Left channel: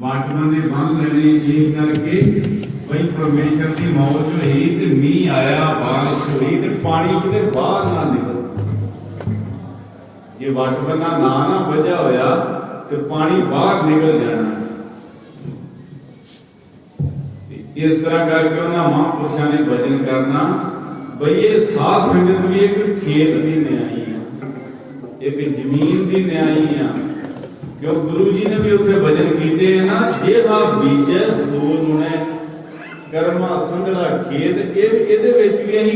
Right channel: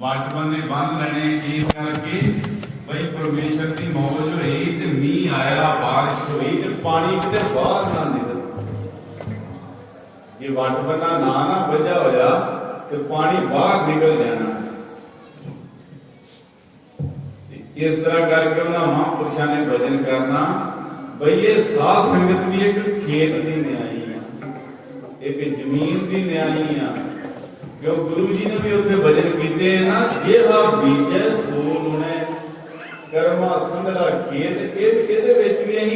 वाटमन ने बंद लेने इस करके भाई परमेश्वर की मौज हुई तो मीह आया बारिश हुई तो पानी किते बाहर ना निकल। जे वाटमना ना वजह होया तो पानी बाहर निकल जाना। इस तरह करके उन्होंने महापुरुषों ने भजन करना बई ये साध संगत भी एक खेत की न्याई है, एक जमीन की न्याई है। क्यों गुरु जी ने भी उत्थे भजन किए हैं ना, जे आप बीजे सूर ने कर्मा संगड़ा खेत ये भी अं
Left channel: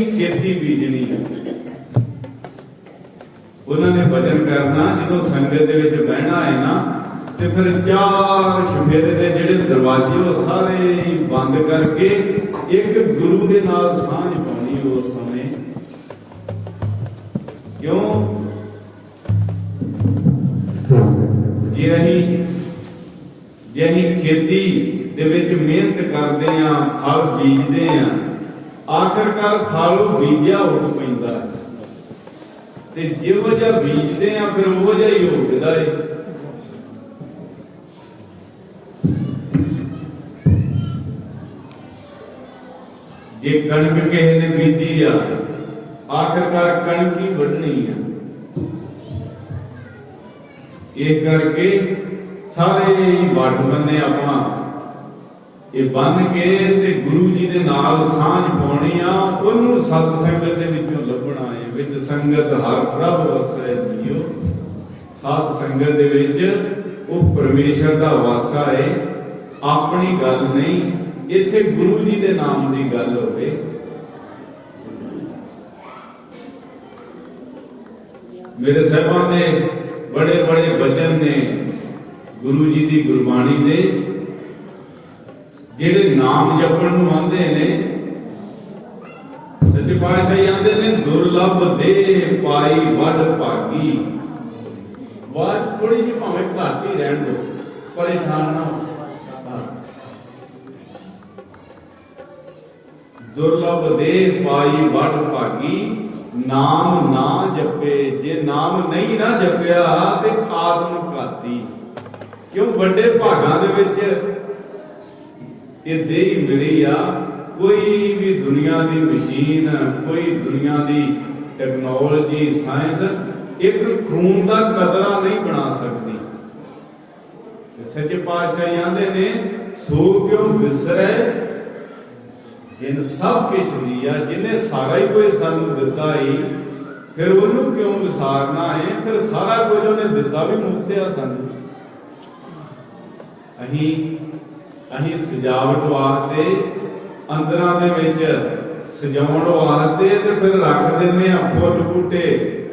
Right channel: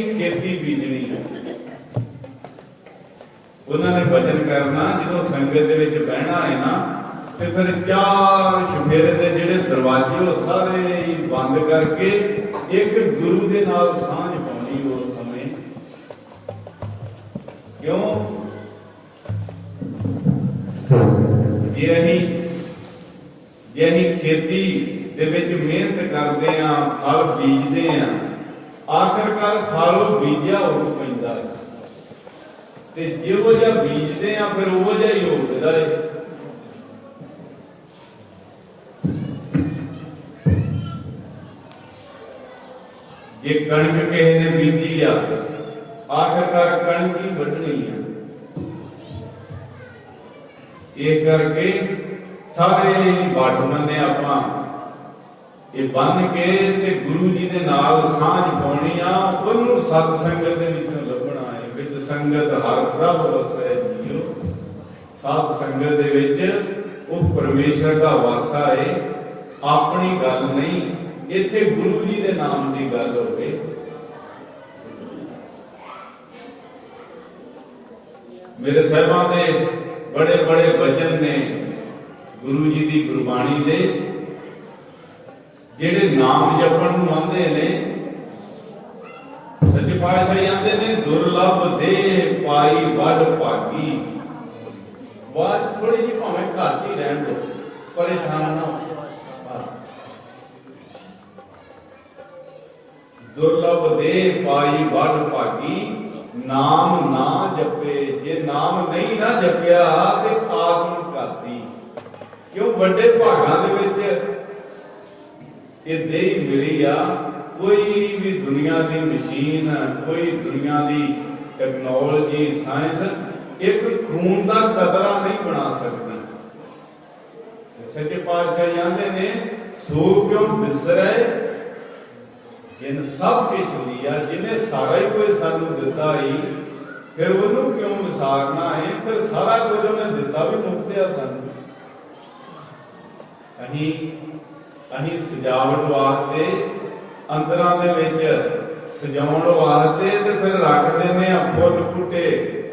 खेती बीजनी है। उन्होंने भजन करना जो संगत के बहना है ना तो फिर चार शफेरे के ਜਿਹੜੇ दरवाजे वो सारे बंद करके एक गुरु के नाल सांझ पानी उस समय। क्यों जे ਅਸੀਂ खेती ਦੇ ਵਿੱਚ ਮਿਹਨਤ ਕਰਦੇ ਆ ਫਲ ਬੀਜਦੇ ਆ ਆਖਰਕਾਰ ਫਲ ਬੀਜਿਆ ਹੋ ਪੈਂਦਾ ਤੇ ਜਿਹੋ ਜਿਹਾ ਬੀਜਦੇ ਆ ਫਿਰ ਉਹ ਜਿਹਾ ਹੀ ਉੱਗਦਾ ਹੈ। जे कणक किसी ने बीजी आ आखिरकार कणक ही वढनी है। ये करके सारे वाटमन ने अपना ये बन के ते गुरु जी दे नाल सांझ पाउणी आ। उन्होंने सत संगत दे विचों लभना है। विच संगत हर प्रभ वसै जियो। सत संगत दे विच वो परमेश्वर दा वासा है, अपनी गल नहीं। इत्थे गुरु जी दे नाम की गल होवे। मेरे साहिबां दे बड़े बड़े वचन ने गुरु जी की गुरबाणी दे जिहड़े नाम जपण नूं आंदे ने सच्चे पातशाह आंदे ने दुर्लभ देह पाई वड भागी। बात थोड़ी जी भावें घट ही रहन दो, परेशान ना हो। दुर्लभ देह पाई वड भागी नाम ना जपे। जे नाम नहीं ना जपिया ते आत्म घाती। क्यों वड्डे भागां दे विच ये देह मिली आ। कोई भी दुनिया की मशीन, कोई दुनिया की टेक्नोलॉजी साइंस एक खून का कतरा नहीं बना सकती। सच्चे पातशाह आंदे ने सो क्यों विसरै जिन सब कुछ दिया, जिन्हें सारा ही कोई सानू दिता ही फिर उन्होंने क्यों विसारना है। फिर सारा कुछ उन्हें दिता भी मुफ्त है सानू। अहीं सजावट वास्ते अंदरां दे विच सजाउण वास्ते ते फिर रख दिंदे आ फुੱਲ बूटे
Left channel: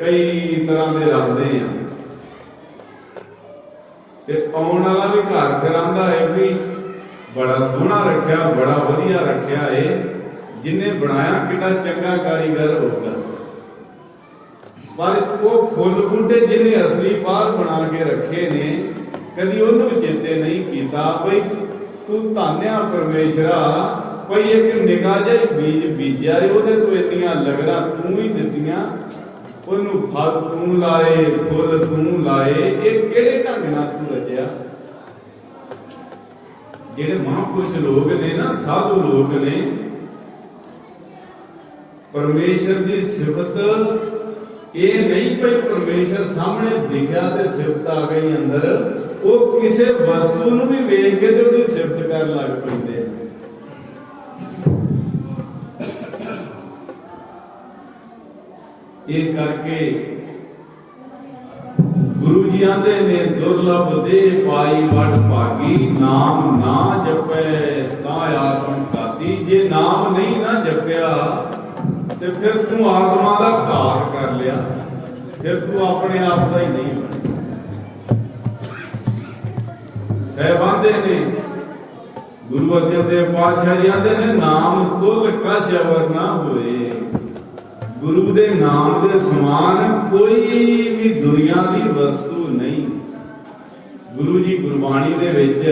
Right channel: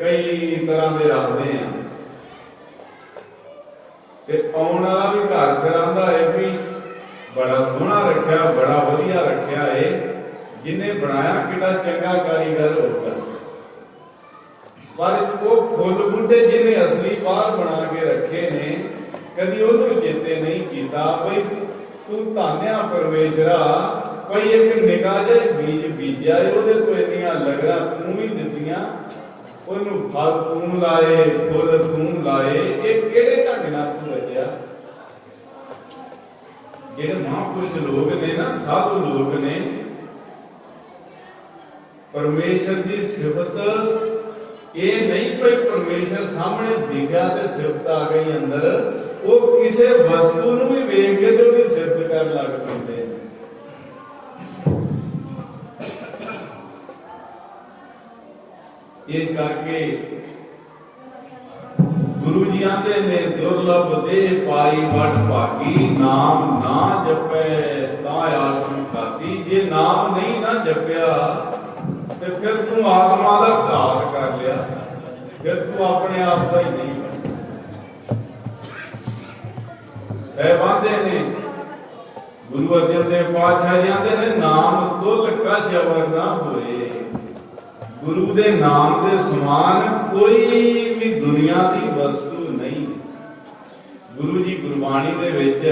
कई तरह के रखते हैं। ते आउण वाला भी घर फिर आंदा है भी बड़ा सोहना रखा, बड़ा वधिया रखा है। जिन्हें बनाया कितना चंगा कारीगर होगा। पर वो फुੱਲ बूटे जिन्हें असली बाहर बना के रखे ने कदी उन्होंने चेते नहीं किया भाई तू धान्या परमेश्वरा भाई एक निगाह जिहा बीज बीजा है तो इन्नियां लगना तू ही दित्तियां, उन्होंने फल तू लाए, फुੱਲ तू लाए। ये किहड़े ढंग नाल तू रचिया। जिहड़े महापुरुष लोग ने ना, साधु लोग ने परमेश्वर की सिफत ये नहीं भाई परमेश्वर सामने दिखा तो सिफत आ गई अंदर। वो किसी वस्तु नूं भी वेख के तो उसकी सिफत कर लग पैंदे। ये करके गुरु जी आंदे ने दुर्लभ देह पाई वड भागी नाम ना जपै ता आत्म घाती। जे नाम नहीं ना जपिया तो फिर तू आत्मा का घात कर लिया, फिर तू अपने आप का ही नहीं बन। साहिबांदे ने गुरु अर्जन देव पातशाह आंदे ने नाम तुल कश अवर ना होए। गुरु दे नाम दे समान कोई भी दुनिया की वस्तु नहीं। गुरु जी गुरबाणी दे विच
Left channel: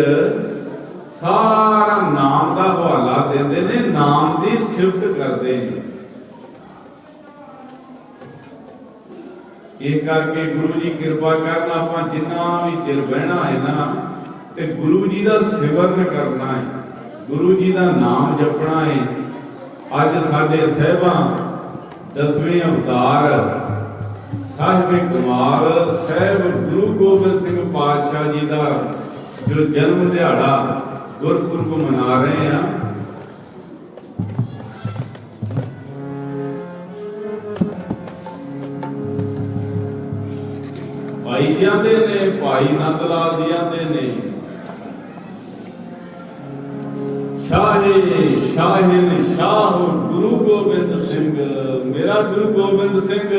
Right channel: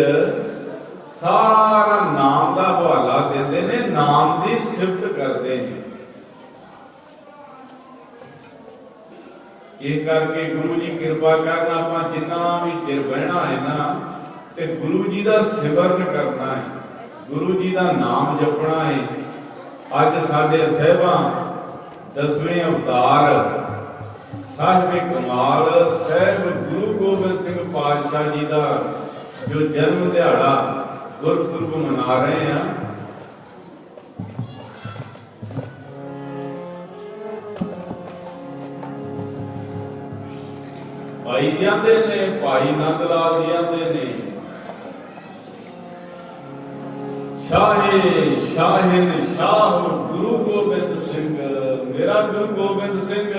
सारा नाम का हवाला देंदे ने, नाम की सिफत करते हैं। इस करके गुरु जी कृपा करना, आप जिन्ना भी चिर बहना है ना ਤੇ ਗੁਰੂ ਜੀ ਦਾ ਸਿਮਰਨ ਕਰਨਾ ਹੈ, ਗੁਰੂ ਜੀ ਦਾ ਨਾਮ ਜਪਣਾ ਹੈ। ਅੱਜ ਸਾਡੇ ਸਹਿਬਾਂ 10ਵੇਂ ਅਵਤਾਰ ਸਾਹਿਬ ਕਮਾਲ ਸਾਹਿਬ ਗੁਰੂ ਗੋਬਿੰਦ ਸਿੰਘ ਪਾਤਸ਼ਾਹ ਜੀ ਦਾ ਜੋ ਜਨਮ ਦਿਹਾੜਾ ਗੁਰਪੁਰਬ ਮਨਾ ਰਹੇ ਹਾਂ। ਭਾਈ ਜੀ ਆਂਦੇ ਨੇ, ਭਾਈ ਨੰਦ ਲਾਲ ਜੀ ਆਂਦੇ ਨੇ, ਸ਼ਾਹੇ ਸ਼ਾਹਿਨ ਸ਼ਾਹ ਗੁਰੂ ਗੋਬਿੰਦ ਸਿੰਘ, ਮੇਰਾ ਗੁਰੂ ਗੋਬਿੰਦ ਸਿੰਘ,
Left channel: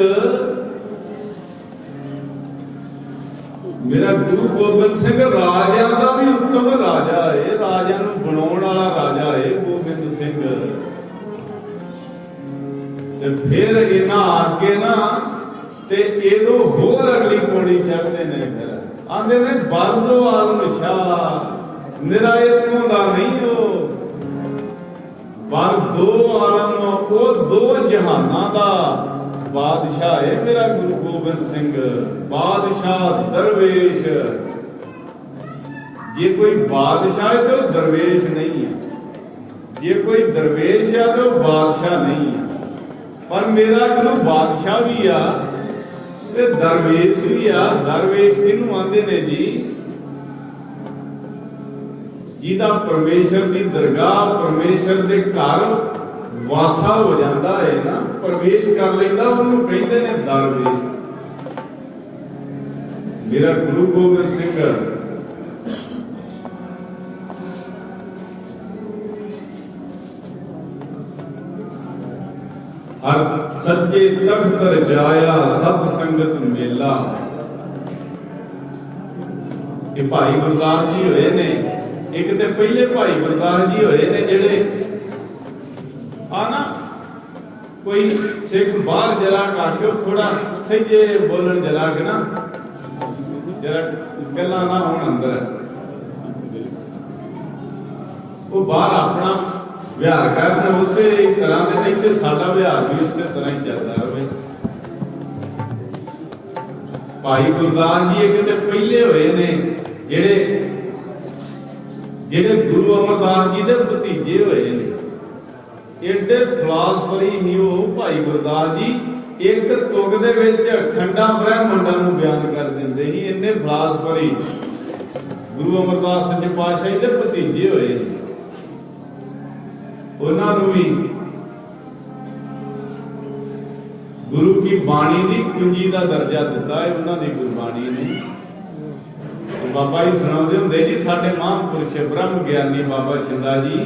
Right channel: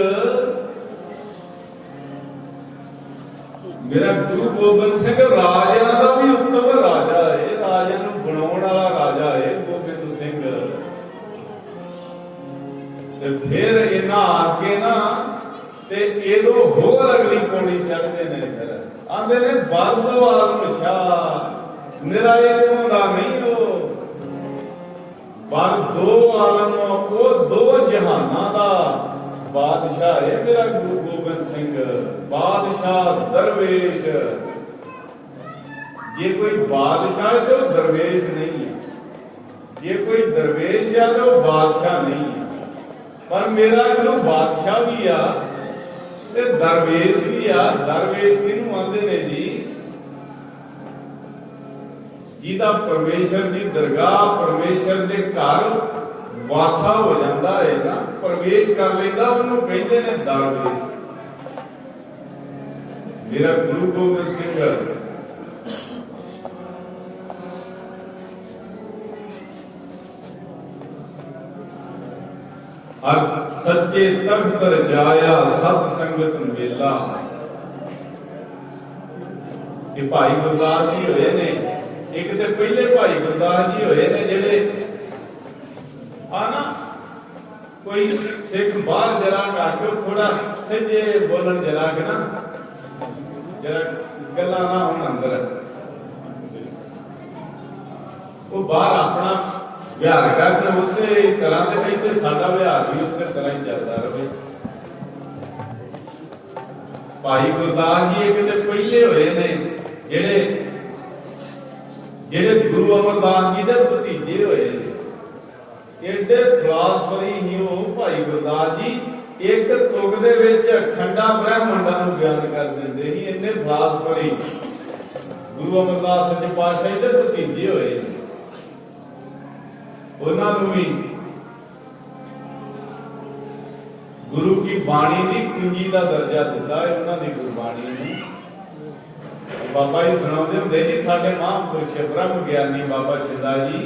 ਮੇਰਾ ਗੁਰੂ ਗੋਬਿੰਦ ਸਿੰਘ ਰਾਜਿਆਂ ਦਾ ਵੀ ਉੱਤਮ ਰਾਜਾ ਹੈ, ਰਾਜਿਆਂ ਨੂੰ ਬਣਾਉਣ ਵਾਲਾ ਰਾਜਾ ਹੈ ਗੋਬਿੰਦ ਸਿੰਘ। ਤੇ ਫਿਰ ਇਹਨਾਂ ਆ ਕੇ ਨਾ ਤੇ ਇਹਦੋਂ ਹੋਰ ਅਗਲੀ ਪੌੜੀ ਚੜ੍ਹਦੇ ਨੇ, ਫਿਰ ਆਂਦੇ ਨੇ ਬਰਦੋ ਆਲਮ ਸ਼ਾਹ, ਮੇਰਾ ਇਥੋਂ ਦਾ ਨਹੀਂ ਉਹ ਬਰਦੋ ਆਲਮ, ਉਹ ਦੋ ਜਹਾਨਾਂ ਦਾ ਬਾਦਸ਼ਾਹ ਹੈ ਮੇਰਾ ਗੁਰੂ ਗੋਬਿੰਦ ਸਿੰਘ। ਬਾਦਸ਼ਾਹ ਦਰਵੇਸ਼, ਜੇ ਕੋਈ ਬਾਦਸ਼ਾਹ ਹੈ ਤੇ ਉਹ ਦਰਵੇਸ਼ ਨਹੀਂ ਹੈ, ਜੇ ਕੋਈ ਦਰਵੇਸ਼ ਹੈ ਤੇ ਉਹ ਬਾਦਸ਼ਾਹ ਨਹੀਂ ਹੈ। ਪਰ ਮੇਰਾ ਗੁਰੂ ਬਾਦਸ਼ਾਹ ਵੀ ਆ ਤੇ ਦਰਵੇਸ਼ ਵੀ ਆ। ਦਰਵੇਸ਼ ਕਿਹਨੂੰ ਆਂਦੇ ਨੇ ਜੀ? ਜਿਹਦਾ ਪਰਮੇਸ਼ਰ ਦੀ ਦਰਗਾਹ, ਪਰਮੇਸ਼ਰ ਦੇ ਘਰ ਵਾਸਾ ਹੋ ਜਾਂਦਾ ਹੈ ਨਾ, ਪ੍ਰਵੇਸ਼ ਕਰ ਲੈਂਦਾ, ਉਹਨੂੰ ਕਹਿੰਦੇ ਨੇ ਦਰਵੇਸ਼। ਮੇਰਾ ਗੁਰੂ ਗੋਬਿੰਦ ਸਿੰਘ ਹਰ ਸੱਚੇ ਤਖਤ ਰਜਾਇਆ ਸਤ ਸੰਗਤ ਮੇਲਾ। ਇਹ ਭਾਈ ਗੁਰਦਾਸ ਜੀ ਹੋਏ ਨੇ, ਇੱਕ ਤੇ ਪਹਿਲੇ ਭਾਈ ਗੁਰਦਾਸ ਜੀ ਹੋਏ ਨੇ ਜਿਹੜੇ ਆ ਨਾ, ਕੋਈ ਸਿੱਖ ਬਾਹਰ ਜਰਾ ਆਖਿਓ ਥੋੜਾ ਸਹੀਏ ਬੋਲਣ, ਜਰਾ ਕਿ ਨਾ ਜਰਾ ਗੱਲਾਂ ਨਾ ਹੋਣ ਅੰਦਰ, ਉਹ ਬਾਹਰ ਆਪਣਾ ਵਿਹਾਰ ਕਰਦੇ ਉਸੇ ਤਰ੍ਹਾਂ ਦੇ, ਇੱਥੇ ਸਾਡਾ ਵਿਹਾਰ ਵੀ ਉਸੇ ਤਰ੍ਹਾਂ ਹੀ ਚੱਲਦਾ ਰਹੇ। ਭਾਈ ਗੁਰਦਾਸ ਜੀ ਇੱਕ ਤੇ ਪਹਿਲੇ ਹੋਏ ਨੇ ਜਿਹੜੇ ਗੁਰੂ ਅਮਰਦਾਸ ਜੀ ਦੇ ਭਤੀਜੇ ਹੋਏ ਨੇ। ਏਡੇ ਫਲਾਸਫਰੀ ਹੀ ਉਹ ਭਾਈ ਗੁਰਦਾਸ ਜੀ, ਇੱਕ ਤੁਕ ਦੇ ਵਿੱਚ ਅਖੰਡਾ ਬ੍ਰਹਮੰਡਾਂ ਨੂੰ ਬਿਆਨ ਕਰ ਦਿੰਦੇ ਸੀ, ਇੰਨੇ ਫਲਾਸਫਰੀ ਗੁਰੂ ਅਮਰਦਾਸ ਸੱਚੇ ਪਾਤਸ਼ਾਹ ਦੇ ਭਤੀਜੇ ਹੋਏ ਨੇ। ਉਹਨਾਂ ਨੂੰ ਵੀ ਗੁਰੂ ਕੀ ਬਾਣੀ ਦੀ ਕੁੰਜੀ ਦਾ ਦਰਜਾ ਦਿੱਤਾ ਹੈ, ਉਹਨਾਂ ਦੀ ਗੁਰਬਾਣੀ ਨੂੰ। ਬਾਬਾ ਜੀ ਸੁਣਾਉਂਦੇ ਹੁੰਦੇ ਜੀ, ਸਾਡੇ ਮਹਾਂਪੁਰਸ਼ ਬ੍ਰਹਮ ਗਿਆਨੀ ਬਾਬਾ ਸ਼ਿੰਦਾ ਜੀ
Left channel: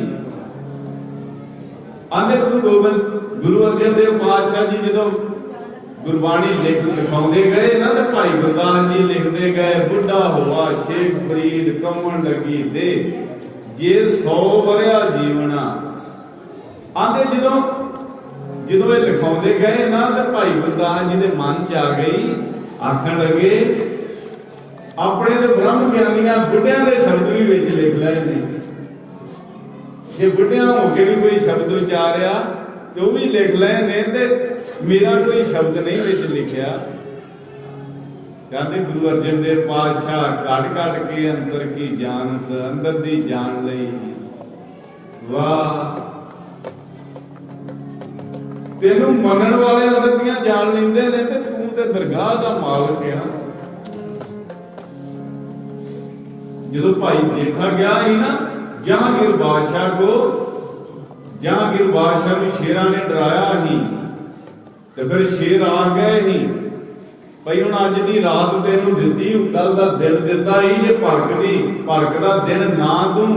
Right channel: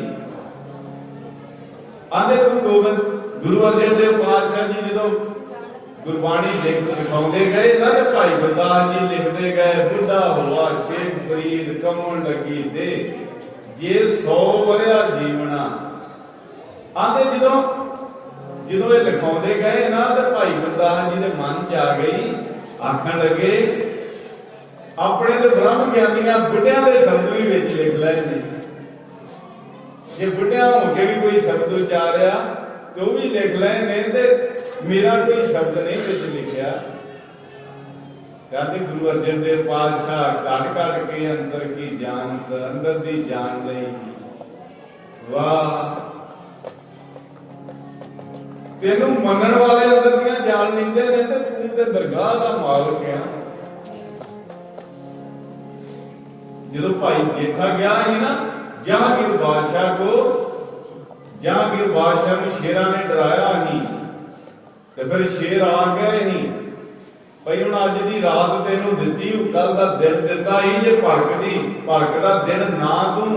ਆਂਦੇ ਗੁਰੂ ਅਰਜਨ ਦੇਵ ਪਾਤਸ਼ਾਹ ਜੀ ਜਦੋਂ ਗੁਰਬਾਣੀ ਲਿਖਾਉਂਦੇ ਗਏ ਨਾ, ਤੇ ਭਾਈ ਗੁਰਦਾਸ ਜੀ ਲਿਖਦੇ ਗਏ, ਬੁੱਢਾ ਹੋਆ ਸ਼ੇਖ ਫਰੀਦ ਕਮਣ ਲੱਗੀ ਦੇ ਜੇ 100 ਵਰਿਆ ਜੀਵਨਾ। ਆਂਦੇ ਜਦੋਂ ਇਹ ਲਿਖਾਉਂਦੇ ਗਏ ਨਾ, ਤੇ ਭਾਈ ਗੁਰਦਾਸ ਜੀ ਦੇ ਮਨ ਚ ਆ ਗਈ, ਆਖਣ ਲੱਗੇ ਆਪਣੇ ਤੇ ਬ੍ਰਹਮ ਗਿਆਨੀਆਂ ਬੁੱਢਿਆਂ ਦੇ ਸ਼ਬਦ ਵੀ ਵਿੱਚ ਲਿਖ ਲਏ ਨੇ, ਜੇ ਬੁੱਢਿਆਂ ਹੋ ਕੇ ਵੀ ਕੋਈ ਸ਼ਬਦ ਉਚਾਰਿਆ ਤੇ ਉਹ ਵੀ ਲਿਖ ਲਏ ਨੇ, ਤੇ ਮੇਰਾ ਕੋਈ ਸ਼ਬਦ ਨਹੀਂ ਵਿੱਚ ਲਿਖਿਆ। ਕਹਿੰਦੇ ਗੁਰੂ ਅਰਜਨ ਦੇਵ ਪਾਤਸ਼ਾਹ ਘਟ ਘਟ ਕੇ ਅੰਦਰ ਕੀ ਜਾਣਤ, ਅੰਦਰ ਦੀ ਜਾਣ ਲਈ। ਵਾਹ, ਤੈਨੂੰ ਮੰਨਣ ਵਾਲੇ ਅੰਦਰ ਦੀਆਂ ਜਾਣ ਲੈਂਦੇ ਨੇ, ਤੇ ਤੂੰ ਤੇ ਦਰਗਾਹ ਦਾ ਮਾਲਕ ਆ। ਜਦੋਂ ਭਾਈ ਦੇਖਾ ਗਿਆ ਸੀ ਨਾ ਜਹਾਂਗੀਰ ਬਾਦਸ਼ਾਹ ਕੋ, ਜਹਾਂਗੀਰ ਬਾਦਸ਼ਾਹ ਨੂੰ ਸ਼ੇਰਾਂ ਨੇ ਡਰਾਇਆ ਨਹੀਂ, ਤੇ ਫਿਰ ਸ਼ੇਰ ਆ ਗਏ ਨਹੀਂ ਭਾਈ, ਹੁਣ ਅੱਜ ਦੀ ਰਾਤ ਤੈਨੂੰ ਦਿੱਤੀ, ਕੱਲ ਦਾ ਦਿਨ ਦਿੱਤਾ ਹੀ, ਜੇ ਭਰਕ ਦਾ ਦਿਨ ਨਾ ਤੂੰ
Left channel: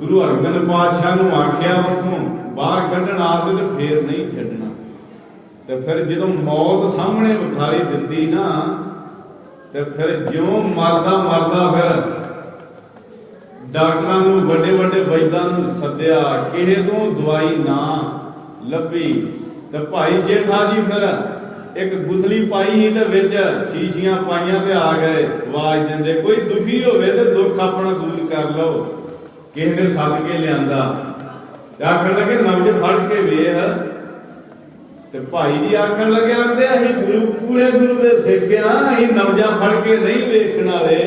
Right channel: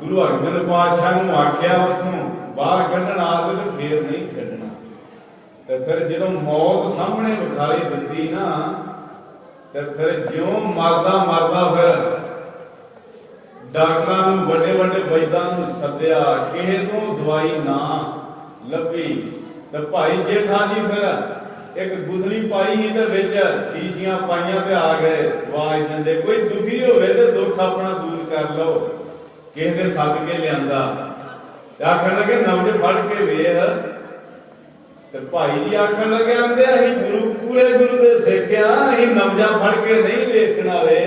ਗੁਰੂ ਹਰਗੋਬਿੰਦ ਪਾਤਸ਼ਾਹ ਨੂੰ ਆਖਿਆ ਉੱਥੋਂ ਬਾਹਰ ਕੱਢਣ ਆ ਤੇ ਫੇਰ ਨਹੀਂ ਛੱਡਣਾ। ਤੇ ਫਿਰ ਜਦੋਂ ਮੌਤ ਸਾਹਮਣੇ ਵਿਖਾਈ ਦਿੱਤੀ ਨਾ, ਤੇ ਫਿਰ ਜਿਉਂ ਮਰਦਾ ਫਿਰ ਡਾਕਟਰਾਂ ਨੂੰ, ਵੱਡੇ ਵੱਡੇ ਵੈਦਾਂ ਨੂੰ ਸੱਦਿਆ, ਕਿਸੇ ਤੋਂ ਦਵਾਈ ਨਾ ਲੱਭੀ। ਤੇ ਭਾਈ ਜੇਠਾ ਜੀ ਫਿਰ ਇੱਕ ਗੁਥਲੀ ਪਾਈ ਤੇ ਵਿੱਚ ਸ਼ੀਸ਼ੀਆਂ ਪਾਈਆਂ ਤੇ ਆ ਗਏ ਆਵਾਜ਼ ਦਿੰਦੇ, ਕੋਈ ਦੁਖੀ ਹੋਵੇ ਤੇ ਦੁੱਖ ਆਪਣਾ ਦੂਰ ਕਰ ਲਓ। ਕਿਸੇ ਨੇ ਸੱਦ ਕੇ ਲਿਆਂਦਾ ਤੇ ਆਖਣ ਲੱਗੇ ਨਬਜ ਫੜ ਕੇ ਵੇਖ। ਤੇ ਭਾਈ ਜੀ ਆਖਣ ਲੱਗੇ, ਆਂਦੇ ਅਸੀਂ ਪੂਰੇ ਗੁਰੂ ਦੇ ਸਿੱਖ ਆ, ਅਸੀਂ ਨਬਜਾਂ ਫੜ ਕੇ ਨਹੀਂ ਵੇਖਣ ਵਾਲੇ,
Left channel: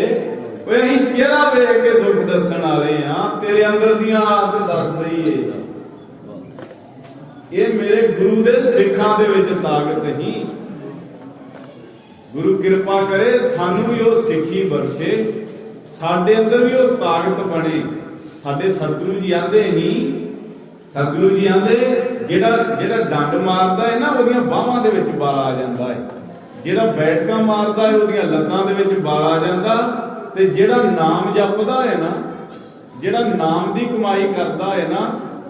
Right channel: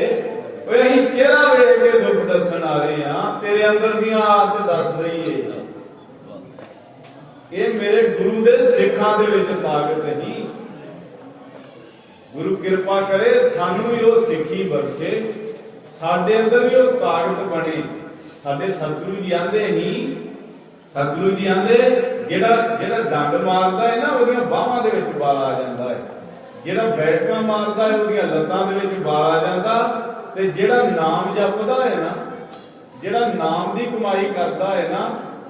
ਓਏ ਅਸੀਂ ਚਿਹਰਾ ਵੇਖ ਕੇ ਦੁੱਖ ਦੱਸਣ ਵਾਲੇ ਆ, ਤੇਰੇ ਅੰਦਰ ਦੀਆਂ ਆਦਤ ਦੱਸ ਦਈਏ। ਇਹ ਮੇਰੇ ਗੁਰੂ ਦੇ ਸਿੱਖਾਂ ਦੇ ਵਿੱਚ ਤਾਕਤ ਨਹੀਂ। ਗੁਰੂ ਕਿਰਪਾ ਕਰੇ ਸਾਨੂੰ ਵੀ ਉਹ ਸਿੱਖੀ ਬਖਸ਼ੇ, ਸਾਡੇ ਅੰਦਰ ਵੀ ਉਹ ਤਾਕਤ ਬਣੇ। ਸਾਡੇ ਸਤਿਗੁਰੂ ਜੀ ਆਂਦੇ ਨਹੀਂ, ਸਤਿਗੁਰੂ ਜੀ ਆਂਦੇ ਜਿਹੜਾ ਡੰਡ ਮਾਰਦਾ ਹੈ ਨਾ ਉਹਦੀਆਂ ਬਾਹਾਂ ਦੇ ਵਿੱਚ ਵਾਲ ਆ ਜਾਂਦਾ ਹੈ, ਜਿਹੜਾ ਬੈਠਕਾਂ ਮਾਰਦਾ ਹੈ ਉਹਦੀਆਂ ਲੱਤਾਂ ਦੇ ਵਿੱਚ ਵਾਲ ਆ ਜਾਂਦਾ, ਤੇ ਜਿਹੜਾ ਨਾਮ ਜਪਦਾ ਹੈ ਨਾ, ਜਿਹੜਾ ਨਾਮ ਦੀ ਕਮਾਈ ਕਰਦਾ ਹੈ ਨਾ,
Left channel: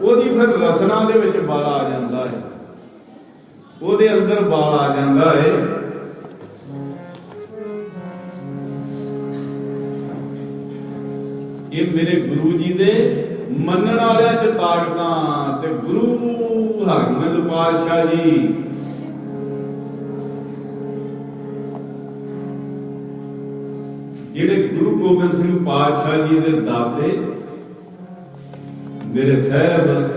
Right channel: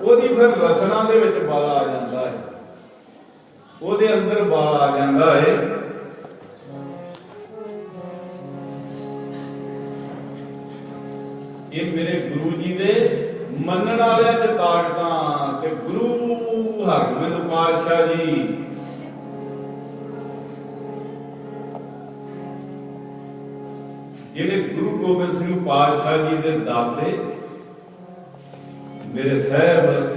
ਉਹਦੀ ਫਿਰ ਰਸਨਾ ਦੇ ਵਿੱਚ ਵਾਲ ਆ ਜਾਂਦਾ ਹੈ, ਉਹਦੇ ਅੰਦਰ ਵਾਲ ਆ ਜਾਂਦਾ ਹੈ। ਇਹ ਮੇਰੇ ਗੁਰੂ ਜੀ ਦੇ ਮੰਨਣ ਵਾਲਿਆਂ ਚ ਤਾਕਤਾਂ। ਤੇ ਗੁਰੂ ਹਰਗੋਬਿੰਦ ਪਾਤਸ਼ਾਹ ਜੀ ਜਿਹੜੇ ਗੁਰੂ ਗੋਬਿੰਦ ਸਿੰਘ ਪਾਤਸ਼ਾਹ ਜੀ ਦੇ ਦਾਤੇ ਮੇਰੇ ਸਾਹਿਬ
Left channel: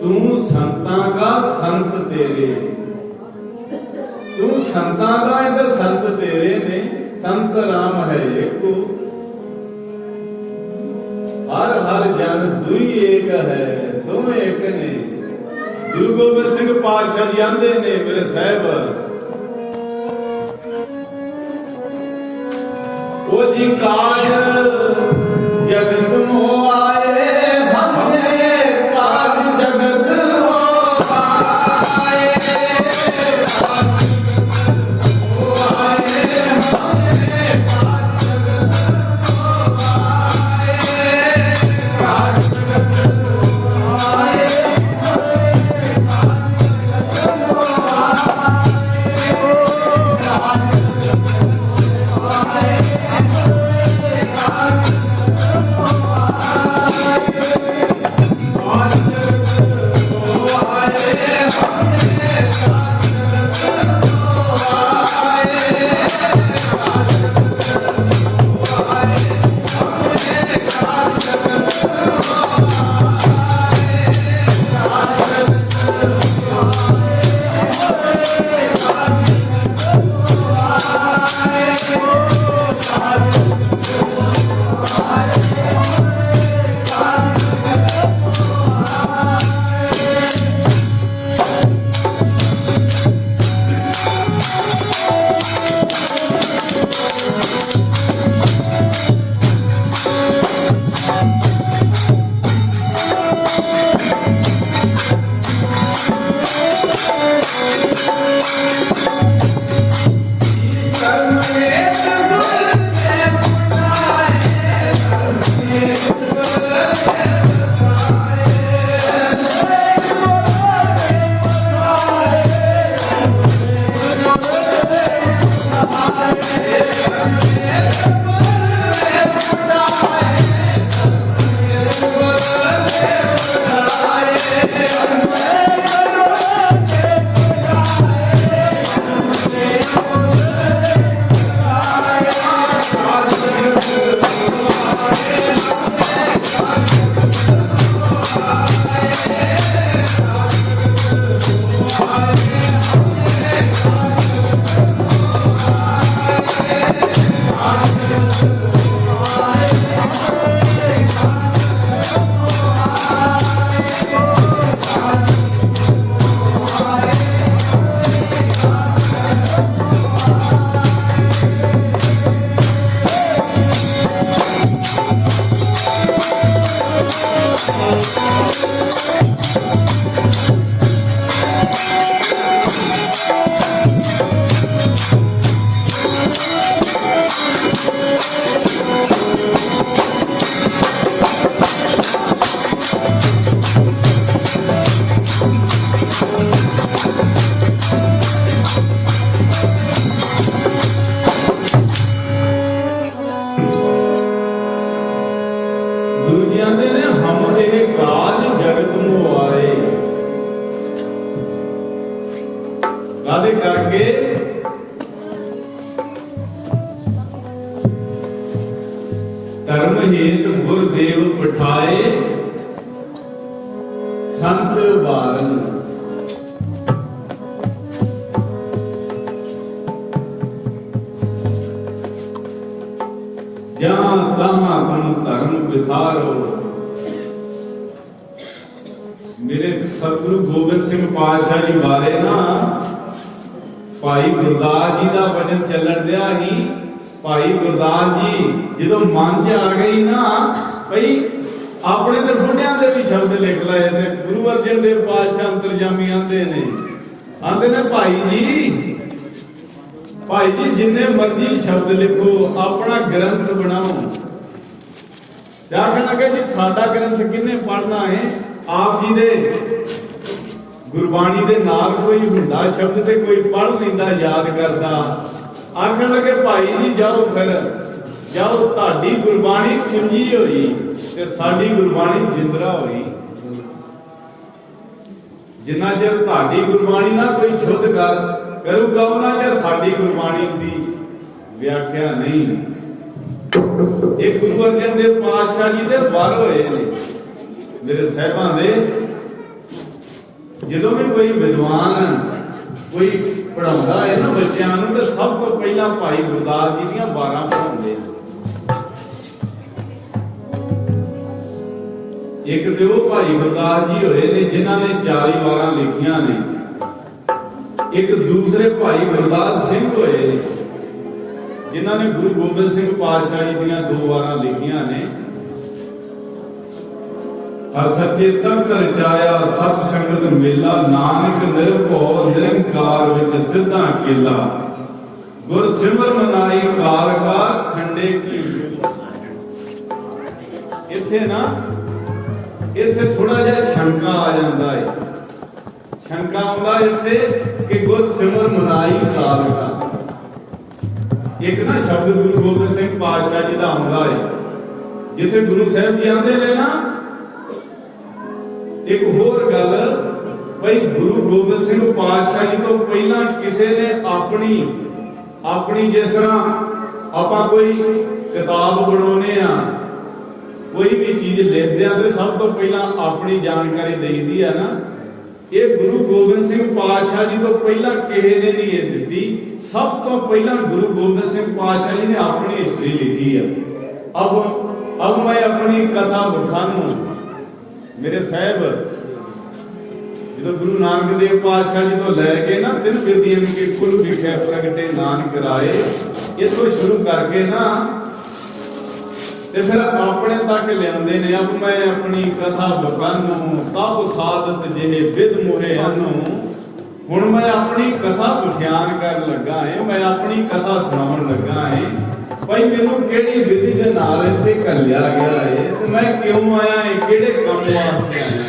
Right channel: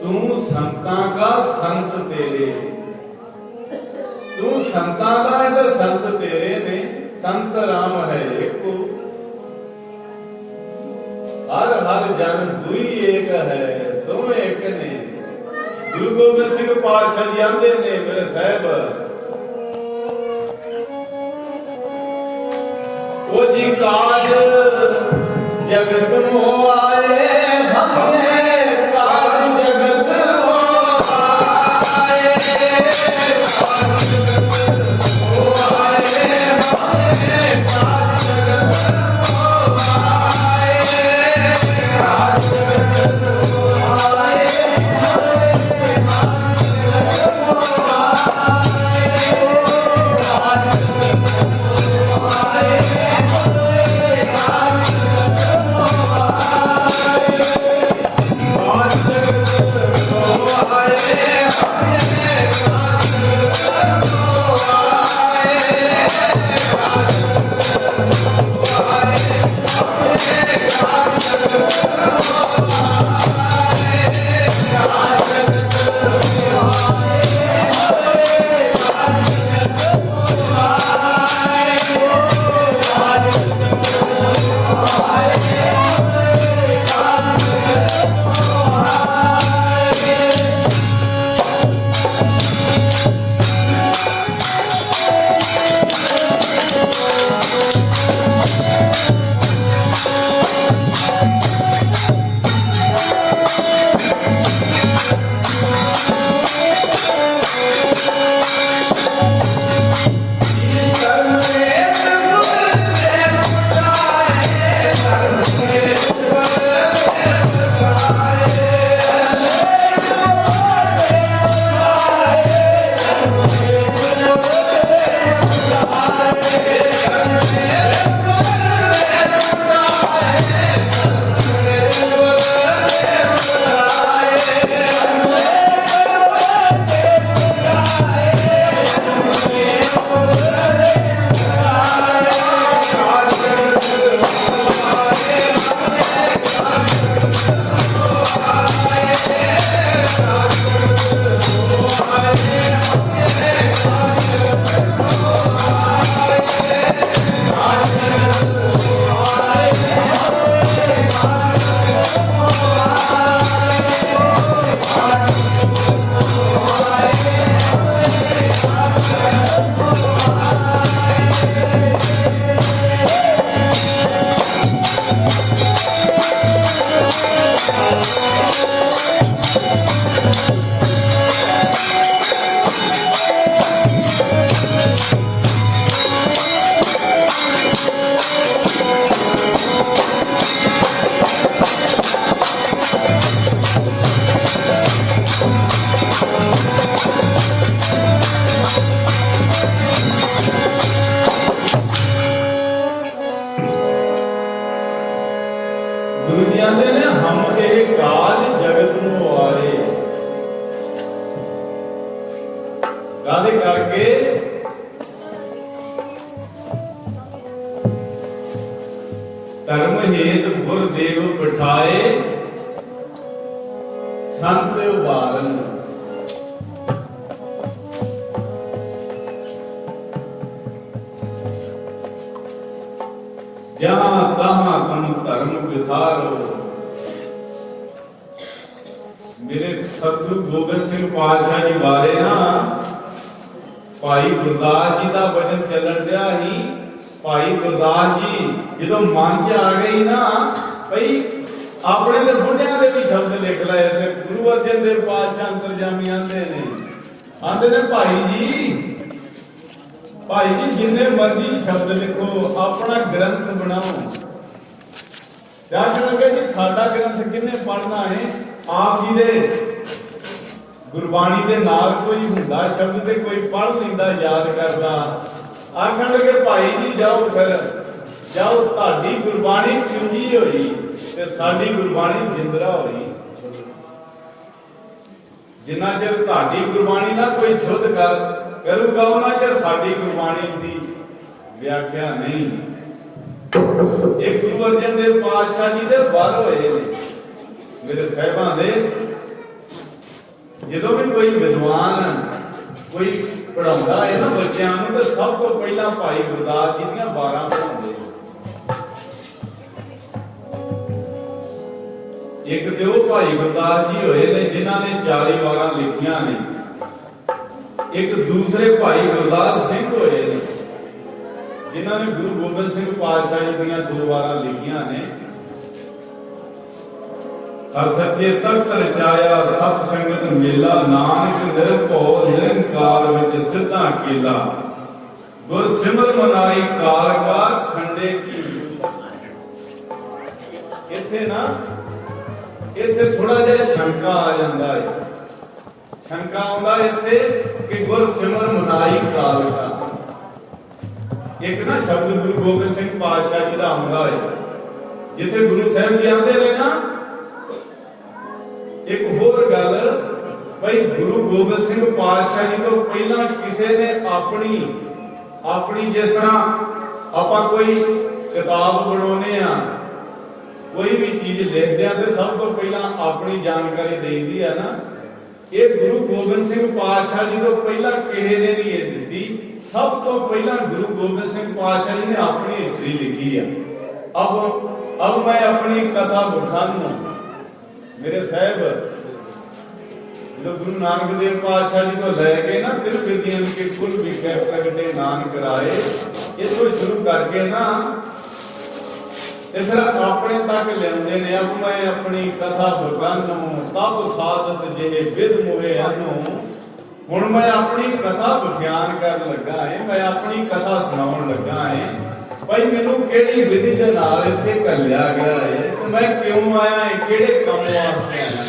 तू संतां का संत तेरे, तू संतां का है तो संत तेरे ने, संत राम है एको, हर हर जन दुई एक है, तुम एक ने। गुरु गोबिंद सिंह पातशाह जी आंदे ने मेरे साहब, ओ जी काल जगत मोह आए हमने, ਕਾਹਦੇ ਕਰਕੇ ਧਰਮ ਹੇਤ ਗੁਰਦੇਵ ਬਿਠਾਏ ਵਿਥਾਰੋ। मेरे सतगुरु गोबिंद सिंह पातशाह जी बारे ना भाई गुरदास जी का वचन चलन दिया ही। भाई गुरदास जी जो मन च आ गई ना भाई अपने तो बुढ़िया के भी शब्द लिख लाए थे। गुरु अर्जन देव पातशाह अंतरजामी आते ने भाई जी जिन्ने मर्जी शब्द लिखो अपना ग्रंथ बनाओ। आखन लगे जी साडा ग्रंथ किन्ने पढ़ना है। आप जी दे गुरबाणी दे नाल कोई हुंदा शब्द ते कोई पढ़ लैंदा याद करदा। आखन लगे भाई जी जाओ फिर जाओ ताडी गुरबाणी चुंजी होई ते साडी गुरबाणी जिंदरा होई। जिन्ना चਿਰ ताडी गुरबाणी ना कोई शुद्ध कर करूगा उन्ना चਿਰ साडी गुरबाणी दी व्याख्या नहीं। एक गुरु अर्जन देव पातशाह जी दे वर होए ने मेरे साहिबां दे। ਜਦੋਂ भी कोई विद्वान कोई पढ़ाਉਂਦਾ है ना बच्चों ਨੂੰ ਤੇ ਸਭ ਤੋਂ ਪਹਿਲਾਂ ਭਾਈ ਗੁਰਦਾਸ ਜੀ ਦੀਆਂ 12 ਪੜਾਉਂਦੇ ਆ। ਇੱਕ ਤੇ ਉਹ ਭਾਈ ਗੁਰਦਾਸ ਜੀ ਹੋਏ ਨੇ ਜਿਨ੍ਹਾਂ ਨੇ 40 12 ਲਿਖੀਆਂ ਨੇ। ਇੱਕ ਦੂਸਰੇ ਭਾਈ ਗੁਰਦਾਸ ਸਿੰਘ ਹੋਏ ਨੇ ਜਿਨ੍ਹਾਂ ਨੇ ਗੁਰੂ ਗੋਬਿੰਦ ਸਿੰਘ ਪਾਤਸ਼ਾਹ ਜੀ ਦੀਆਂ 2 12 ਲਿਖੀਆਂ ਨੇ। हर सच्चे तख्त रचाया सत संगत मेला नानक निरभौ निरंकार विच सिद्धा केला गुर सिमर मनाई कार का खंडे की। इत्थे ना इत्थे थोड़ा जिहा शंका आ जांदा है। शंका आउंदा इत्थे कि गुर सिमर मनाई कार का। एक ना शब्द गुरु गोबिंद सिंह पातशाह जी दा आउंदा है जिथे गुरु साहब जी आंदे ने ना। एक होर गल भाई गुरु गोबिंद सिंह पातशाह जी तो पहला किसी ने अपनी जिस तरह आप कोई किताब बनाने कोई भी चीज लिखते हैं तो सब तो पहला अपनी जानकारी दे दी है ना। ये गुरु गोबिंद सिंह पातशाह जी तो पहला किसी ने नहीं ये दी। सब तो पहला गुरु गोबिंद सिंह पातशाह जी ने अपनी हिस्ट्री लिखी है। अब मैं अपनी कथा बखानू मेरे साहब जो गुरु नानक देव पातशाह जी तो लैके ना 3 विधियां के कुल विखे प्रगटे नानक राए इथों शुरू करके ना ते फिर अपने तक लियाते ने। अब मैं अपनी कथा बखानू तब साधत जेहे विद मोहे अनु। हुण मैं अपनी कथा बख्यान कर लगा है। मैं अपनी कथा सुनाउण लगा है। भाई मैनू किहड़ी विधि दे नाल इत्थे घल्लिया गया है ते मैं क्यों आया है किहड़े काम वास्ते आया।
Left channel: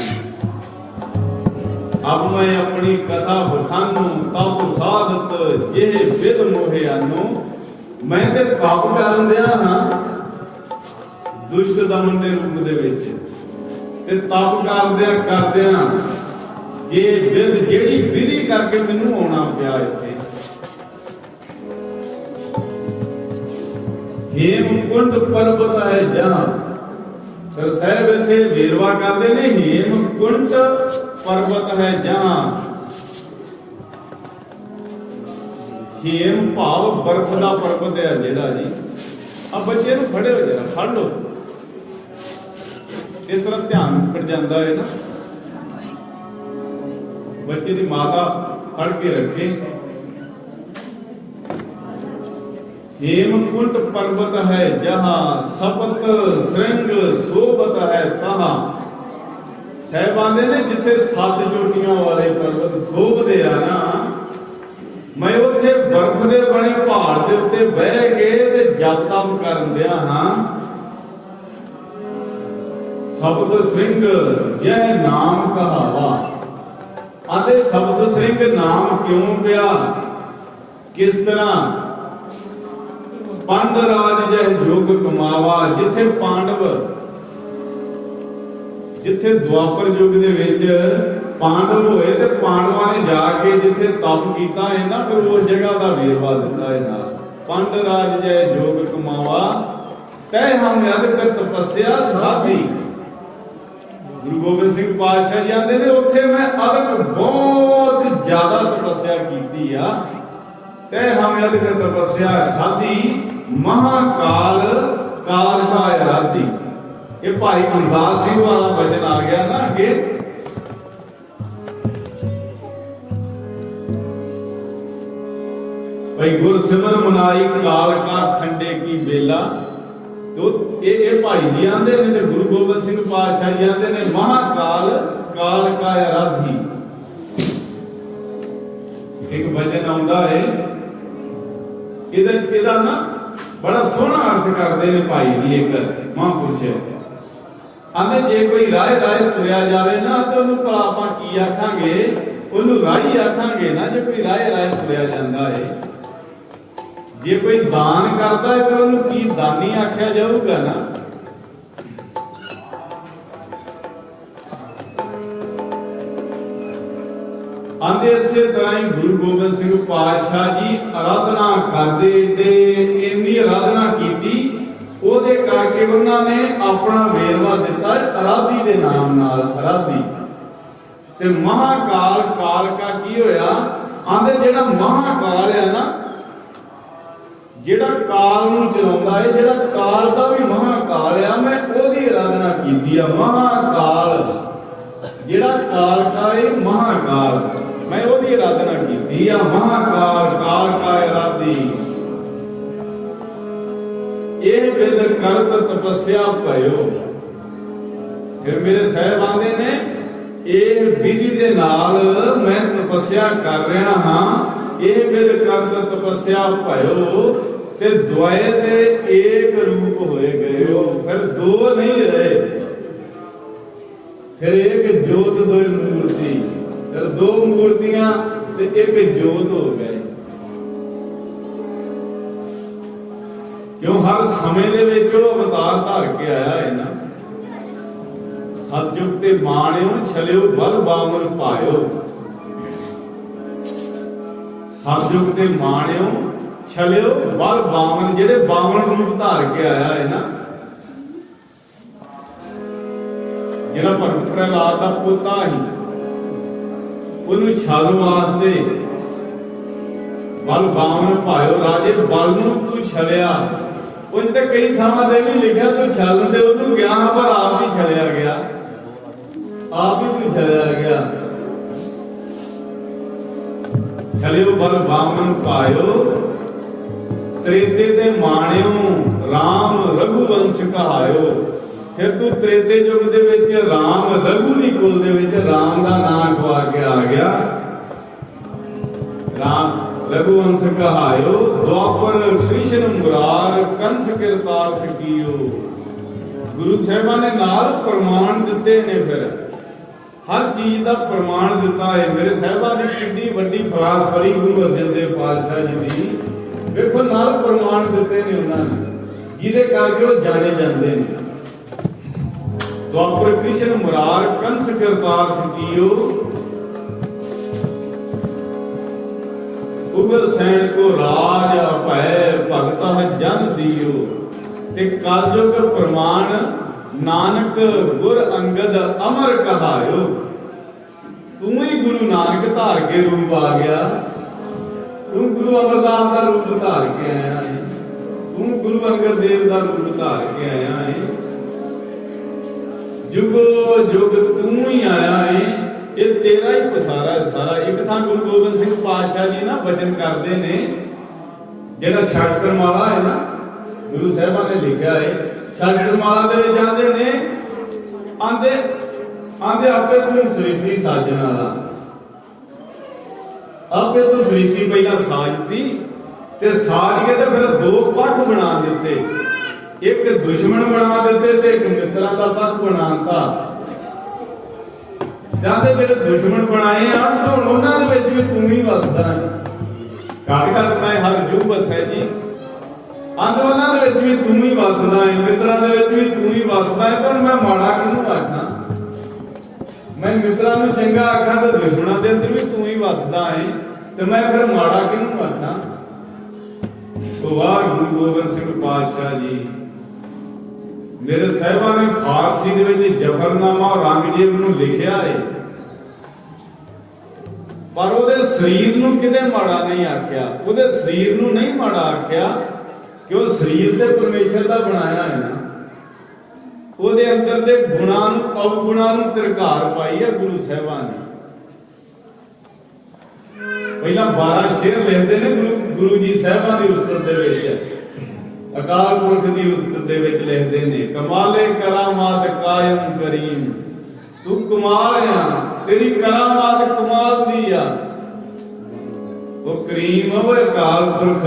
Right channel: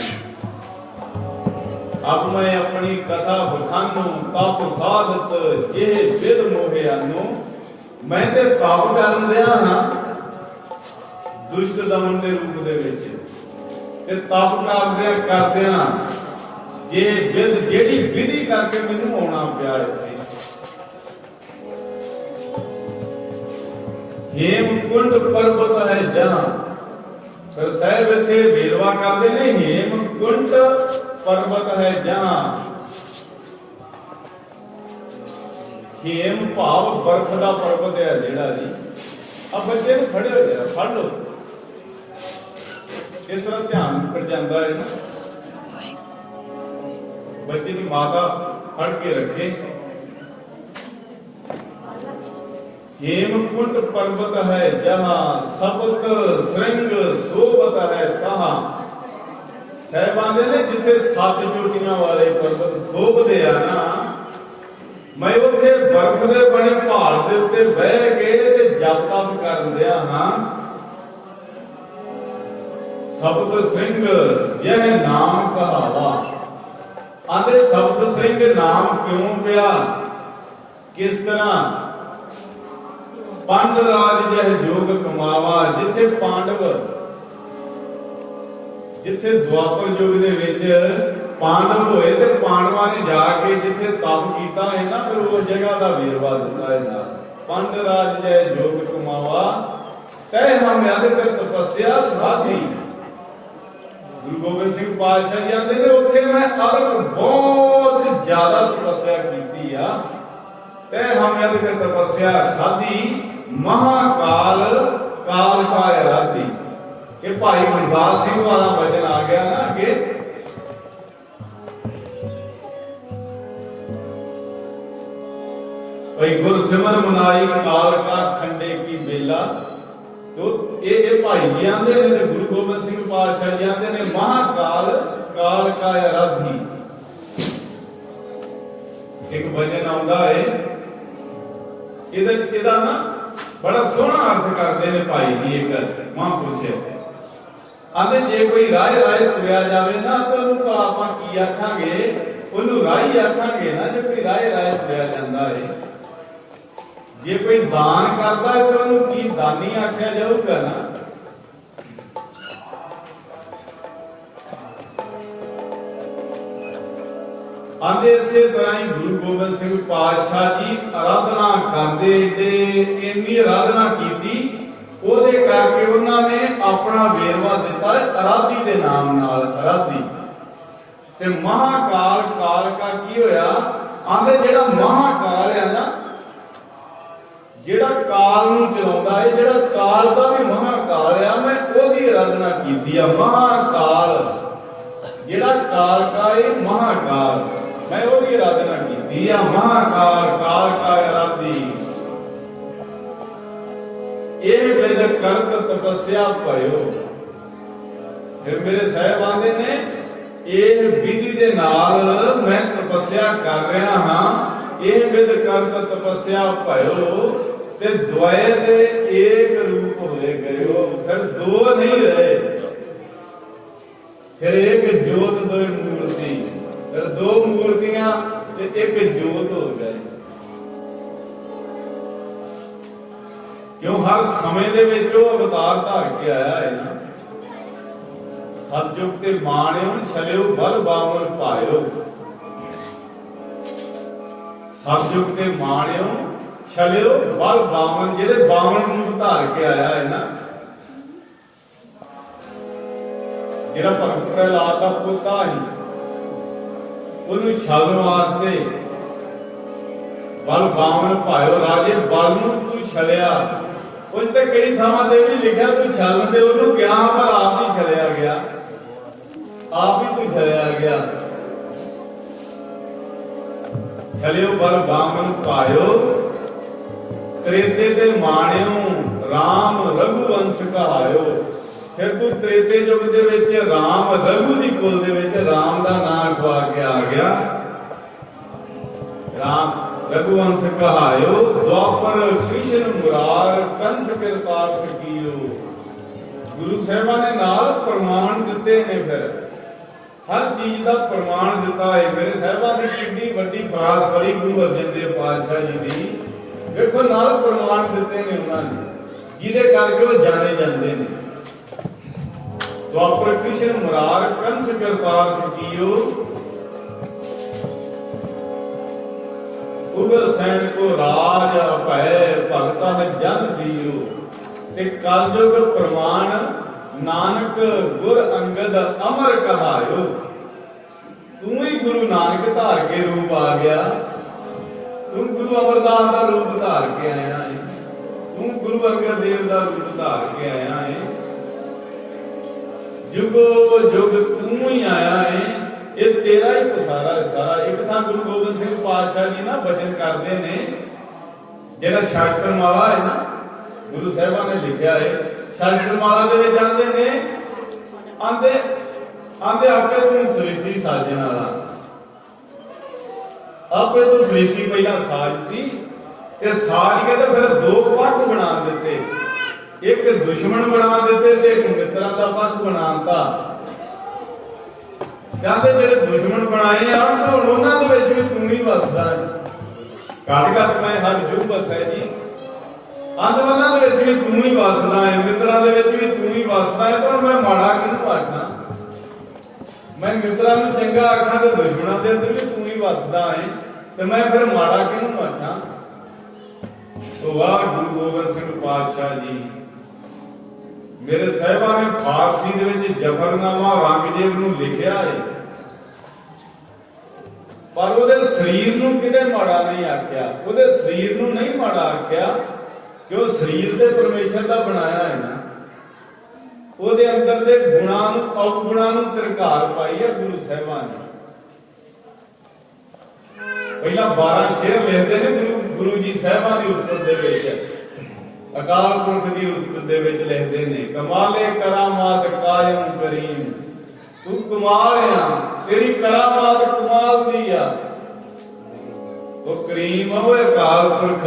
अब मैं अपनी कथा बखानू तप साधत जेहे विद मोहे अनु। मैं ते पाप करन दिया हां दुष्ट दमन दे रूप दे विच ते तप करदियां जे विद जेहड़ी विधि करके मैनू आउणा पिया इत्थे। हेमकुंड पर्वत है जहां सर साहब इत्थे वेरवा करते ने। हेमकुंड पर्वत है जहां हेम भाव बर्फ का पर्वत है जेड़ा जी। अब बच्चे नूं खड़े हो जाना फड़ लो इस तरह ध्यान उखड़ जाता है ना। बच्चे की माता फड़ के रखे। हेमकुंड पर्वत है जहां सपत श्रृंग शोभत है तहां। साहब आंदे ने जिथे 7 चोटियां वाले पर्वत शोभदे आ ना। मैं उत्थे बर्फ दे बने पहाड़ दे उत्ते बह के ते जप तप करन दिया हां। सपत श्रृंग जह नाम कहावा। आंदे सपत श्रृंग नाम क्यों पिया किस तरह। पंड राज जह जोग कमावा। जिथे पांडव जिथे द्वापर युग दे विच पांडव होए ते पांडवां ने जाके जिथे तप कीता है ना फिर उस जगह दा वेरवा दिता है नाल। पंड राज जह जोग कमावा तै हम अदक तपस्या साधी। गुरु गोबिंद सिंह पातशाह जी आंदे ने उत्थे मैं अदक बहुत ज्यादा तपस्या कीती आ। तै हम अदक तपस्या साधी महाकाल काल का आराधी। ये भाई गुरदास सिंह वाला वचन आ गया ना अगे, भाई गुरसिमर मनाई काल का खंडे की बेला। तो ये भाई जी आंदे ने ते गुरु गोबिंद सिंह पातशाह जी आंदे ने महाकाल काल का आराधी। एक वचन आउंदा है इहदा ना बड़ा सोहना अर्थ करते ने भाई जी। एक महापुरुष आंदे जे कोई राह राह तुरिया जावे ना तो उन्हें भला आपां की आखांगे, उन्हें राही आखांगे ना। जे कोई राह राह तुरिया जांदा है, जे कोई दान करता है तो उन्हें की दानी आख्या जाऊगा ना। आंदे इसे तरह ही गुरु गोबिंद सिंह पातशाह जी आराधना करते ते इन्नी आराधना की ਉਹਦੇ करके उन्होंने अपना वेरवा दिता आराधी के नाम नाल। आराधी ते महाकाल काल का की होया, आंदे जेड़ा महाकाल है ना, जेड़ा काल नूं चलाउंदा है, जेड़ा काल दा भी महाकाल है, मैं ओदी आराधना कीती आ। महाकाल जेड़ा काल का है महाकाल, मैं ओदी आराधना कीती आ। महाकाल काल का आराधी ਇਹ ਵਿਦ ਕਰਤ ਤਪੱਸਿਆ ਭਇਓ। ਫਿਰ ਮੇਰੇ ਸਾਹਿਬ ਆਂਦੇ ਨੇ ਇਹ ਵਿਧੀ ਦੇ ਨਾਲ ਮੈਂ ਤਪੱਸਿਆ ਕਰ ਰਿਹਾ ਹਾਂ। ਇਹ ਵਿਦ ਕਰਤ ਤਪੱਸਿਆ ਭਇਓ ਤੇ ਦੁਆਏ ਤੇ ਏਕ ਰੂਪ ਹੋਏ ਗਇਓ। ਫਿਰ ਦੋ ਨਹੀਂ ਰਹੇ, ਫਿਰ ਇੱਕ ਜੋਤ ਦੋ ਮੂਰਤੀ, ਫਿਰ ਦੋ ਮੂਰਤੀਆਂ ਤੇ ਇੱਕ ਜੋਤ ਹੋ ਗਏ। क्यों हर समय दे विच वो अवतार धार के आया है ना। सतयुग ते माणियो छलियो बल बावन पायो। सतयुग ते माणियो छलियो बल बावन, जेडे 52 रूप धार के आया है ना। जेड़ा भगत प्रहलाद दा पोता ही ओनू छलण वास्ते बल बावन पायो। राजे बल नूं तू छलिया, उस ते कई थावां ते भी लिखिया तू छल ते ओनू गया, पर आप ही छलिया गया, आप ही तू छलिया गया। छलियो बल बावन पायो त्रेते ते माणियो राम रघुवंश कहायो। फिर तू त्रेते युग दे विच राम रघु दी कुल दे विच राम दा नाम खवा के आ गया। राम रघुवंश कहायो द्वापर कृष्ण मुरार कंस कृतार्थ कियो। गुरु साहिबान ने नाल प्रमाण दिते ने, फिर हर चीज का प्रमाण दिता है। मेरे साहिबान की कितनी वड्डी खास करी गुरु अर्जन देव पातशाह जी की, देखो नाल प्रमाण दिते ने उन्होंने, जिहदे करके वो जाने जाते हैं। द्वापर कृष्ण मुरार कंस कृतार्थ कियो। उगर सैन को राज भय भगता जन दियो। ते कलयुग प्रमाण नानक गुर अंगद अमर कहायो। तू ही गुरु नानक धार के रूप आ गया, तू गुरु अमरदास का रूप धार के आया है, तू गुरु अंगद देव का रूप धार के आया है। जुगो जुग तू ही आया है, ये तेरा ही पसारा है सारा। एक था गुरु गोबिंद सिंह पातशाह जी ना वचन करते ने, जेड़ा शास्त्रमाला है ना, गुरु साहिबान ने लिखा है शास्त्रमाला दे विच आंदे ने, आंदे आंदे आपे तू सृष्टि साजन वाला, आपे तो सृष्टि पहला साजती ते साज के ते फिर दो पक्ष बना दिते, एक दुश्मन बना दिते ते एक मित्रां दा पक्ष बनाता। जाते जेडे दुश्मन बनाए आ तो उन्हां दे विच भी तू ही वसदा है। घट घट मैं हर जू बस है जी, आंदे उन्हां दे विच भी तू ही वसदा है, मित्रां दे विच भी तू ही वसदा है। तो मैं माड़ा किहनूं आखां? मैं मित्रां नूं चंगा आखां ते दुश्मनां दे अंदर भी तू ही वसदा है, ते मैं फिर माड़ा किहनूं आखां? तो वाह गुरु गोबिंद सिंह पातशाह जी मेरे साहिबान ने फारसी दे विच जफरनामा औरंगजेब नूं लिखिया है, पर ਉਹਦੇ ਸਰੀਰ ਨੂੰ ਕਿਤੇ ਮਾੜਾ ਨਹੀਂ ਆਖਿਆ, ਉਹਦੇ ਸਰੀਰ ਨੂੰ ਨਹੀਂ ਮਾੜਾ ਆਖਿਆ ਕਿ ਉਹ ਸਰੀਰ ਤੇ ਪਰਮੇਸ਼ਰ ਦਾ ਬਣਾਇਆ ਹੈ ਨਾ। ਉਹਦੇ ਅੰਦਰ ਦੇ ਗੁਣਾਂ ਨੂੰ ਅਵਗੁਣਾਂ ਨੂੰ ਤਿਰਕਾਰ ਪਾਈ ਆ ਗੁਰੂ ਸਾਹਿਬਾਨ ਨੇ। ਪਹਿਲਾਂ 12 ਸ਼ੇਰ ਲਿਖਦੇ ਨੇ ਗੁਰੂ ਜੀ ਸਾਹਿਬਾਂ ਦੀ ਉਸਤਤ ਦੇ ਵਿੱਚ, ਅਕਾਲ ਪੁਰਖ ਦੀ ਉਸਤਤ ਦੇ ਵਿੱਚ ਲਿਖਦੇ ਨੇ, ਕਮਾਲੇ ਕਰਾਮਾਤ ਕਾਇਮ ਕਰੀਮ, ਤੂੰ ਕਮਾਲ ਆ, ਤੇਰੀ ਕਰਾਮਾਤ ਕਮਾਲ ਦੀ ਆ। ਉਹ ਕਰੀਮ ਉਹ ਅਕਾਲ ਪੁਰਖ,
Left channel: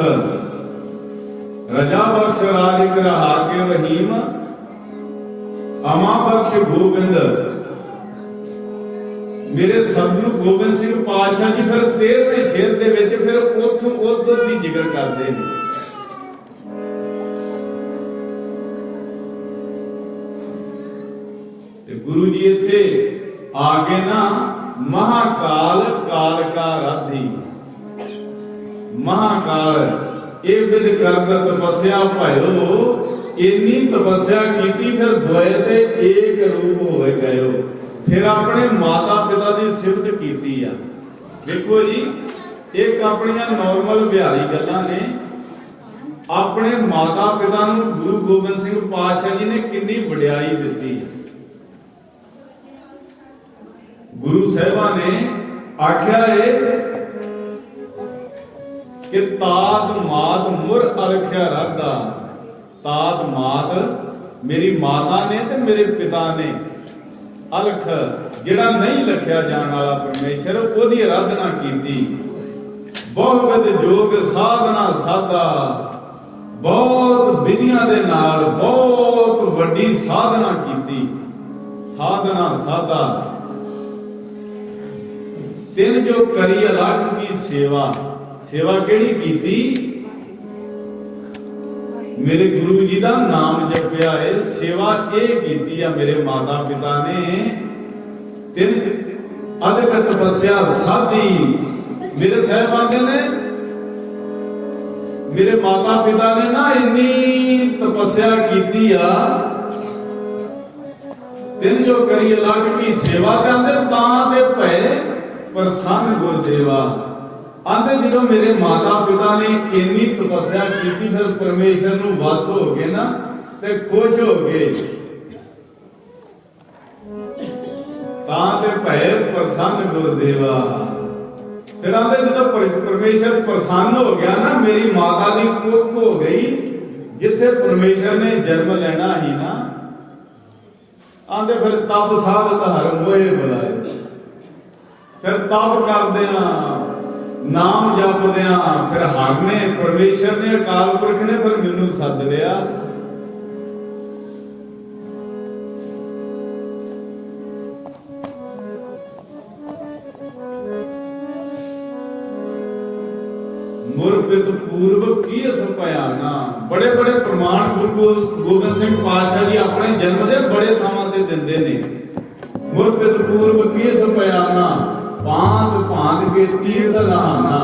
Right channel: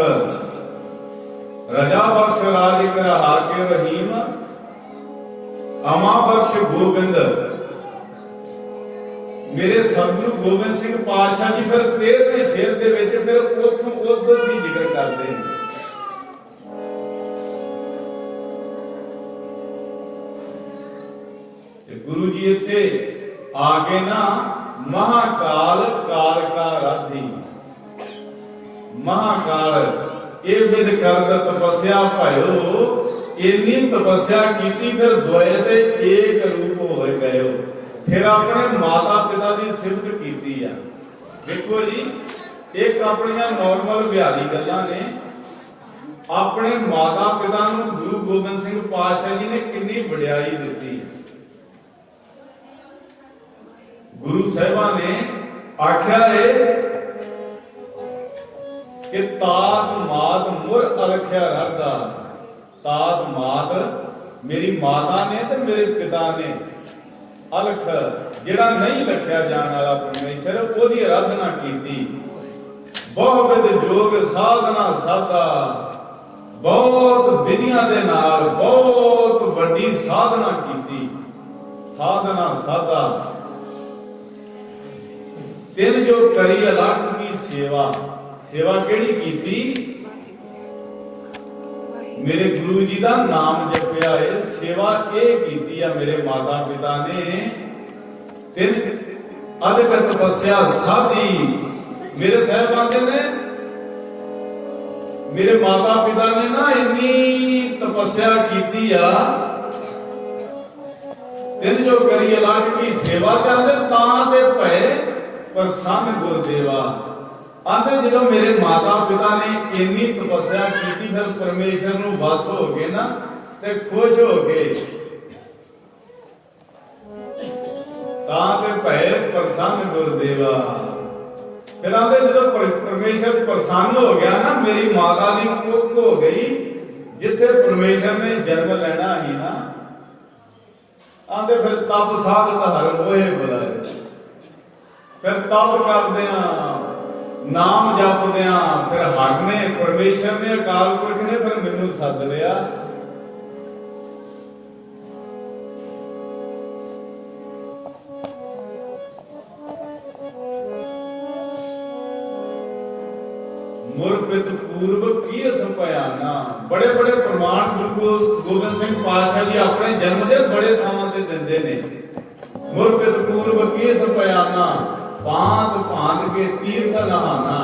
ਰਜਾ ਬਖਸ਼ ਰਾਜਿਕ ਰਹਾ ਕੇ ਰਹੀਮ, ਅਮਾ ਬਖਸ਼ ਗੋਬਿੰਦ। ਮੇਰੇ ਸਤਿਗੁਰੂ ਗੋਬਿੰਦ ਸਿੰਘ ਪਾਤਸ਼ਾਹ ਜੀ ਫਿਰ 13ਵੇਂ ਸ਼ੇਰ ਦੇ ਵਿੱਚ ਫਿਰ ਉੱਥੋਂ ਉਧਰ ਦੀ ਜ਼ਿਕਰ ਕਰਦੇ ਨੇ। ਤੇ ਗੁਰੂ ਜੀ ਇੱਥੇ ਆ ਕੇ ਨਾ ਮਹਾਕਾਲ ਕਾਲ ਕਾ ਰਾਧੀ, ਮਹਾਕਾਲ ਇਹ ਵਿਦ ਕਰਤ ਤਪੱਸਿਆ ਭਇਓ, ਇੰਨੀ ਤਪੱਸਿਆ ਕੀਤੀ ਫਿਰ ਦੁਆਏ ਤੇ ਏਕ ਰੂਪ ਹੋਏ ਗਇਓ। ਫਿਰ ਆਪਣੇ ਮਾਤਾ ਪਿਤਾ ਦੀ ਸਿਫਤ ਕੀਤੀ ਆ। ਦੇਖੋ ਜੀ, ਇੱਕ ਆਪਣੀਆਂ ਨਾਰਮਲ ਵਿਹਾਰੀ ਗੱਲਾਂ ਨੇ, ਆਪਣੇ ਮਾਤਾ ਪਿਤਾ ਨੂੰ ਗੁਰੂ ਗੋਬਿੰਦ ਸਿੰਘ ਪਾਤਸ਼ਾਹ ਜੀ ਨੇ ਕਿੰਨੀ ਵਡਿਆਈ ਦਿੱਤੀ ਹੈ। ਗੁਰੂ ਸਾਹਿਬਾਂ ਨੇ ਆਖਿਆ ਏ ਕਿ ਤਾਤ ਮਾਤ ਮੁਰ ਅਰਖਿਆ ਰਾਧਾ। ਤਾਤ ਮਾਤ ਮੇਰੀ ਮਾਤਾ ਨੇ ਤੇ ਮੇਰੇ ਪਿਤਾ ਨੇ, ਅਲਖ ਜਿਹੜਾ ਨਹੀਂ ਲਖਿਆ ਜਾਣ ਵਾਲਾ ਪਰਮੇਸ਼ਰ, ਉਹਦੀ ਆਰਾਧਨਾ ਕੀਤੀ। ਬਹੁਤ ਜੋਗ ਸਾਧਨਾ ਸਾਧਾ, ਬਹੁਤ ਵਿਧੀਆਂ ਦੇ ਨਾਲ ਬਹੁਤ ਵੱਡੀ ਸਾਧਨਾ ਕੀਤੀ। ਸਾਧਨਾ ਸਾਧਾ ਤਿੰਨ ਜੋ ਕਰੀ ਅਲਖ ਕੀ ਸੇਵਾ। ਸੇਵਾ ਕਿਹੜੀ ਕੀਤੀ? ਮੇਰੇ ਗੁਰੂ ਜੀ ਦਾ ਨਾਮ ਜਪਿਆ ਏ। ਸੇਵਾ ਇਹ ਕੀਤੀ ਆ ਮੇਰੇ ਮਾਤਾ ਪਿਤਾ ਨੇ। ਤਿੰਨ ਅਦਕ ਤਪੱਸਿਆ ਸਾਧੀ। ਮੇਰੇ ਸਾਹਿਬਾਨ ਨੇ, ਮੇਰੇ ਮਾਤਾ ਪਿਤਾ ਨੇ ਨਾ ਇੰਨੀ ਤਪੱਸਿਆ ਕੀਤੀ ਆ। ਤਿੰਨ ਜੋ ਕਰੀ ਅਲਖ ਕੀ ਸੇਵਾ ਕਰਦੇ ਤਾਂ ਤੇ ਭਏ ਪ੍ਰਸੰਨ ਗੁਰਦੇਵਾ। ਆਂਦੇ ਜਦੋਂ ਮੇਰੇ ਮਾਤਾ ਪਿਤਾ ਨੇ ਇੰਨੀ ਤਪੱਸਿਆ ਕੀਤੀ, ਫਿਰ ਪਰਮੇਸ਼ਰ ਨੂੰ ਵਸ ਹੋ ਗਏ ਨਾ ਤੇ ਖੁਸ਼ ਹੋ ਗਏ, ਤਾਂ ਤੇ ਭੈ ਪ੍ਰਸੰਨ ਗੁਰਦੇਵਾ। ਫਿਰ ਆਂਦੇ ਜਦੋਂ ਪਰਮੇਸ਼ਰ ਪ੍ਰਸੰਨ ਹੋ ਗਿਆ ਨਾ, ਮੇਰੀ ਮਾਤਾ ਦੀ ਕੁੱਖ ਹੋ ਗਈ, ਜਿੱਥੇ ਪਰਮੇਸ਼ਰ ਨੇ ਜਨਮ ਲੈਣਾ ਹੀ ਨਾ। ਆਂਦੇ ਫਿਰ ਤਪ ਸਾਧਤ ਹਰ ਮੋਏ ਬੁਲਾਏ। ਫਿਰ ਤਪ ਕਰਦੇ ਆ, ਨਾਮ ਜਪਦਿਆਂ, ਫਿਰ ਹਰ ਨੇ, ਪਰਮੇਸ਼ਰ ਨੇ, ਅਕਾਲ ਪੁਰਖ ਨੇ ਫਿਰ ਮੈਨੂੰ ਸੱਦ ਲਿਆ। ਮੁਰਪਿਤ ਪੂਰਵ ਕੀ ਸੰਪਿਆਨਾ। ਬੜੇ ਬੜੇ ਪ੍ਰਮਾਣ ਗੁਰੂ ਗੋਬਿੰਦ ਸਿੰਘ ਪਾਤਸ਼ਾਹ ਜੀ ਆਪਣੇ ਜਨਮ ਦੇ ਬੜੇ ਥਾਵਾਂ ਤੇ ਦਿੰਦੇ ਨੇ। ਮੁਰਪਿਤ ਪੂਰਵ ਕੀ ਸੰਪਿਆਨਾ, ਭਾਂਤ ਭਾਂਤ ਕੇ ਤੀਰਥ ਨਹਾਨਾ,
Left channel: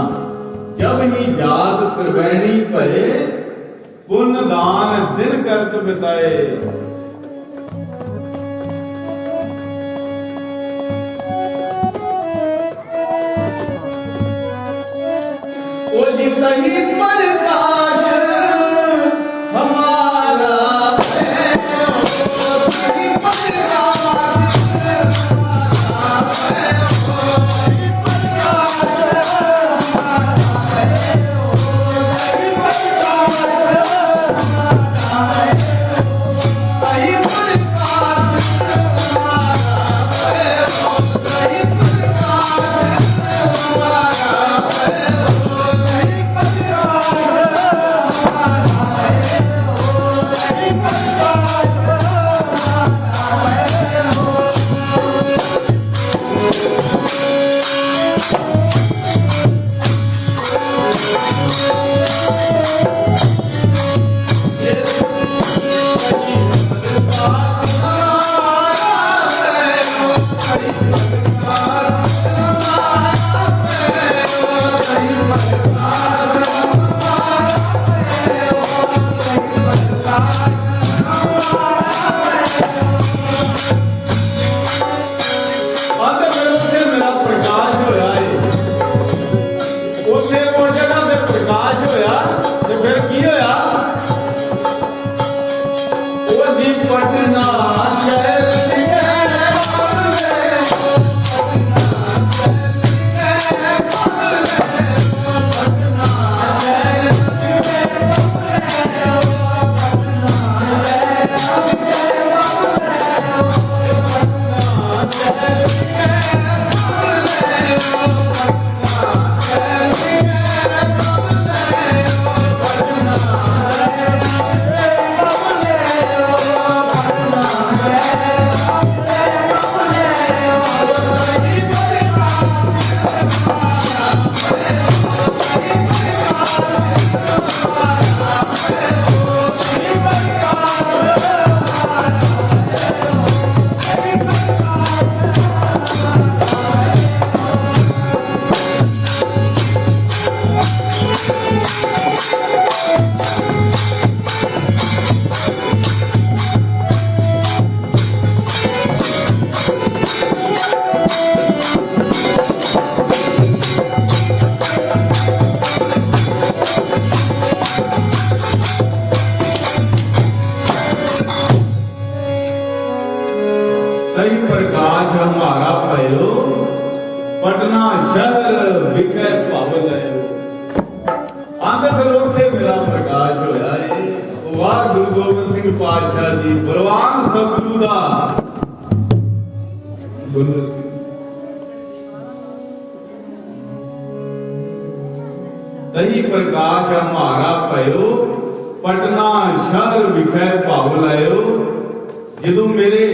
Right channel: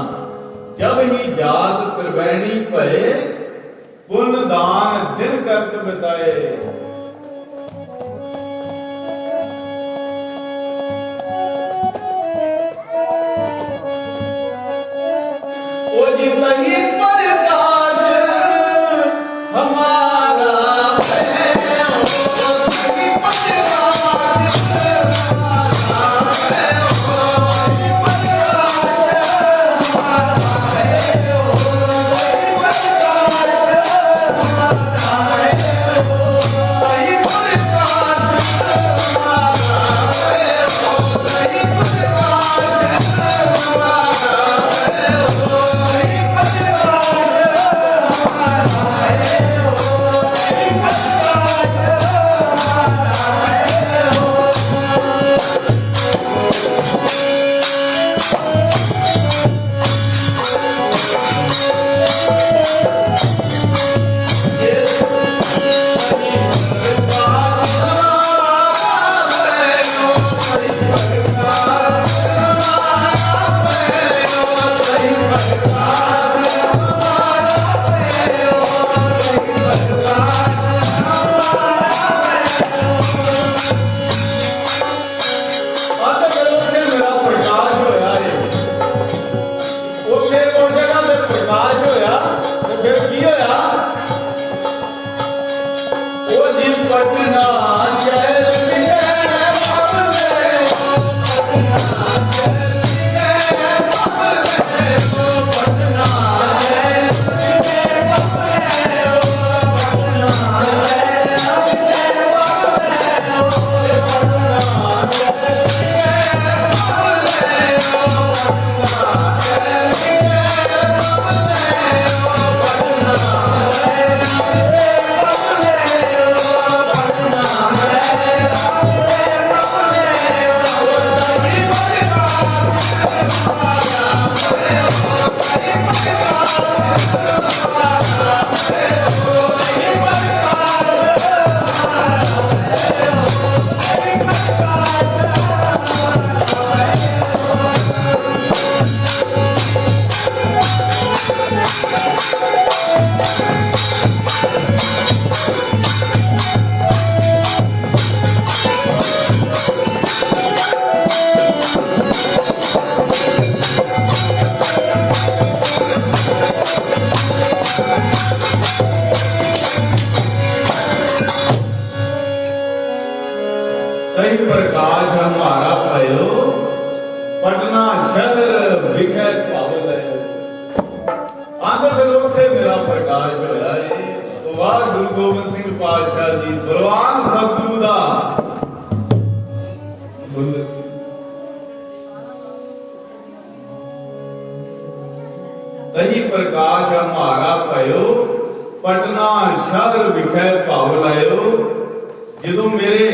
ਜਬ ਹੀ ਜਾਤ ਪ੍ਰਵੈਣੀ ਭਏ, ਪੁੰਨ ਦਾਨ ਦਿਨ ਕਰਤ ਬਿਤਾਏ। ਉਹ ਜਿਤਨੀ ਪ੍ਰਕਾਸ਼ ਹਮਾਰਾ ਹੈ, ਉਹ ਜਿਤਨੀ ਪ੍ਰਕਾਸ਼ ਹਮਾਰਾ ਹੈ। गुरु गोबिंद सिंह पातशाह जी बलवान सतगुरु दा तही प्रकाश हमारा पयो पटना शहर विखै भाव लायो। जो मेरे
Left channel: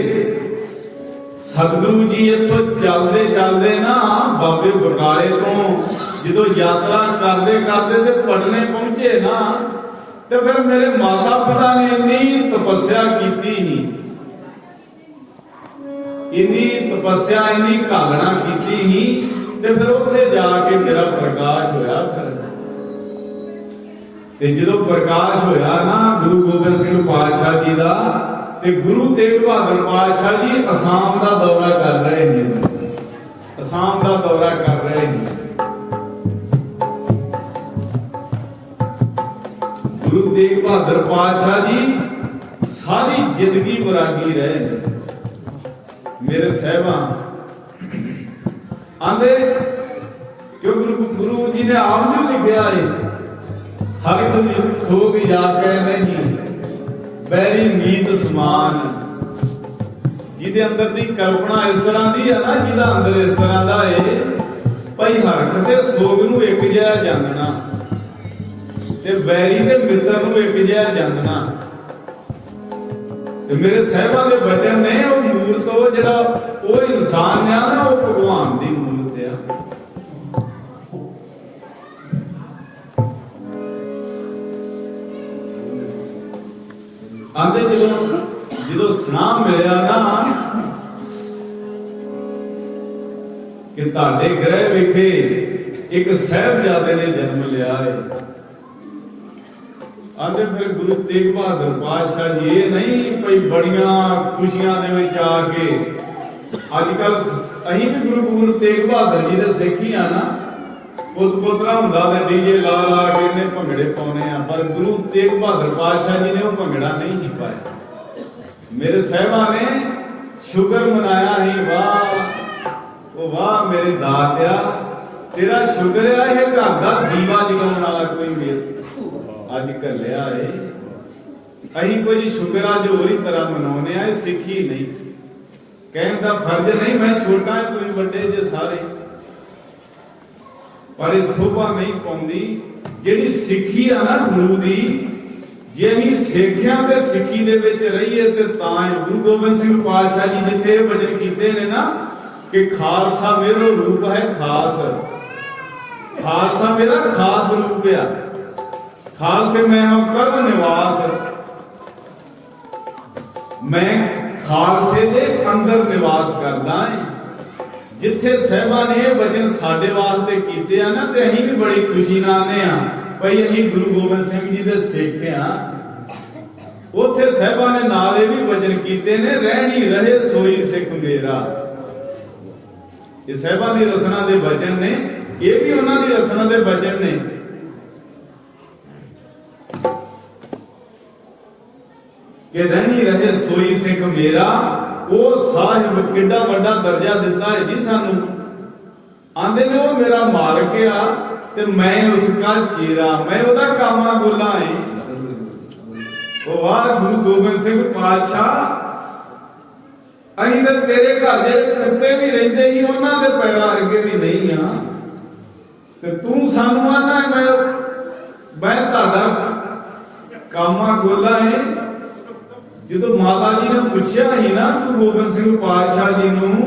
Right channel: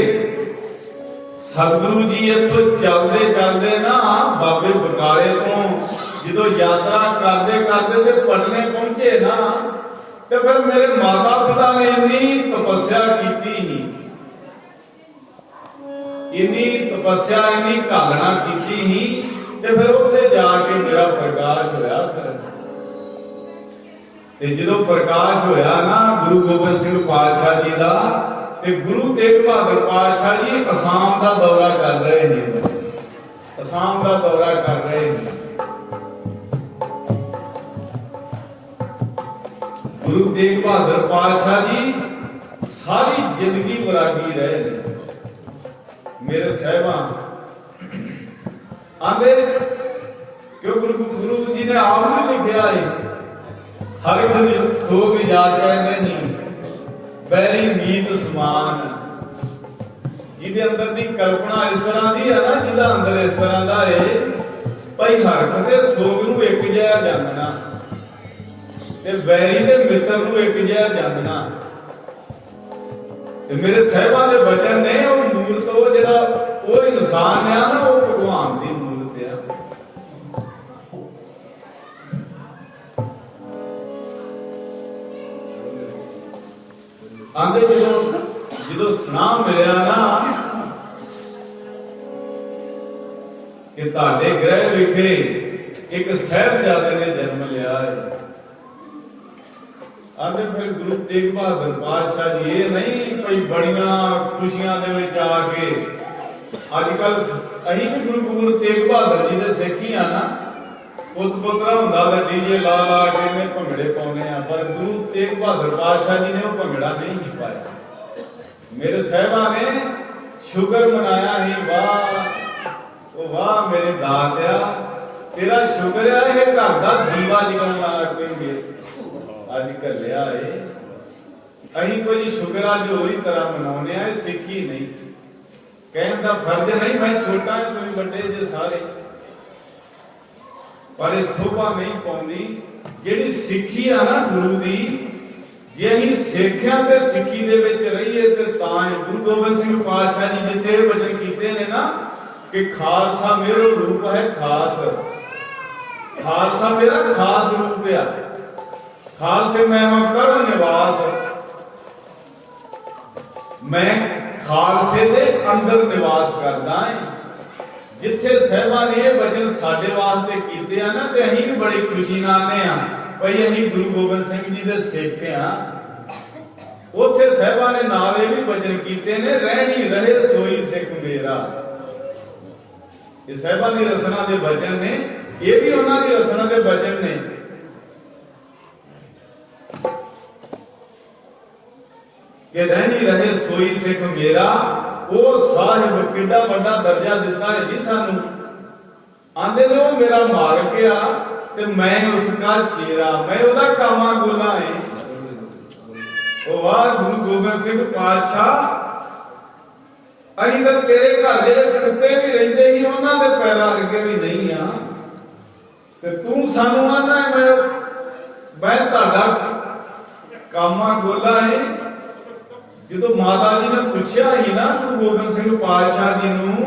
सतगुरु जी इथों चलते चलते ना बाबे बकाले तो जो यात्रा करते करते ते पटने पहुंचे ना, तो फिर मेरे माता पिता ने इन्नी तपस्या की, इन्नी तपस्या इन्नी घालना की, ते फिर उत्थे जाके मेरा प्रकाश होया। फिर जो प्रकाश होया ना गुरु गोबिंद सिंह पातशाह जी का, ते गुरु तेग बहादुर पातशाह जी असम का दौरा कर रहे हैं, असम का दौरा कर रहे हैं। गुरु तेग बहादुर पातशाह जी सारी जिंदगी वैरागी रहे हैं। मेरे साहबा आंदे क्यों गुरु जी ने आप ने लिखा है, हर सोग याद नहीं बैरी मीत समान। जिदे अंदर दी कल्पना इस तरह दी है ना, जिदा अंदर इस तरह दा है भाई हरख ते सोग नूं एक जिहा जानना ते बैरी ते मित्र नूं एक जिहा जानना। ते मेरे साहिबां दे वचन ने वो मूर्त वो जिहड़ा वो इंसान है ना, वो भगवान दी मूर्त है। आंदे जो सुना मिलिया ना कि तुहाडे ग्रह विखे एक साहिबजादे ने जन्म लिया है। आंदे फिर गुरु तेग बहादुर पातशाह जी ये नहीं भाई बड़िया खुशियां दे विच आके अजकल अहीं भी गुरु तेग बहादुर जी दे सिख ही आ ना, पुत पुत्रा हुंदा ते डीजे ला ला के ने भंगड़े पाउने आ, पर गुरु तेग बहादुर पातशाह जी ने वो भंगड़ा नहीं ही पाया। मेरे साहिबा ने शुगर मनाया ही, वाह ओ वाह मेरे दात्या तेरा शुगर है, ये घर दा दीवा जगाउण वाला कोई मेल अज घलिया है। अहीं कोई शुगर अज होरी तरह मनाउने आ, सिखी नहीं कहण दा फर्ज नहीं, मैं छोटा है तुम बड़े जे सारे, पर ये शोभा नहीं पाउंदी जिहड़ी सिੱਖੀ आ ना गुरु दी। जे अहीं सिੱਖਿਆ ते सिੱਖੀ दे विच रहीए ते तां गुरु गोबिंद सिंह पातशाह जी जिथे वचन कीते ने ना कि खालसा मेरो रूप है खास, खालसा मेरा खास रूप है, खालसे मैं कर निवास, मैं खालसे दे अंदर निवास करदा है। जिथे साहिबा ने वचन साडे वास्ते कीते आ ना, ते अहीं भी बड़ी खुशी नाल आने आ भाई अहीं गुरु गोबिंद सिंह जी दे सिख आ। उत्थे साहिबा ने नाल ये भी वचन कीते ने, रहनी रहे सोई सिख मेरा। ये साहिबा दी रचना दे वचन ने, ये भी उन्हां दी रचना दे वचन ने कि रहनी रहे सोई सिख मेरा। वो साहिब किड्डा बड़ा दर्जा दिता है जी सानू, आंदे ने वो मेरा मालिक आ ते मैं उसका चेरा, मैं ओदा कामा गोला है। ओ वाह गुरु गोबिंद सिंह पातशाह, अहीं ते तेरे घर जेड़े कुत्ते भी रहिंदे ही उन्हां दे पैरां अगे भी नहीं आ, ते तू सानू आना मैं तुहाडा कामा गोला है। जो माता जी ने पूछा ही ना गुरु गोबिंद सिंह पातशाह जी नूं,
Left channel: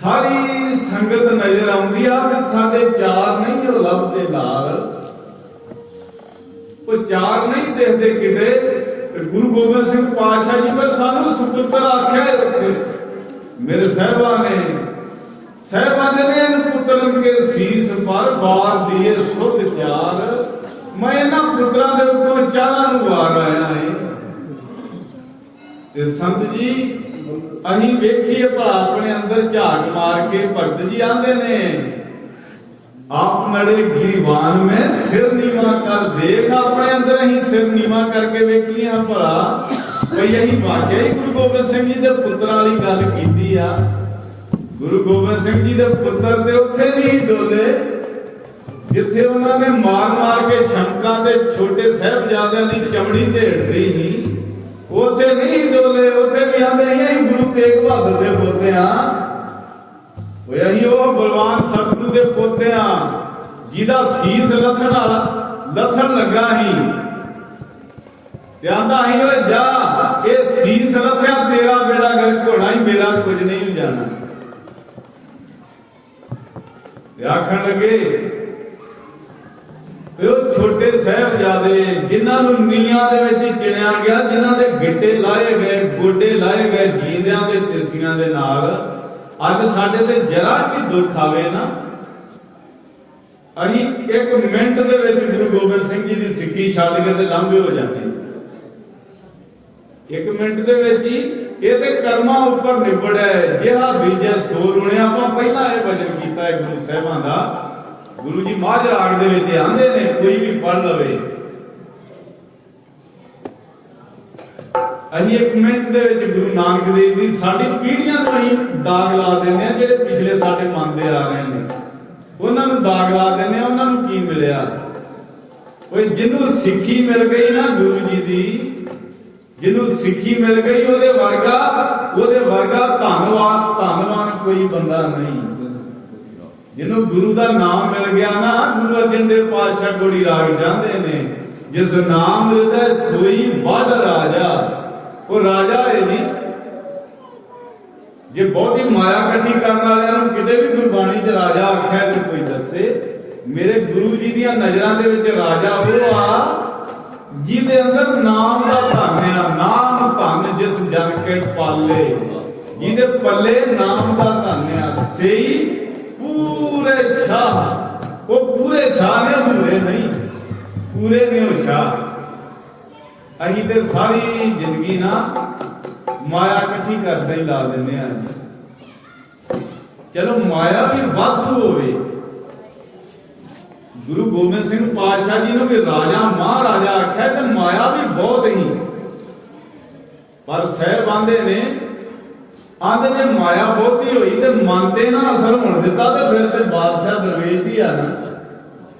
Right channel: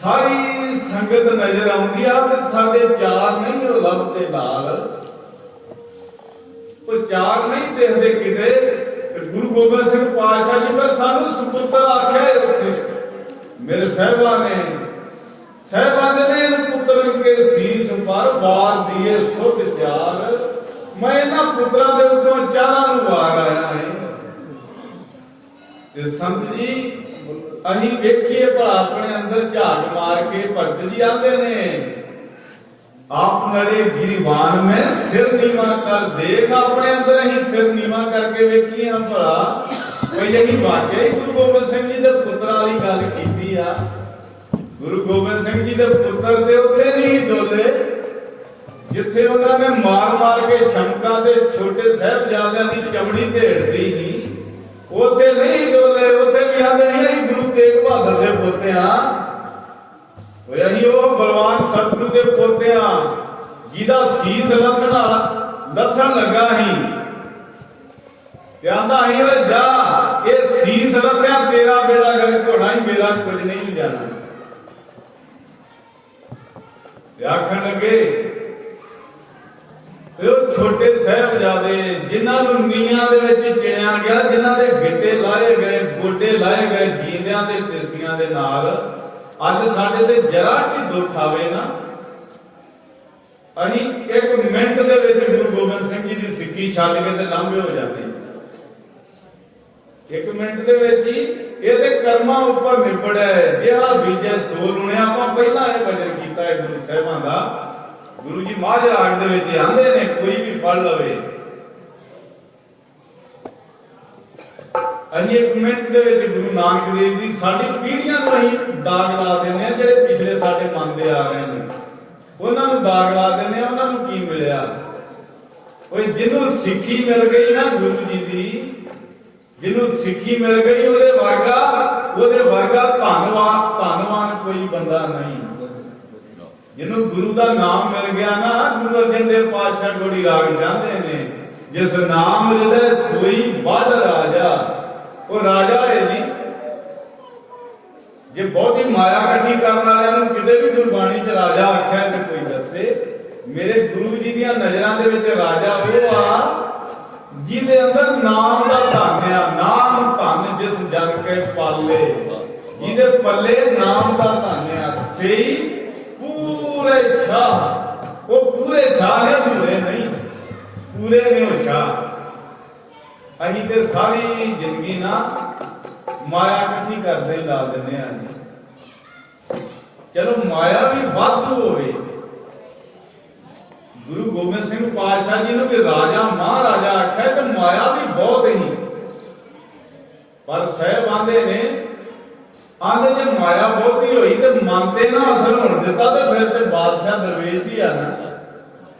सारी संगत नजर आउंदी आ ते साडे चार नहीं जो लभदे नाल, कोई चार नहीं देखते किते। गुरु गोबिंद सिंह पातशाह जी पर सानू सुपुत्र आख्या उत्थे मेरे साहिबा ने इन पुत्रन के शीस पर वार दिए सुध चार, मैं इन्हां पुत्रां दे उत्तों चारां नूं वार आया है। ते संत जी अहीं वेखिए भला अपने अंदर झाक मार के भगत जी आंदे ने, आप नड़े गिरवान में सिर नीवा कर देख, अपने अंदर अहीं सिर नीवा करके वेखिए हम भला कोई यही वाकई ही गुरु गोबिंद सिंह जी दे पुत्तरां वाली गल कीती आ। गुरु गोबिंद सिंह जी दे पुत्तर ते उत्थे नहीं डोले जिथे उन्होंने मार मार के छमकां दे छोटे साहिबजादियां दी चमड़ी ढेड़दी ही। ਉੱਥੇ ਨਹੀਂ ਡੋਲੇ, ਉੱਥੇ ਵੀ ਆਂਦੇ ਅਸੀਂ ਗੁਰੂ ਤੇਗ ਬਹਾਦਰ ਦੇ ਪੋਤੇ ਹਾਂ, ਹੋਏ ਅਸੀਂ ਉਹ ਬਲਵਾਨ ਸਤਿਗੁਰੂ ਦੇ ਪੋਤੇ ਹਾਂ ਜਿਹਦਾ ਸੀਸ ਲੱਥਣ ਲੱਗਾ ਸੀ ਤੇ ਆਂਦਾ ਅਸੀਂ ਓਏ ਜਾ, ਇਹ ਸੀਸ ਲੱਥਿਆ ਤੇਰਾ ਬੇੜਾ ਗਰਕ ਹੋਣਾ ਹੀ, ਮੇਰਾ ਕੁਝ ਨਹੀਂ ਜਾਣਾ। ਤੇ ਆਖਣ ਲੱਗੇ ਉਹ ਛੋਟੇ ਸਾਹਿਬਜ਼ਾਦੇ ਜਿਨ੍ਹਾਂ ਨੂੰ ਨੀਆਂ ਦੇ ਵਿੱਚ ਚਿਣਿਆ ਗਿਆ, ਜਿਨ੍ਹਾਂ ਦੇ ਗਿੱਟੇ ਲਾਏ ਗਏ, ਗੋਡੇ ਲਾਏ ਗਏ ਜੀਂਦਿਆਂ ਦੇ ਤਿਰਸੀਆਂ ਦੇ ਨਾਲ, ਅੱਜ ਸਾਡੇ ਤੇ ਜਰਾ ਵੀ ਦੁੱਖ ਆਵੇ ਨਾ, ਅਸੀਂ 1 ਮਿੰਟ ਦੇ ਵਿੱਚ ਗੁਰੂ ਗੋਬਿੰਦ ਸਿੰਘ ਜੀ ਦੀ ਸਿੱਖੀ ਛੱਡ ਕੇ ਤੇ ਲਾਂਭੇ ਹੋ ਜਾਂਦੇ। 1 ਮਿੰਟ ਦੇ ਵਿੱਚ ਹੀ ਇਹਦੇ ਕਰਮਾਂ ਉੱਪਰ ਨਿਬੜਿਆ, ਜਿਹੜਾ ਬੀਜੇ ਸੋ ਰੁਣਿਆ। ਆਪਾਂ ਪਹਿਲਾਂ ਇਹ ਭਜਨ ਕੀਤਾ ਹੈ ਗੁਰੂ ਸਾਹਿਬਾਂ ਦਾ, ਗੁਰੂ ਜੀ ਮਾਝ ਰਾਗ ਦੇ ਵਿੱਚ ਆਂਦੇ ਨੇ, ਕੋਈ ਵੀ ਪੜ੍ਹ ਲਵੇ। ਅਸੀਂ 1 ਮਿੰਟ ਦੇ ਵਿੱਚ ਗੁਰੂ ਨਾਨਕ ਦੇਵ ਜੀ ਸਾਡੀ ਪੀੜ੍ਹੀਆਂ ਤੋਂ ਅਸੀਂ ਦਾਗ ਲਾ ਦਿੰਦੇ ਹਾਂ, ਜਿਹੜੇ ਪਿਛਲੇ ਸਾਡੇ ਮਨ ਦੇ ਆ ਰਹੇ ਨੇ ਉਹਨਾਂ ਨੂੰ ਦਾਗ ਲਾ ਦਿੰਦੇ ਹਾਂ। ਉਹਨਾਂ ਨੂੰ ਕੀ ਮਿਲਿਆ? ਉਹ ਜਿਹਨੂੰ ਸਿੱਖੀ ਮਿਲ ਗਈ ਨਾ ਗੁਰੂ ਜੀ ਦੀ, ਜਿਹਨੂੰ ਸਿੱਖੀ ਮਿਲ ਗਈ ਉਹਦੇ ਵਰਗਾ ਧੰਨਵਾਨ ਕੋਈ ਬੰਦਾ ਨਹੀਂ। ਜਿਹਨੂੰ ਗੁਰੂ ਦਾ ਨਾਮ ਮਿਲ ਗਿਆ ਨਾ, ਗੁਰੂ ਅਰਜਨ ਦੇਵ ਪਾਤਸ਼ਾਹ ਗੋੜੀ ਰਾਗ ਜਾਂਦੇ ਨੇ, ਜਿਸ ਨਾਮ ਹਿਰਦੈ ਸੋਈ ਬੜ ਰਾਜਾ। ਉਹ ਰਾਜਾ ਹੈ ਜੀ। ਜੇ ਬਹੁਤੀ ਮਾਇਆ ਇਕੱਠੀ ਕਰਨ ਵਾਲਿਆਂ ਨੂੰ ਕਿਤੇ ਵੀ ਗੁਰਬਾਣੀ 'ਚ ਰਾਜਾ ਆਖਿਆ ਤੇ ਕੋਈ ਦੱਸੇ। ਮੇਰੇ ਗੁਰੂ ਜੀ ਦੀਆਂ ਨਜ਼ਰਾਂ ਦੇ ਵਿੱਚ ਰਾਜਾ ਉਹ ਆ ਜਿਹਦੇ ਅੰਦਰ ਨਾਮ ਦਾ ਧਨ ਆ। ਨਾਮ ਧਨ ਜਿਸ ਜਨ ਕੇ ਪਾਲੇ, ਜਿਹਦੇ ਪੱਲੇ ਨਾਮ ਦਾ ਧਨ ਆ, ਸਹੀ ਪੂਰੇ ਸ਼ਾਹ। ਉਹ ਪੂਰੇ ਸ਼ਾਹ ਨੇ, ਅਧੂਰੇ ਨਹੀਂ, ਪੂਰੇ ਨੇ ਉਹ ਸ਼ਾਹ। ਅਸੀਂ ਤੇ ਸਾਰੀ ਜ਼ਿੰਦਗੀ ਨਾ ਮਾਇਆ ਇਕੱਠੀ ਕਰਦੇ ਹੀ ਲਾ ਦਿੰਦੇ ਹਾਂ। ਚਲੋ ਮਾਇਆ ਵੀ ਵਾਧੂ ਹੋਵੇ। ਗੁਰੂ ਗੋਬਿੰਦ ਸਿੰਘ ਪਾਤਸ਼ਾਹ ਜੀ ਨੂੰ ਵੀ ਰਾਜਾ ਮਹਾਰਾਜਾ ਆਖਿਆ ਤੇ ਮਾਇਆ ਵੀ ਬਹੁਤ ਹੀ। ਪਰ ਸਾਹਿਬ ਆਂਦੇ ਨੇ ਜੇ ਮਾਇਆ ਬਹੁਤੀ ਹੋਈ ਤੇ ਮਨ ਤੇ ਨਾ ਅਸਰ ਹੋਣ ਦਿੱਤਾ ਤੇ ਫਿਰ ਤੇ ਬਾਦਸ਼ਾਹ ਦਰਵੇਸ਼ ਹੀ ਆ ਨਾ,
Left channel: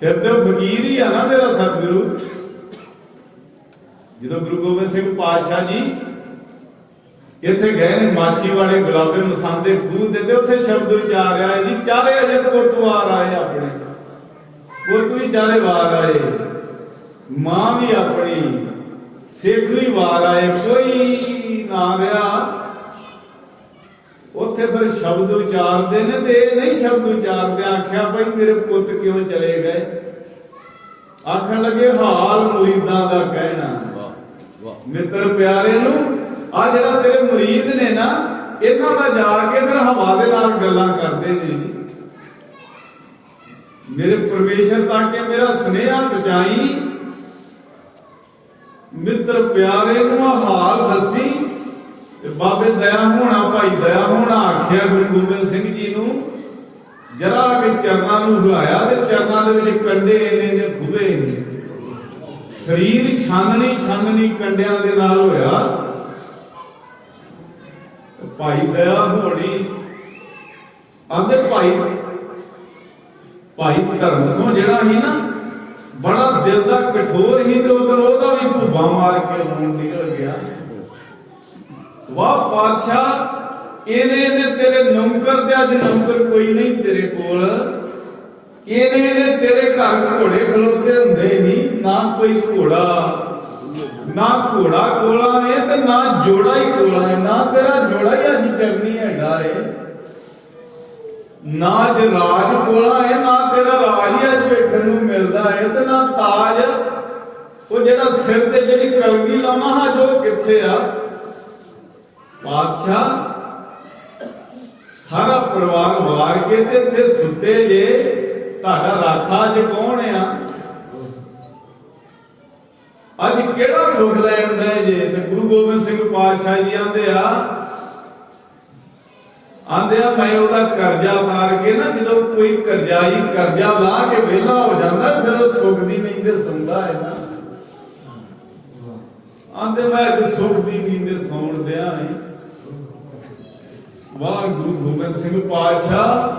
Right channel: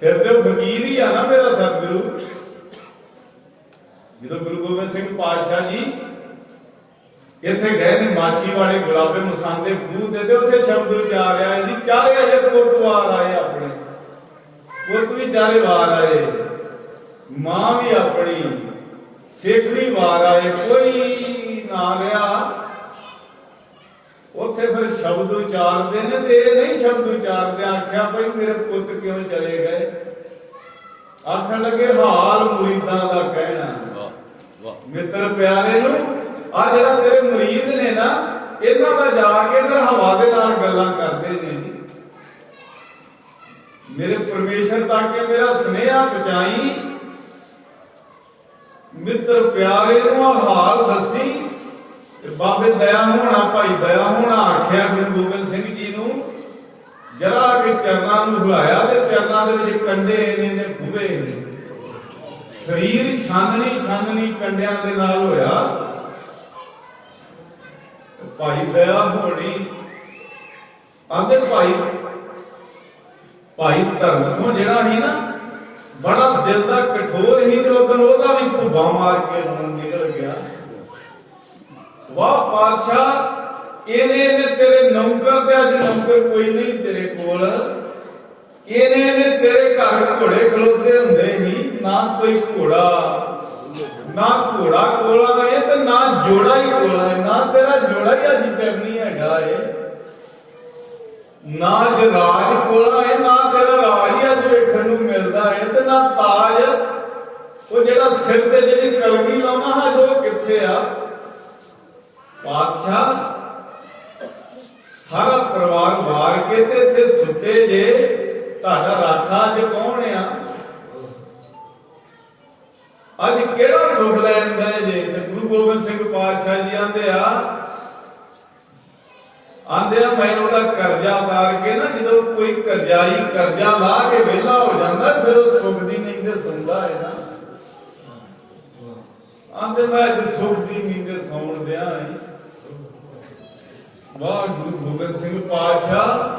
ਫਿਰ ਤੇ ਫਕੀਰ ਹੀ ਆ ਨਾ ਮੇਰਾ ਸਤਿਗੁਰੂ। ਜਦੋਂ ਗੁਰੂ ਗੋਬਿੰਦ ਸਿੰਘ ਪਾਤਸ਼ਾਹ ਜੀ ਇੱਥੇ ਗਏ ਨੇ ਮਾਛੀਵਾੜੇ ਗੁਲਾਬੇ ਮਸੰਦ ਦੇ ਖੂਹ ਤੇ ਉੱਥੇ ਸ਼ਬਦ ਉਚਾਰ ਰਿਹਾ ਜੀ, ਚਾਰੇ ਅਜੇ ਪੁੱਤਵਾਰ ਆਏ, ਆਪਣੇ ਪੁੱਤ ਵੀ ਚਾਰੇ ਵਾਰ ਆਏ, ਮਾਂ ਵੀ ਆਪਣੀ, ਸਿੱਖ ਵੀ ਵਾਰ ਆਏ, ਕੋਈ ਨਾ ਰਿਹਾ। ਉੱਥੇ ਫਿਰ ਸ਼ਬਦ ਉਚਾਰਦੇ ਨੇ ਤੇ ਇਹ ਨਹੀਂ ਸ਼ਬਦ ਉਚਾਰਦੇ। ਆਖਿਆ ਭਾਈ ਮੇਰੇ ਪੁੱਤ ਕਿਉਂ ਚਲੇ ਗਏ? ਆਖਣ ਲੱਗੇ ਹਾਲ ਮੁਰੀਦਾਂ ਦਾ ਕਹਿਣਾ। ਮਿੱਤਰ ਪਿਆਰੇ ਨੂੰ ਆ ਜਿਹੜਾ ਤੇਰੇ ਮੁਰੀਦ ਨੇ ਨਾ, ਇਹਨਾਂ ਦਾ ਜਾ ਕੇ ਫਿਰ ਹਵਾ ਦੇ ਨਾਲ ਗੱਲਾਂ ਕਰਦੇ ਨੇ ਜੀ। ਮੇਰੇ ਪਰਮੇਸ਼ਰ ਤੱਕ ਕੇ ਮੇਰਾ ਸੁਨੇਹਾ ਪਹੁੰਚਾਈ, ਮਿੱਤਰ ਪਿਆਰੇ ਨੂੰ ਆ ਹਾਲ ਦੱਸੀ। ਤੇ ਬਾਬੇ ਦਇਆ ਹੋਣਾ, ਭਾਈ ਦਇਆ ਹੋਣਾ ਆਖਿਆ ਗੁਰੂ ਗੋਬਿੰਦ ਸਿੰਘ ਜੀ ਨੂੰ, ਜਰਾ ਕਿ ਚਰਨਾਂ ਨੂੰ ਹਿਲਾਇਆ ਤੇ ਚਰਨਾਂ ਦੇ ਵਿੱਚ ਕੰਡੇ ਇਹਨੇ ਖੁਬੇ ਨੇ। ਸਰੀਰ ਛਾਨਣੀ ਕੰਡਿਆਂ ਦੇ ਨਾਲ ਹੋਇਆ। ਭਾਈ ਦਇਆ ਹੋਣੀ ਆਂਦੇ ਭਾਈ ਧਰਮ ਸੋ ਜਿਹੜਾ ਸੀ ਨਾ, ਬੜਾ ਦਿਲ ਦਾ ਕਠੋਰ ਸੀ ਤੇ ਉਧਰ ਉਹਦਾ ਵੀ ਭੁੱਬਾ ਮਾਰ ਕੇ ਰੋਣ ਨਿਕਲ ਗਿਆ। ਵਾਹ ਪਾਤਸ਼ਾਹ, ਇਹਨੇ ਤੇਰੇ ਨੌਕਰ ਤੇ ਅੱਜ ਨੌਕਰ ਕੋਈ ਨਹੀਂ ਤੇਰੇ ਕੋਲ। ਇਹਨੇ ਤੇਰੇ ਘਰ ਘੋੜੇ ਖਲੋਤੇ ਹੁੰਦੇ ਹੀ ਨਾ, ਕੋਈ ਘੋੜਾ ਨਾ ਘੋੜਾ ਕੋਲਾ ਹੈ ਤੇ ਨਾ ਜੋੜਾ ਹੀ ਕੋਲਾ ਹੈ। ਨਾ ਤੇਰਾ ਜੋੜਾ ਹੀ ਅੱਜ ਚਰਨੀ ਹੈਗਾ ਏ, ਨਾ ਜਰਾਜ ਕੋਲਾ ਹੈ, ਨਾ ਤੇਰਾ ਰਾਜ ਹੀ ਅੱਜ ਵੇਖਣ ਨੂੰ ਮਿਲਦਾ ਹੈ, ਤੇ ਨਾ ਤਾਜ। ਉਹ ਜਿਹੜਾ ਸਿਰ ਤੇ ਜਿਹੜੀ ਕਲਗੀ ਲਾਉਣਾ ਹੈ ਜੋ ਕਿੱਥੇ ਆ? ਪਾਤਸ਼ਾਹ ਸਾਰਾ ਪਰਿਵਾਰ ਵਾਰ ਕੇ ਤੇ ਇੱਥੇ ਸੁੱਤੇ ਜੇ, ਤੁਹਾਡਾ ਰਾਖਾ ਅੱਜ ਕੌਣ ਆ? ਅੱਜ ਕਿਹੜਾ ਸੁਖ ਲੈਣ ਦਾ ਜੇ? ਤੇ ਗੁਰੂ ਗੋਬਿੰਦ ਸਿੰਘ ਪਾਤਸ਼ਾਹ ਜੀ ਆਂਦੇ ਆ ਮੈਂ ਉਹਦਾ ਕਰਜ਼ਾ ਉਤਾਰ ਕੇ ਨਾ, ਜਦੋਂ ਕੋਈ ਕਰਜ਼ਾਈ ਕਰਜ਼ਾ ਲਾ ਕੇ ਵਿਹਲਾ ਹੋ ਜਾਂਦਾ ਫਿਰ ਉਹ ਸੁਖ ਦੀ ਨੀਂਦ ਸੌਂਦਾ ਹੈ ਨਾ। ਆਂਦੇ ਮੈਂ ਅੱਜ ਸੁਖ ਦੀ ਨੀਂਦ ਸੌਣ ਦਿਆਂ ਹੈ। ਵਾਹ ਗੁਰੂ ਗੋਬਿੰਦ ਸਿੰਘ ਪਾਤਸ਼ਾਹ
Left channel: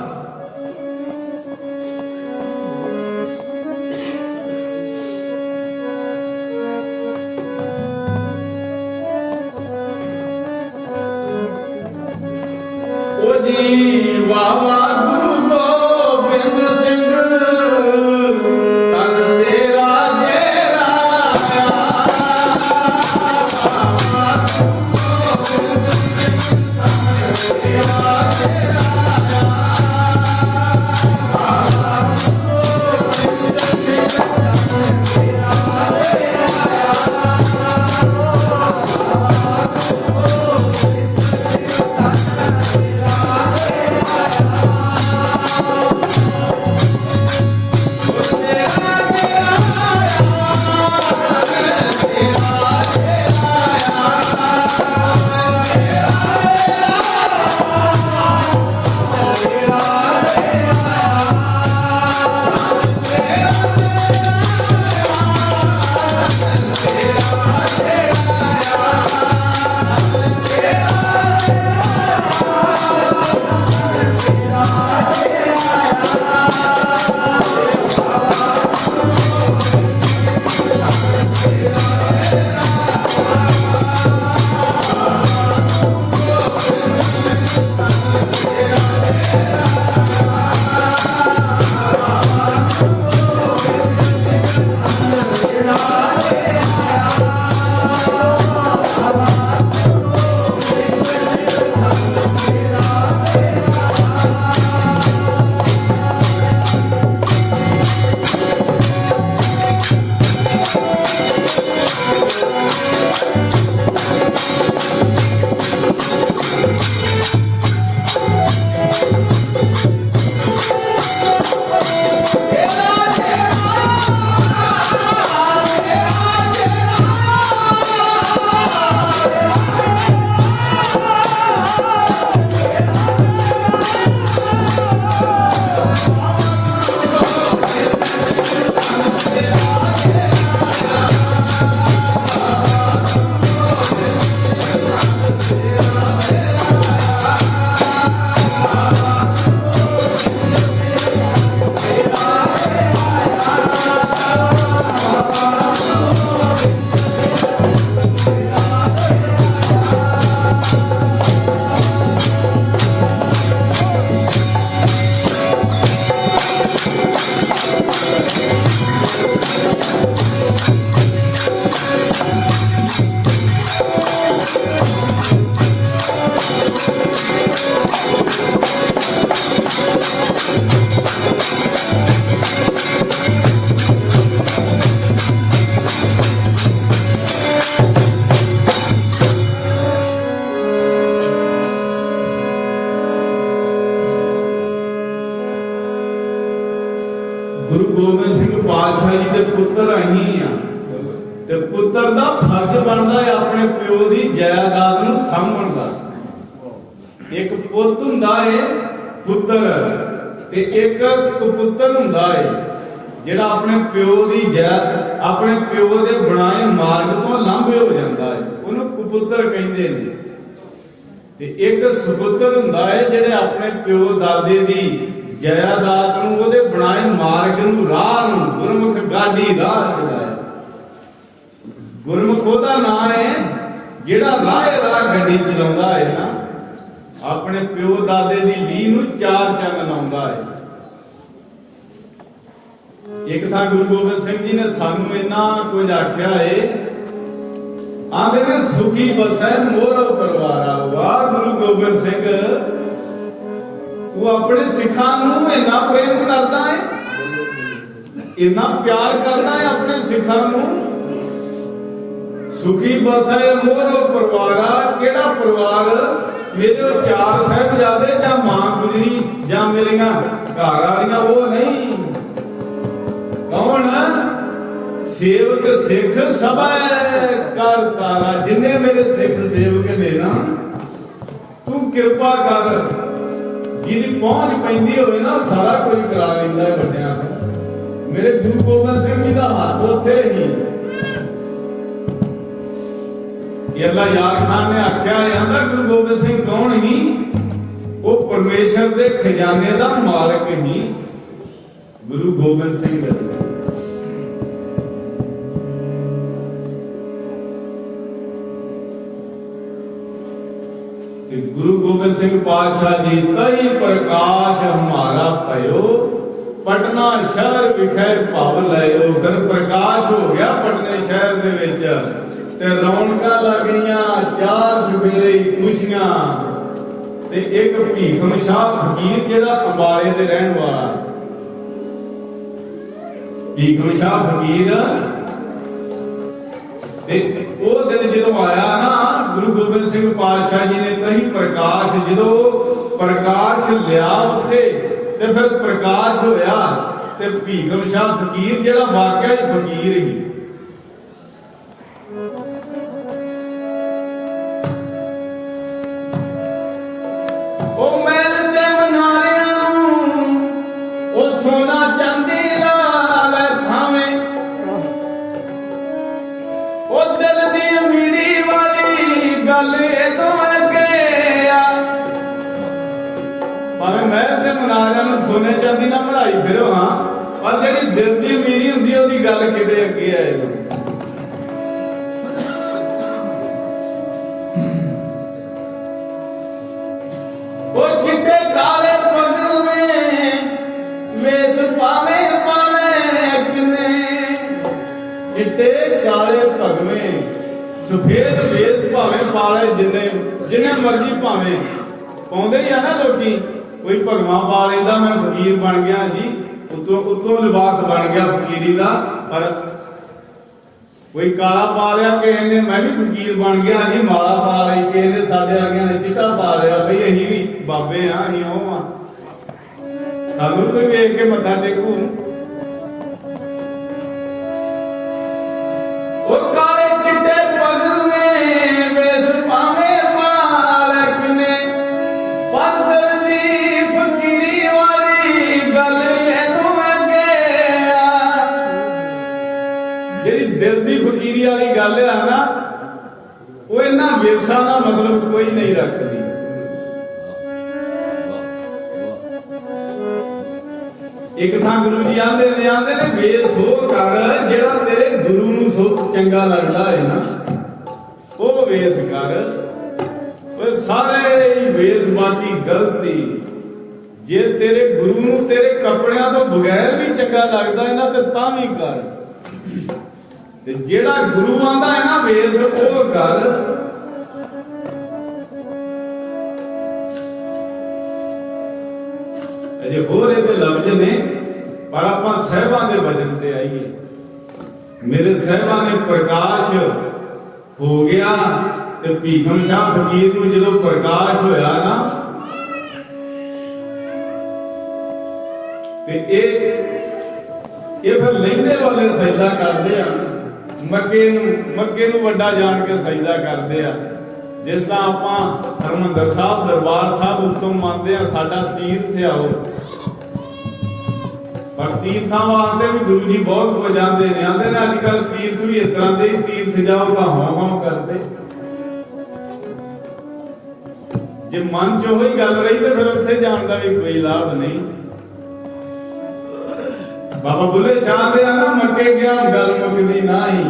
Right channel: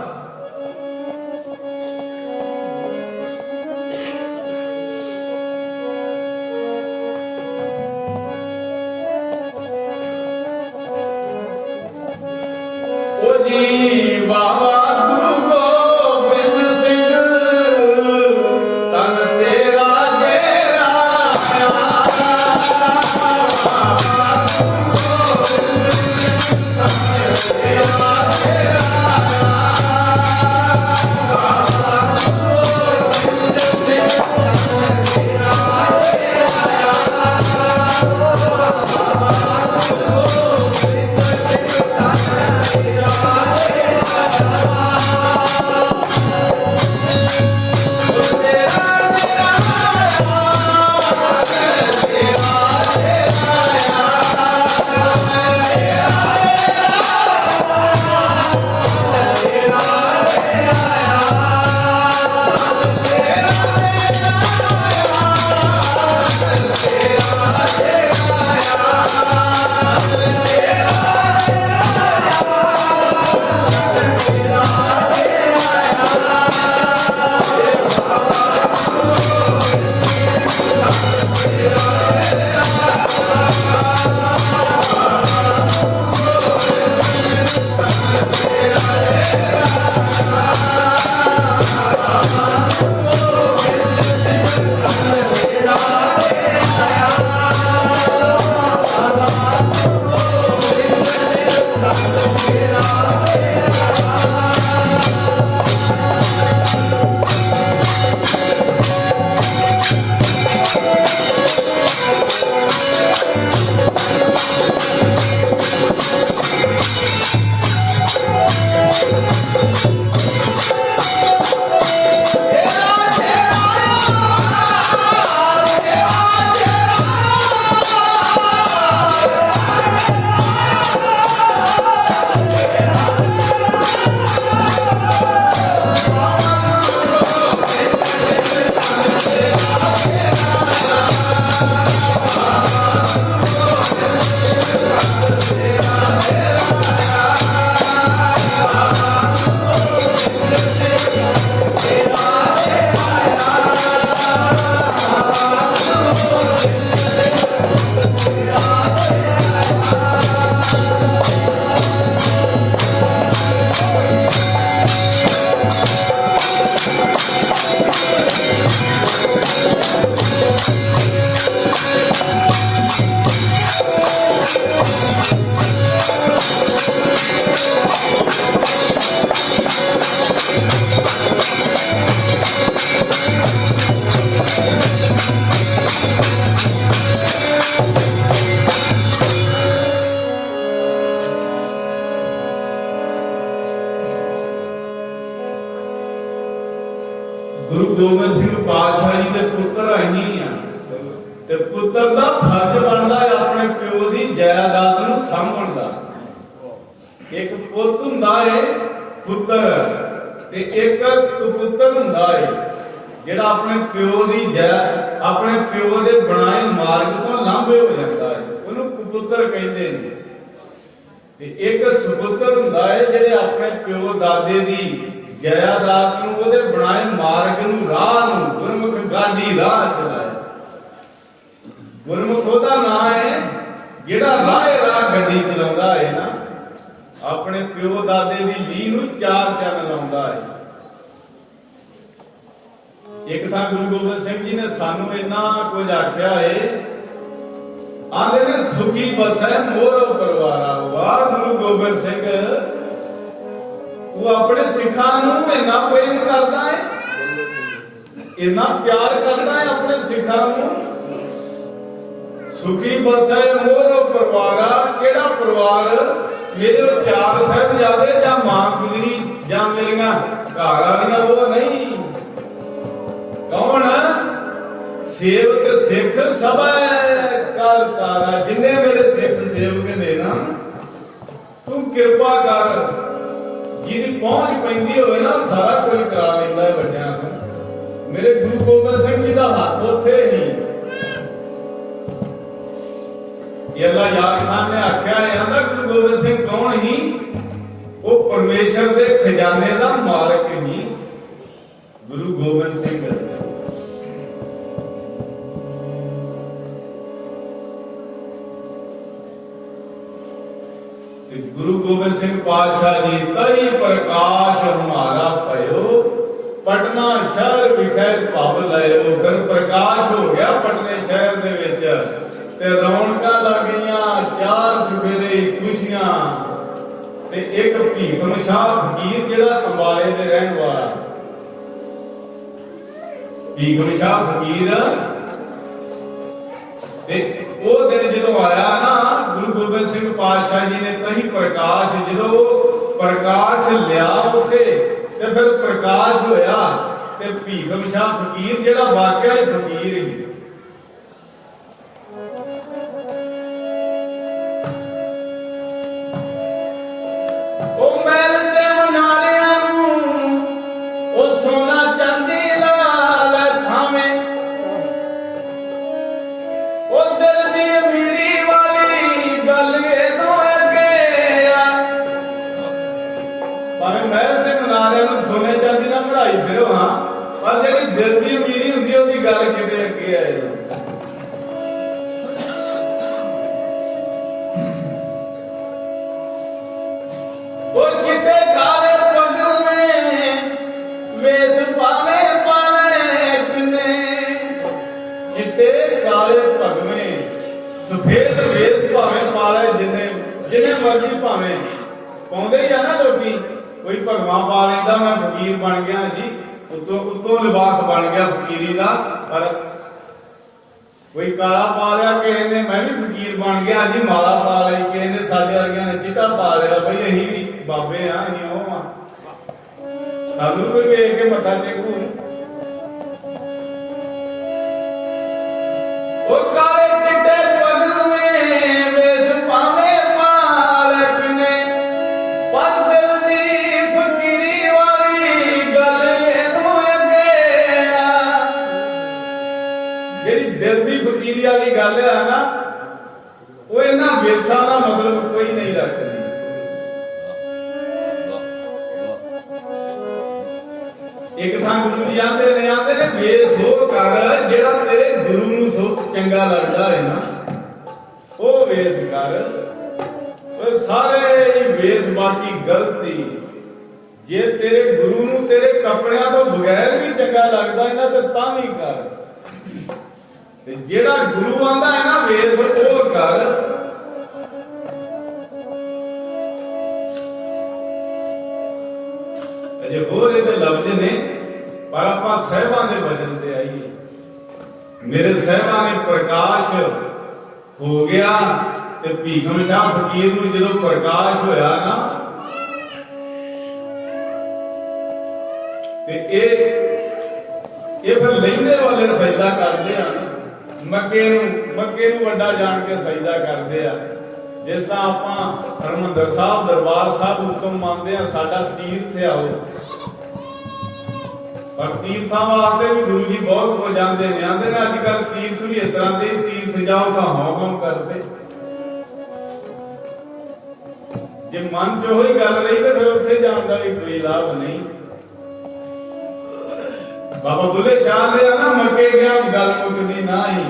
गोबिंद सिंह पातशाह जी के पुत्र अही आ ते पुत्र का फर्ज बनता है अपने प्यो की जायदाद नूं सामभण दा। एक पुੱਤ हुंदा है पुत्र ते एक कपुत्र हुंदा है जिहड़ा अपने प्यो की अपने प्यो के बनाए मार्ग तो लांभे हो जाता है, उन्होंने कपुत्र कहते हैं। ते एक सुपुत्र हुंदा है जिहड़े अपने प्यो दादे की जायदाद नूं उहदे बनाए मार्ग नूं राह नूं गुरमुख गाड़ी राह चलाया। गुरमुख ओहदा नाम है जिहड़ा राह गड्डी चलाउंदा है ना, अपने प्यो दादे की लीह नूं चार चन्न लाउंदा है। एक था गुरु गोबिंद सिंह जी ने सानू इन्ना कुछ आख्या है, आंदे ने सुखी बसै मोर परवारा। वाह गुरु गोबिंद सिंह, तू अपने सिखां नूं इन्ना प्रेम करदा है, इन्ना प्यार करदा है अपने सिखां नूं। सुखी बसै मोर परवारा, केड़ा परवार? मेरे चार साहिबजादे जां मां गुजरी जां मेरियां घर वालियां, वो नहीं। कौन? सेवक सिख सब कर तारा। जिन्ने मेरे सिख सेवक ने ना, तू कृपा कर, जिहदी पहुंच पैंदी होवे ना सारा कोई करा लैंदा है बड्डियां तो। मेरे गुरु गोबिंद सिंह जी दा हੱਥ उत्थे नहीं। अल्लाह यार खान ने आख्या है, आंदा गुरु गोबिंद सिंह कौन ही? वो परमेश्वर के खजाने का मालिक ही गुरु गोबिंद सिंह। गुरु गोबिंद सिंह पातशाह जी तई प्रकाश हमारा पयो, पटना शहर विखे भव लयो। फिर प्रकाश हो गया पटने शहर दे विच ते रौनकां लग गईयां, चार सवेरे खुशियां। ते एक भीखम शाह फकीर जिहड़ा अंबाले दे रहन वाला, भीखम शाह फकीर, ते वो दिन जदों आया ना गुरु गोबिंद सिंह पातशाह जी ने कही प्रकाश, जदों प्रकाश लिया उत्थे ते फिर प्रकाश होया ते भीखम शाह फकीर जिहड़ा वाकई फकीर ही, सोने चांदी ना बढ़ाई फिरो हाँ, पर जिहड़ी दिल की अमीरी हुंदी है उहदी गल किते अगे आए। वो चिट्टे काले पग में वेस पावे पाले किने, चिट्टे काले पग में सफेद वेस भावे पाले जिन्ने मर्जी भावे पाउंदे ही आ ना लोकी। कोई भगवा पा लेंदा मैं फकीर बन गया जी, उतों लिबास बन गया फकीरी का, पर कोई काला पा लिया किसी ने मैं भी फकीर बन गया जी, माला पा ली किसी ने, साडे वर्गियां ने चिट्टा पा लिया, बई असीं भी बाबे हाँ असीं ओह हाँ, सानू कोई वेख के मत्था टेकू। ओ काले चिट्टे पग में वेस पावे पाल किने, पग दिल दी फकीरी वाली गल तू अगे आ। जेड़ी दिल दी फकीरी वाली गल है ना, वो इन्हां वेसां दा मतलब कोई नहीं रखदी। एक थां गुरु जी आंदे ने वेस हो कर जेड़ा तेरे गुरु नूं सो चंगा लगदा है ना, वो वेस कर। ओए सारे ही वेस बाकी गलती। जे तेरे गुरु नूं तेरे कपड़ियां तो बगैर भी चंगा लगदा है ना, ते तां भी कर। ते जेड़ा गुरु आंदा है ना वेस ओ कर। अजे होर इहदे लफ्ज ने, पर आपां साहिबां दे वचन ते आईए। मेरे साहिबां ने प्रकाश हो गया ते भीखम शाह फकीर नूं जदों प्रकाश होया ना, ते ਇਹ ਫਿਰ ਲਹਿੰਦੇ ਵਾਲੇ ਸਜਦਾ ਕਰਦੇ ਆ, ਮੱਕੇ ਨੂੰ ਵੱਡਾ ਜਾਣ ਕੇ ਸਜਦਾ ਕਰਦੇ ਆ। ਜਿਸ ਤਰ੍ਹਾਂ ਆਪਾਂ ਹਰਿਮੰਦਰ ਸਾਹਿਬ ਦਰਬਾਰ ਸਾਹਿਬ ਉੱਤਮ ਮੰਨਦੇ ਆ, ਸਾਡਾ ਤੀਰਥ ਆ ਉਹ, ਪਰ ਤੀਰਥਾਂ ਵਾਸਤੇ ਵੀ ਗੁਰੂ ਜੀ ਬਹੁਤ ਕੁਝ ਜਾਂਦੇ ਨੇ। ਆਂਦੇ ਨੇ ਅੱਜ ਕੱਲ ਤੀਰਥ ਵੀ ਇਸ ਤਰ੍ਹਾਂ ਦੇ, ਤੀਰਥ ਜਾਊਗਾ ਹੌਂ ਕਰਦੇ। ਜੇ ਮਨ 'ਚ ਉਹੀ ਗੱਲ ਰਹੀ ਤੇ ਫਿਰ ਉੱਥੇ ਜਾਣ ਦਾ ਵੀ ਕੋਈ ਲਾਭ ਨਹੀਂ। ਬਾਬਾ ਬੁੱਲੇ ਸ਼ਾਹ ਦੇ ਨਾ ਮੱਕੇ ਗਿਆ ਗੱਲ ਮੁੱਕਦੀ ਨਹੀਂ,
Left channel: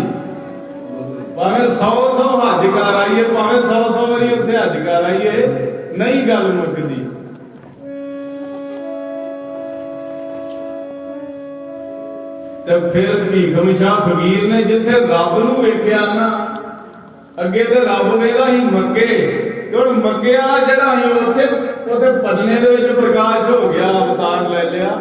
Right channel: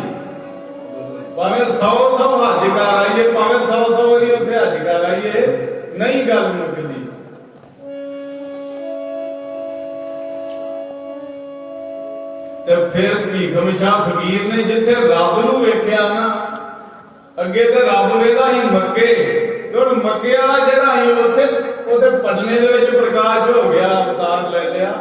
ਭਾਵੇਂ 100 ਹੱਜ ਕਰ ਆਈਏ, ਭਾਵੇਂ 100 ਵਾਰੀ ਉੱਥੇ ਹੱਜ ਕਰ ਆਈਏ, ਨਹੀਂ ਗੱਲ ਮੁੱਕਦੀ। ਤੇ ਫਿਰ ਭੀਖਮ ਸ਼ਾਹ ਫਕੀਰ ਨੇ ਜਿੱਥੇ ਰੱਬ ਨੂੰ ਵੇਖਿਆ ਨਾ, ਅੱਗੇ ਤੇ ਰੱਬ ਵੇਖਦਾ ਸੀ ਮੱਕੇ, ਤੇ ਹੁਣ ਮੱਕੇ ਵਾਲਾ ਜਿਹੜਾ ਸੀ ਉੱਥੇ ਪਟਨੇ ਦੇ ਵਿੱਚ ਪ੍ਰਕਾਸ਼ ਹੋ ਗਿਆ, ਅਵਤਾਰ ਲੈ ਲਿਆ।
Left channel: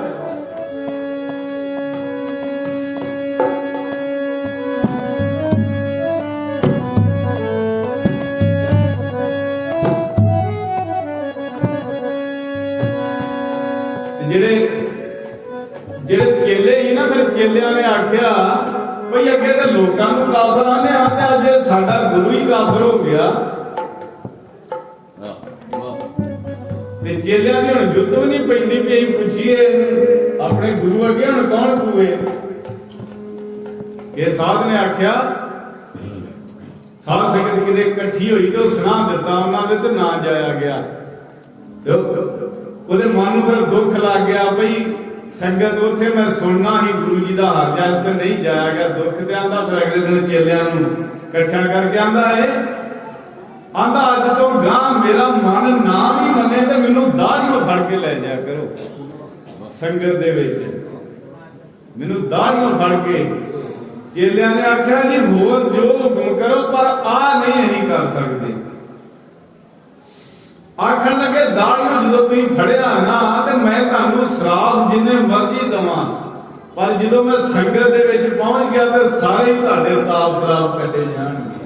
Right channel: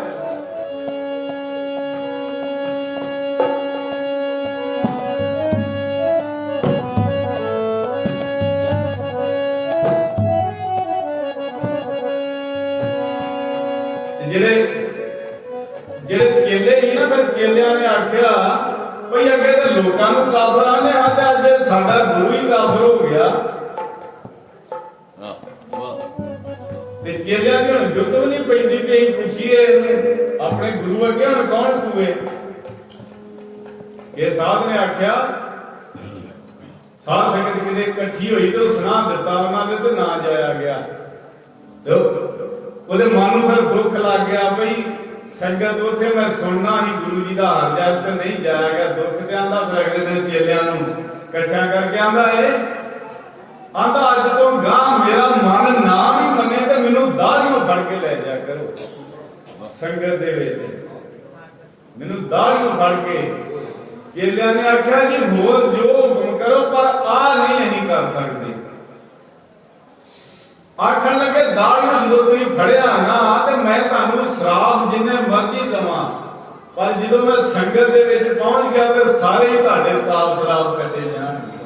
ਜਿਹੜੇ ਚੇਲੇ ਸੀ ਨਾ, ਫਿਰ ਚੇਲਿਆਂ ਨੇ ਆਖਿਆ ਭਈ ਅੱਗੇ ਤਾਂ ਲੋਕਾਂ ਨੂੰ ਕਾਫਰ ਆਨੇ ਆ, ਤੇ ਅੱਜ ਸਾਡਾ ਗੁਰੂ ਹੀ ਕਾਫਰ ਹੋ ਗਿਆ। ਤੇ ਚੇਲਿਆਂ ਦੀ ਹੁਣ ਜੁੱਤ ਵੀ ਨਹੀਂ ਪੈਂਦੀ ਵੀ ਅਸੀਂ ਪੁੱਛੀਏ ਇਹਨੂੰ ਆਪਣੇ ਗੁਰੂ ਅੱਗੇ ਹੁਣ ਕੌਣ ਕੂਏ। ਇਹ ਸਾਧ ਨੇ ਆਖਿਆ, ਸਾਧ ਸੰਗਤ ਕਿਤੇ ਇਕੱਠੀ ਹੋਈ ਤੇ ਉਹ ਸੁਣਾ ਦਿੱਤਾ ਉਹਨਾਂ ਦੇ, ਤੇ ਨਾ ਜਾਇਆ ਗਿਆ। ਉਹਦੇ ਮਨ ਨੂੰ ਫਿਰ ਦੁੱਖ ਲੱਗ ਗਿਆ ਭਈ ਸੰਗਤ ਉੱਥੇ ਮੈਂ ਸੁਣਨਾ ਹੀ ਗੁਰੂ ਜੀ ਦਾ ਹਾਲ ਚਾਲ, ਤੇ ਨਹੀਂ ਜਾਇਆ ਗਿਆ। ਦੁੱਖ ਤੇ ਆਂਦਾ ਫਿਰ ਅਗਲੇ ਦਿਨ ਚੇਲਿਆਂ ਨੂੰ ਇਕੱਠਾ ਕਰਕੇ ਆਂਦਾ ਆਂਦਾ ਅੱਜ ਤੋਂ ਗਾਂ ਮੇਰਾ ਮਨ ਨਾਮ ਹੀ ਮੰਨੇ ਤੇ ਮੈਨੂੰ ਦਾੜੀਆਂ ਫੜ ਕੇ ਲੈ ਜਾ ਕਰੋ ਸੰਗਤ ਦੇ ਵਿੱਚ, ਮੈਨੂੰ ਦਾੜੀਆਂ ਫੜ ਕੇ। ਚੇਲਿਆਂ ਨੇ ਆਖਿਆ ਜੀ ਹੋਰ ਜੋ ਹੁਕਮ ਕਰੋ, ਪਰ ਆ ਨਹੀਂ ਅਸੀਂ ਕਰ ਸਕਦੇ। ਆਖਣ ਲੱਗੇ ਦਾੜੀਆਂ ਜਦੋਂ ਤੁਸੀਂ ਫੜਿਆ ਨਾ, ਤੇ ਮੈਂ ਤੁਹਾਨੂੰ ਸ਼ਰਾਬ ਜਿੰਨੇ ਮਰਜ਼ੀ ਦਵਾਂ, ਪਰ ਜਦੋਂ ਮੈਂ ਸੰਗਤ ਦੇ ਵਿੱਚ ਪਹੁੰਚ ਗਿਆ ਤੇ ਸਾਰੇ ਹੀ ਤੁਹਾਡੇ ਤਾਬ ਸ਼ਰਾਬ ਕੱਟੇ ਜਾਣਗੇ।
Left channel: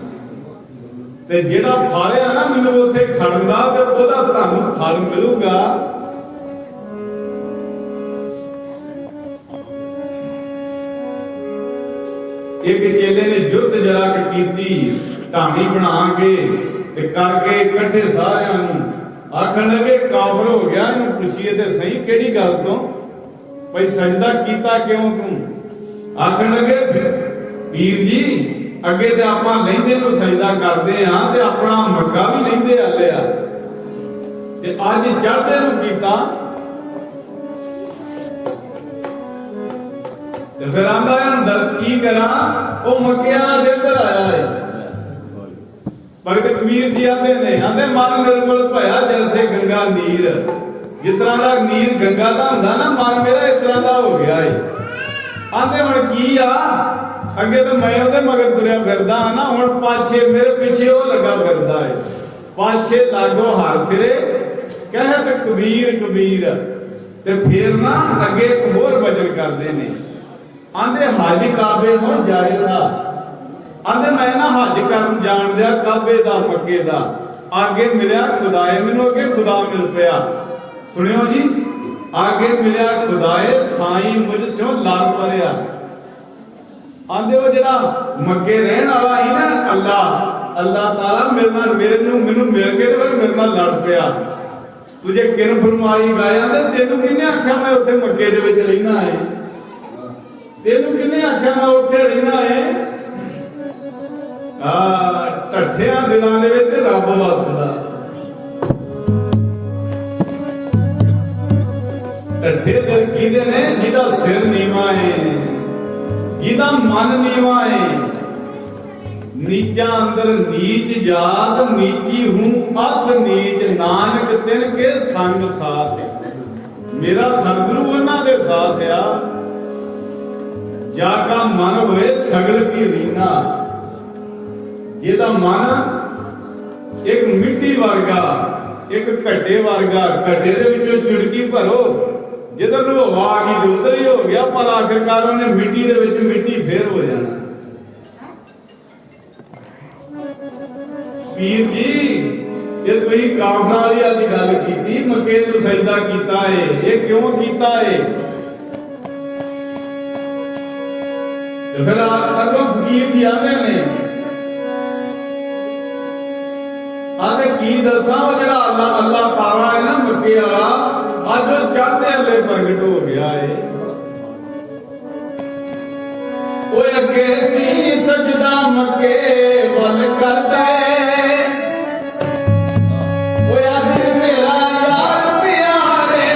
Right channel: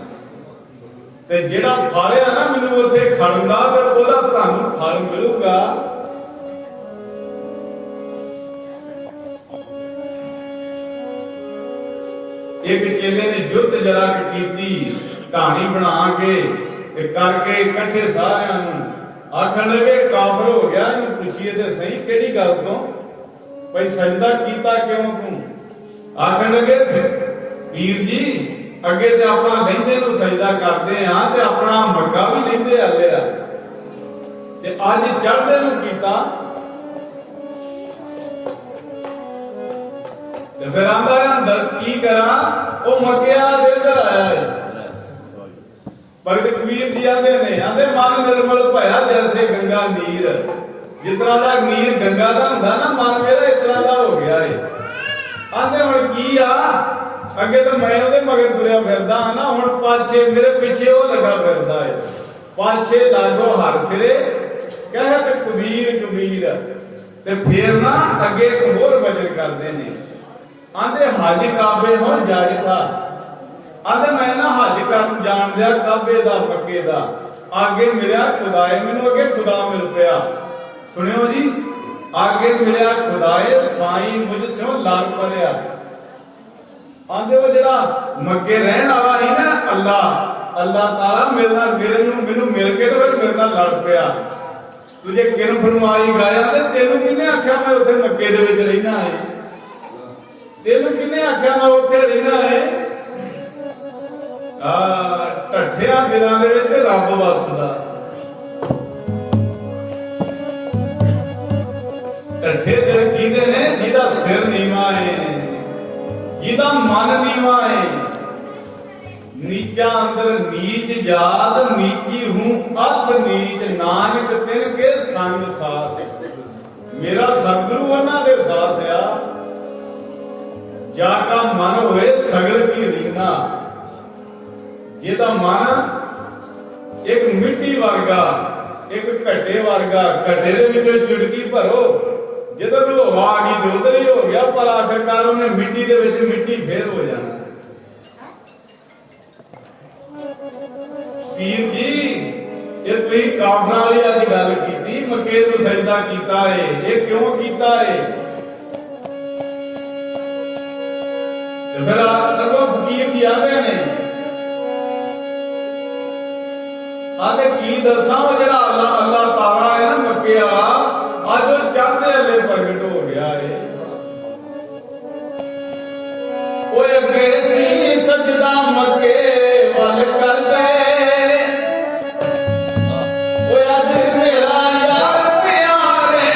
ਤੇ ਜਿਹੜਾ ਫਾਲਿਆ ਨਾ ਮੈਨੂੰ ਉੱਥੇ ਖੜਨ ਦਾ, ਤੇ ਉਹਦਾ ਤੁਹਾਨੂੰ ਫਲ ਮਿਲੂਗਾ। ਇੱਕ ਚੇਲੇ ਨੇ ਜੁੱਧ ਜਰਾ ਕੀਤੀ, ਢਾਣੀ ਬਣਾ ਕੇ ਤੇ ਕਰਕੇ ਇਕੱਠੇ ਸਾਰਿਆਂ ਨੂੰ ਆਖਣ ਲੱਗੇ ਕਾਫਰ ਹੋ ਗਿਆ, ਇਹਨੂੰ ਪੁੱਛੀਏ ਤੇ ਸਹੀ ਕਿਹੜੀ ਗੱਲ ਤੋਂ, ਭਈ ਸਜਦਾ ਕੀਤਾ ਕਿਉਂ ਤੂੰ। ਆਖਣ ਲੱਗੇ ਪੀਰ ਜੀ ਅੱਗੇ ਤੇ ਆਪਾਂ ਲਹਿੰਦੇ ਨੂੰ ਸਜਦਾ ਕਰਦੇ ਆ, ਤੇ ਆਪਣਾ ਮੱਕਾ ਵੀ ਲਹਿੰਦੇ ਆਲੇ ਆ, ਤੇ ਅੱਜ ਚੜ੍ਹਦੇ ਨੂੰ ਕੀਤਾ। ਤੇ ਫਿਰ ਆਂਦਾ ਅੰਦਰ ਕੀ ਕਰਾਂ, ਉਹ ਮੱਕੇ ਵਾਲਾ ਦਿਲ ਤੇ ਆਇਆ ਹੈ। ਭਗਤ ਕਬੀਰ ਜੀ ਆਂਦੇ ਮਨ ਨਿਰਮਲ ਭਇਆ ਜੈਸੇ ਗੰਗਾ ਨੀਰ। ਜਿਸ ਤਰ੍ਹਾਂ ਦਾ ਨੀਰ ਗੰਗਾ ਦਾ ਹੁੰਦਾ ਨਾ, ਮਨ ਮੇਰਾ ਇਸ ਤਰ੍ਹਾਂ ਦਾ ਹੋ ਗਿਆ ਏ। ਆਂਦੇ ਹੁਣ ਕੀ ਆ, ਅੱਗੇ ਤਾਂ ਮੈਂ ਉਹਦੇ ਮਗਰ ਤੁਰਿਆ ਫਿਰਦਾ ਹਾਂ ਨਾ, ਹੁਣ ਪਾਛੇ ਮੇਰੇ ਪਿੱਛੇ ਉਹ ਲੱਗਾ ਫਿਰਦਾ ਏ। ਪਾਛੇ ਲਾਗੋ ਹਰ ਫਿਰੇ ਕਹਿਤ ਕਬੀਰ ਕਬੀਰ। ਤੇ ਫਿਰ ਨਾ ਅੱਗੇ ਇੱਕ ਹੋਰ ਵਚਨ ਕਰਦੇ ਨੇ, ਆਂਦੇ ਹਜ ਕਾਬੇ ਹੁਣ ਜਾਇਦਾ। ਆਂਦੇ ਮੈਂ ਨਾ ਹਜ ਕਰਨ ਜਾਣ ਦਿਆ ਕਾਬੇ ਦਾ, ਮੱਕੇ ਦਾ। ਅੱਗੇ ਮਿਲਿਆ ਖੁਦਾਏ, ਮੈਨੂੰ ਅੱਗੇ ਖੁਦਾ ਮਿਲ ਪਿਆ। ਸੁਣਿਓ ਜੀ, ਅੱਗੇ ਮਿਲਿਆ ਖੁਦਾਏ ਸਾਈਂ ਮੁਝ ਸਿਓ ਲੜ ਪਰਿਆ। ਆਂਦੇ ਉਹ ਜਿਹੜਾ ਮੱਕੇ ਰਹਿਣ ਵਾਲਾ ਸੀ ਨਾ ਅੱਲਾਹ ਤਾਲਾ ਮਿਲਣਾ ਮੈਨੂੰ ਮਿਲ ਕੇ ਤੇ ਫਿਰ ਮੇਰੇ ਨਾਲ ਲੜ ਪਿਆ। ਤੁਝੇ ਕਿਰਨ ਫਰਮਾਈ ਗਾਇਆ, ਤੇ ਤੈਨੂੰ ਕਿਹਨੇ ਆਖਿਆ ਮੈਂ ਉੱਥੇ ਮੱਕੇ ਦੇ ਵਿੱਚ ਰਹਿਣਾ ਹੈ, ਤੈਨੂੰ ਕਿਹਨੇ ਆਖਿਆ ਮੈਂ ਉੱਥੇ ਰਹਿਣਾ ਹੈ। ਢੱਠਿਆਂ ਦਿਲਾਂ ਦੇ ਵਿੱਚ ਰੱਬ ਵਸਦਾ। ਢੱਠੇ ਦਿਲ ਕਿਹਦੇ ਨੇ, ਜਿਹਦਾ ਸਿਰ ਨੀਵਾਂ ਹੈ, ਜਿਹਦਾ ਮਨ ਨੀਵਾਂ ਹੈ। ਨੀਚਾ ਅੰਦਰ ਨੀਚ ਜਾਤ, ਨੀਚੀ ਹੂੰ ਅੱਧ ਨੀਚ। ਨਾਨਕ ਤਿਨ ਕੇ ਸੰਗ ਸਾਥ। ਮੇਰਾ ਸਤਿਗੁਰੂ ਉਹਨਾਂ ਦੇ ਸਾਥ ਆ, ਜਾ ਕਾ ਮਨ ਹੋਏ ਸਗਲ ਕੀ ਰੀਨਾ। ਜਿਹਦਾ ਮਨ ਇੱਕ ਮਿੱਟੀ ਵਰਗਾ, ਇੱਕ ਘੱਟੇ ਵਰਗਾ, ਘੱਟੇ ਦੇ ਵਿੱਚੋਂ ਚੁਟਕੀ ਭਰੋ, ਜਿੱਧਰ ਨੂੰ ਹਵਾ ਆ ਗਈ ਤੇ ਉਧਰ ਹੀ ਹੋ ਗਿਆ, ਪਰ ਆਖਿਰਕਾਰ ਉਹਨੇ ਮਿੱਟੀ ਦੇ ਵਿੱਚ ਮਿੱਟੀ ਫੇਰ ਹੋ ਜਾਣਾ। ਪੀਰ ਜੀ ਇਹ ਤੁਸੀਂ ਕਾਫਰਾਂ ਵਾਲੀ ਅੱਜ ਗੱਲ ਕੀਤੀ, ਮੱਕੇ ਨੂੰ ਸਜਦਾ ਕੀਤਾ ਏ, ਇਹ ਕਿਉਂ ਕੀਤਾ ਏ? ਤੇ ਫਿਰ ਅੱਗੋਂ ਫਕੀਰ ਜੀ ਆਂਦੇ ਨੇ ਆਂਦੇ ਕੀ ਦੱਸਾਂ ਉਹ ਜਿਹੜਾ ਅੱਲਾਹ ਤਾਲਾ ਹੈ ਨਾ ਮੱਕੇ ਵਾਲਾ ਅੱਜ ਉਹ ਚੜ੍ਹਦੇ ਅੱਲੇ ਪ੍ਰਗਟ ਹੋ ਗਿਆ ਏ ਉਹ ਅੱਗੇ ਸੀ ਸਜਦਾ ਮੱਕੇ ਵੱਲ ਕਰਦੇ ਉਹ ਅੱਜ ਮੇਰਾ ਯਾਰ ਪਿਆਰੇ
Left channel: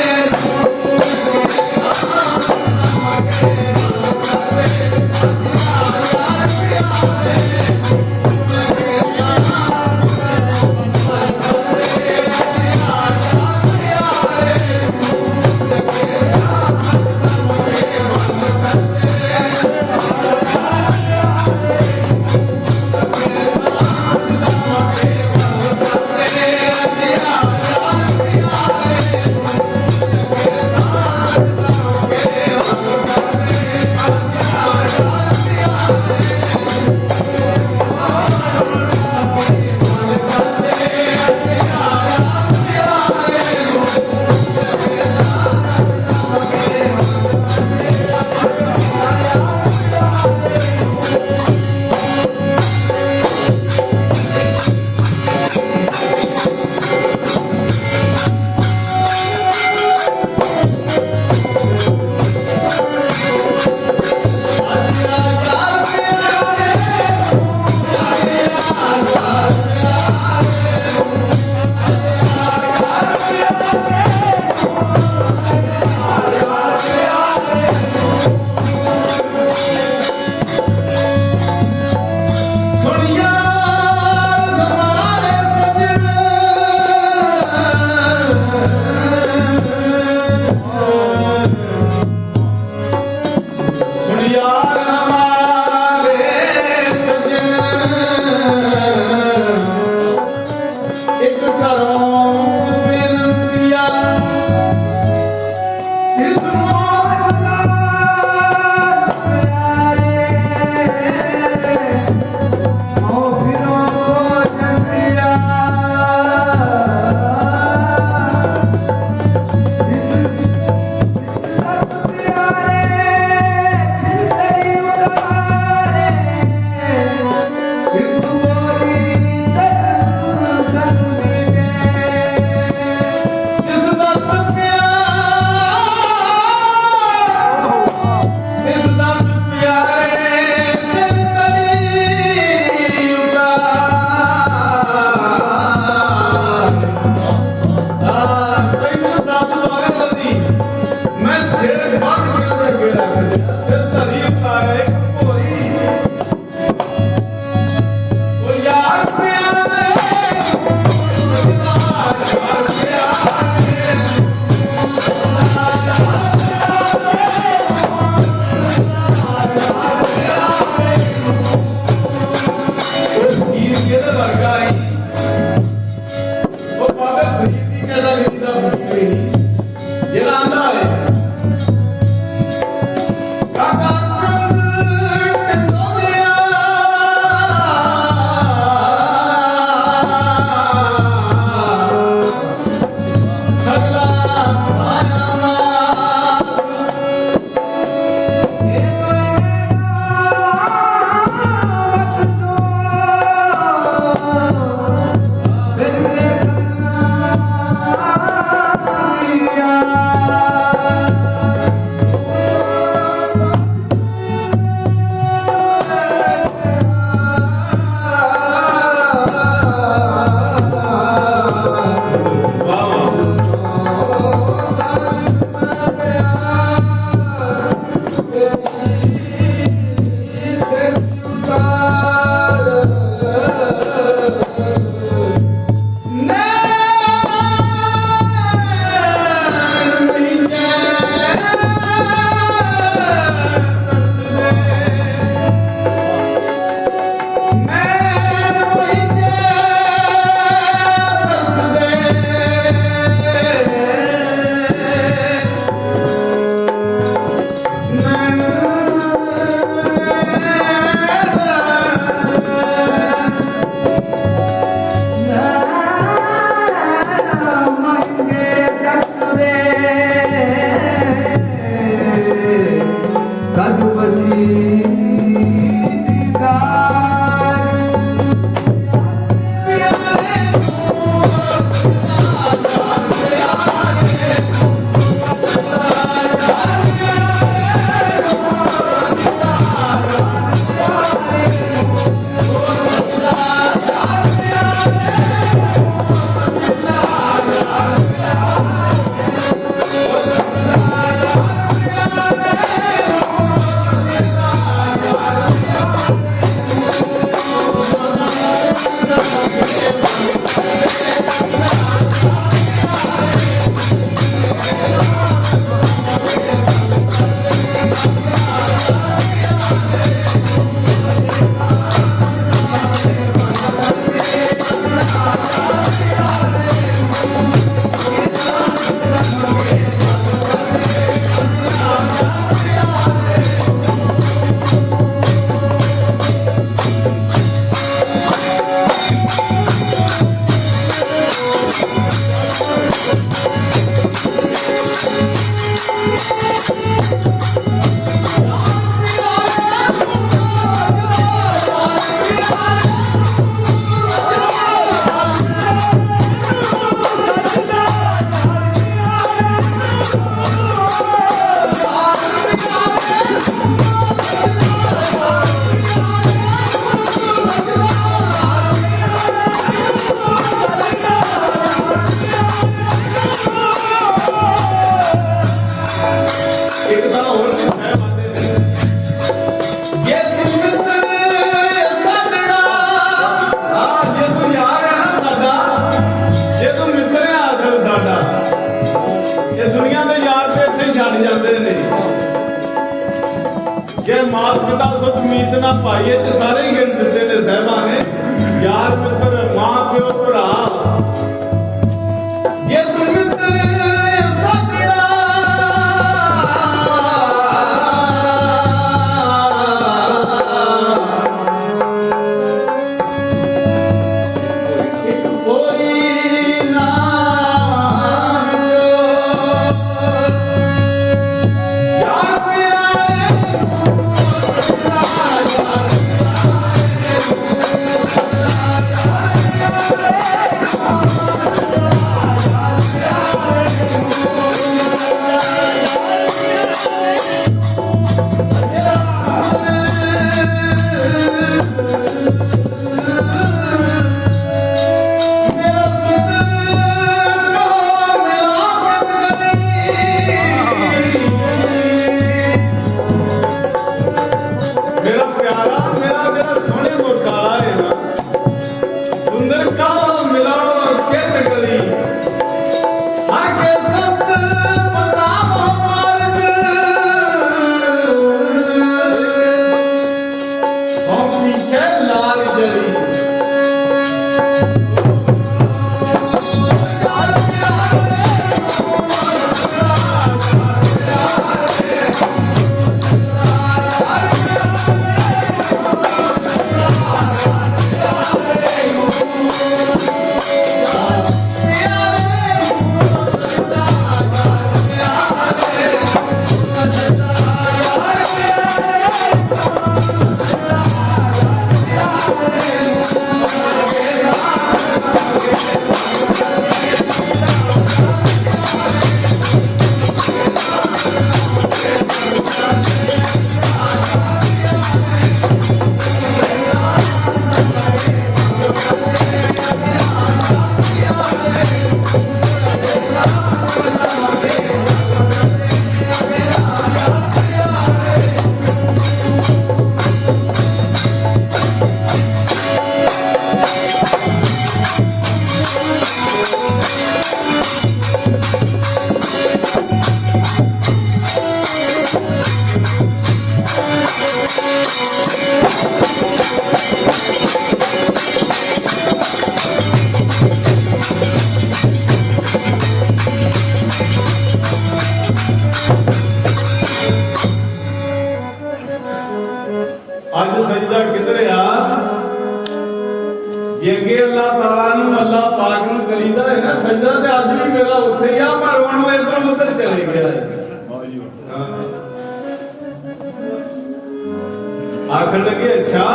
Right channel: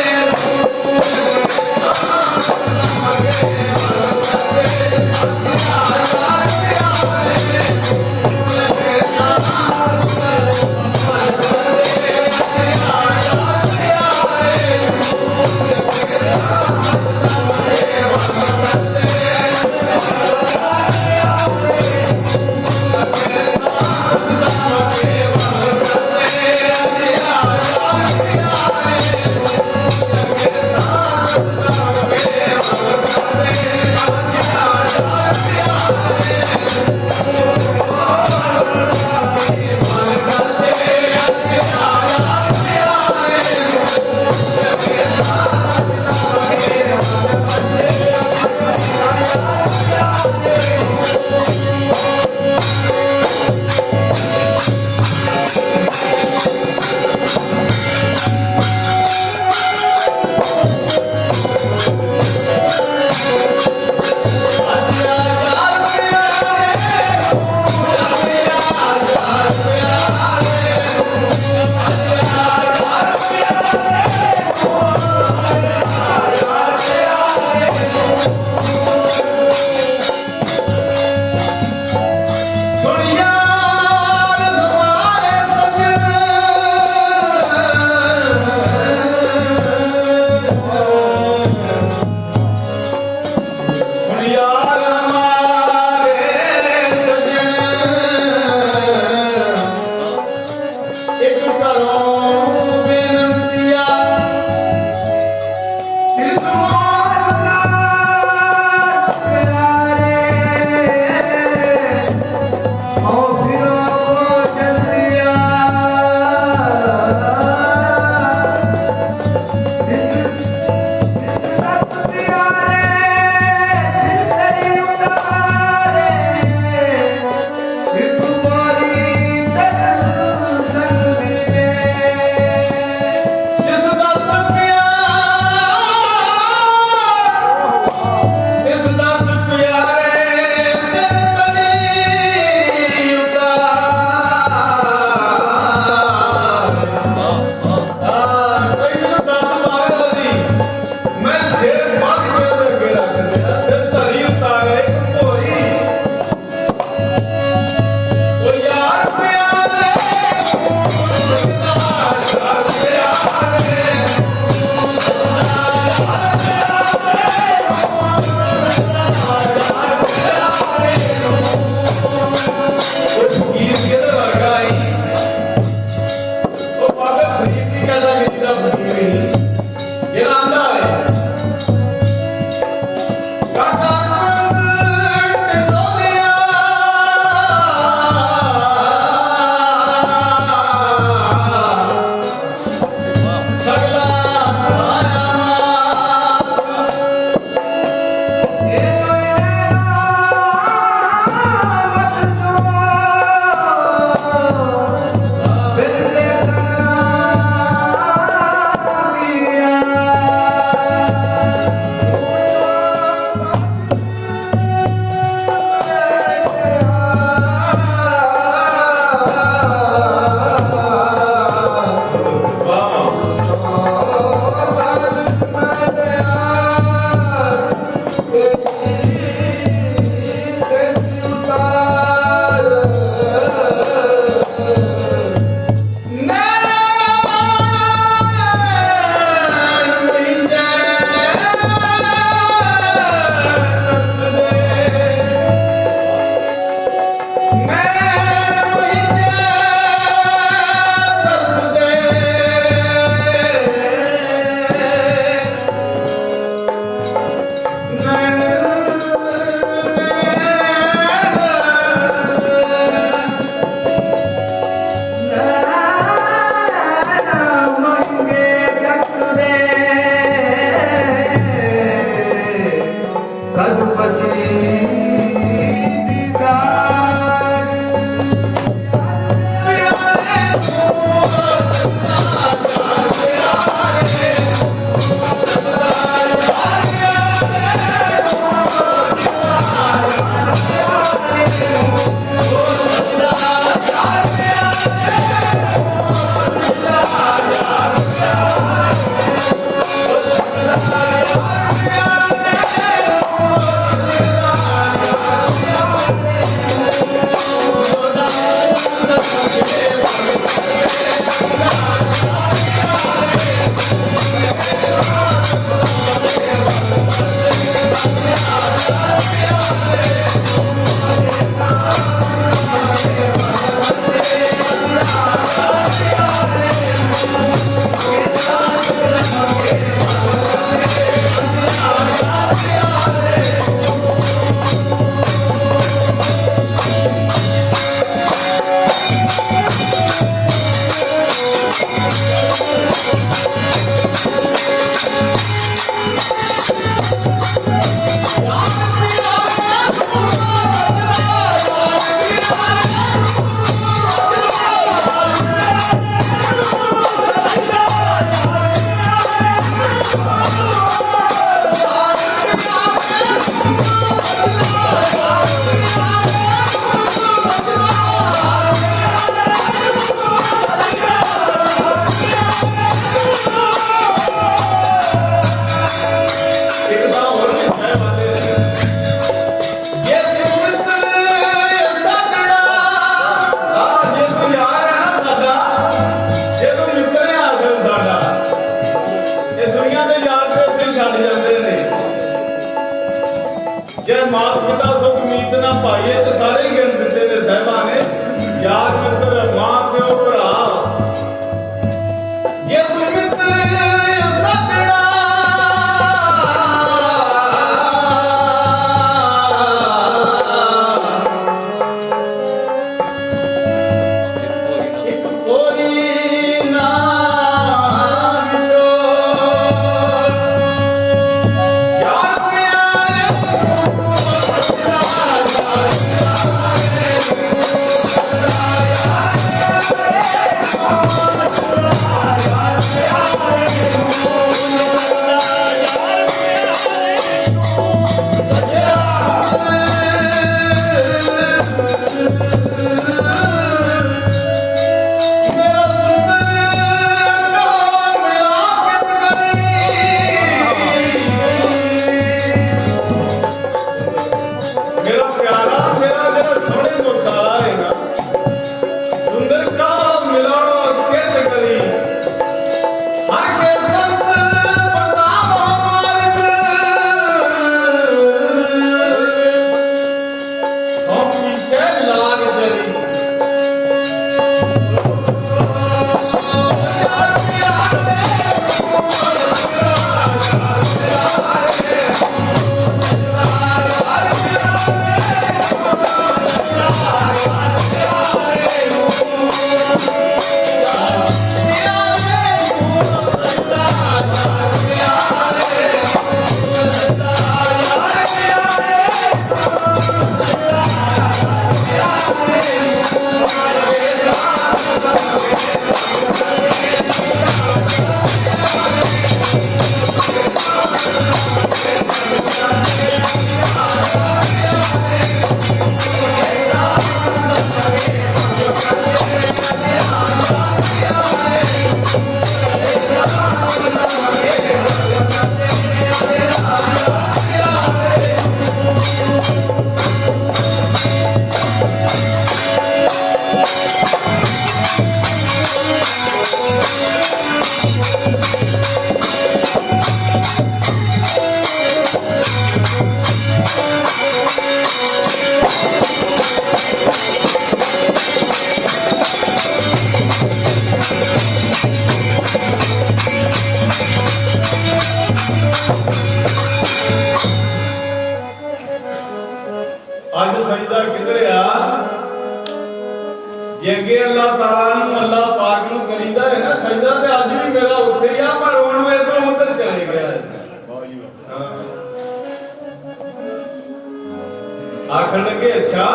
आखन लगे अच्छा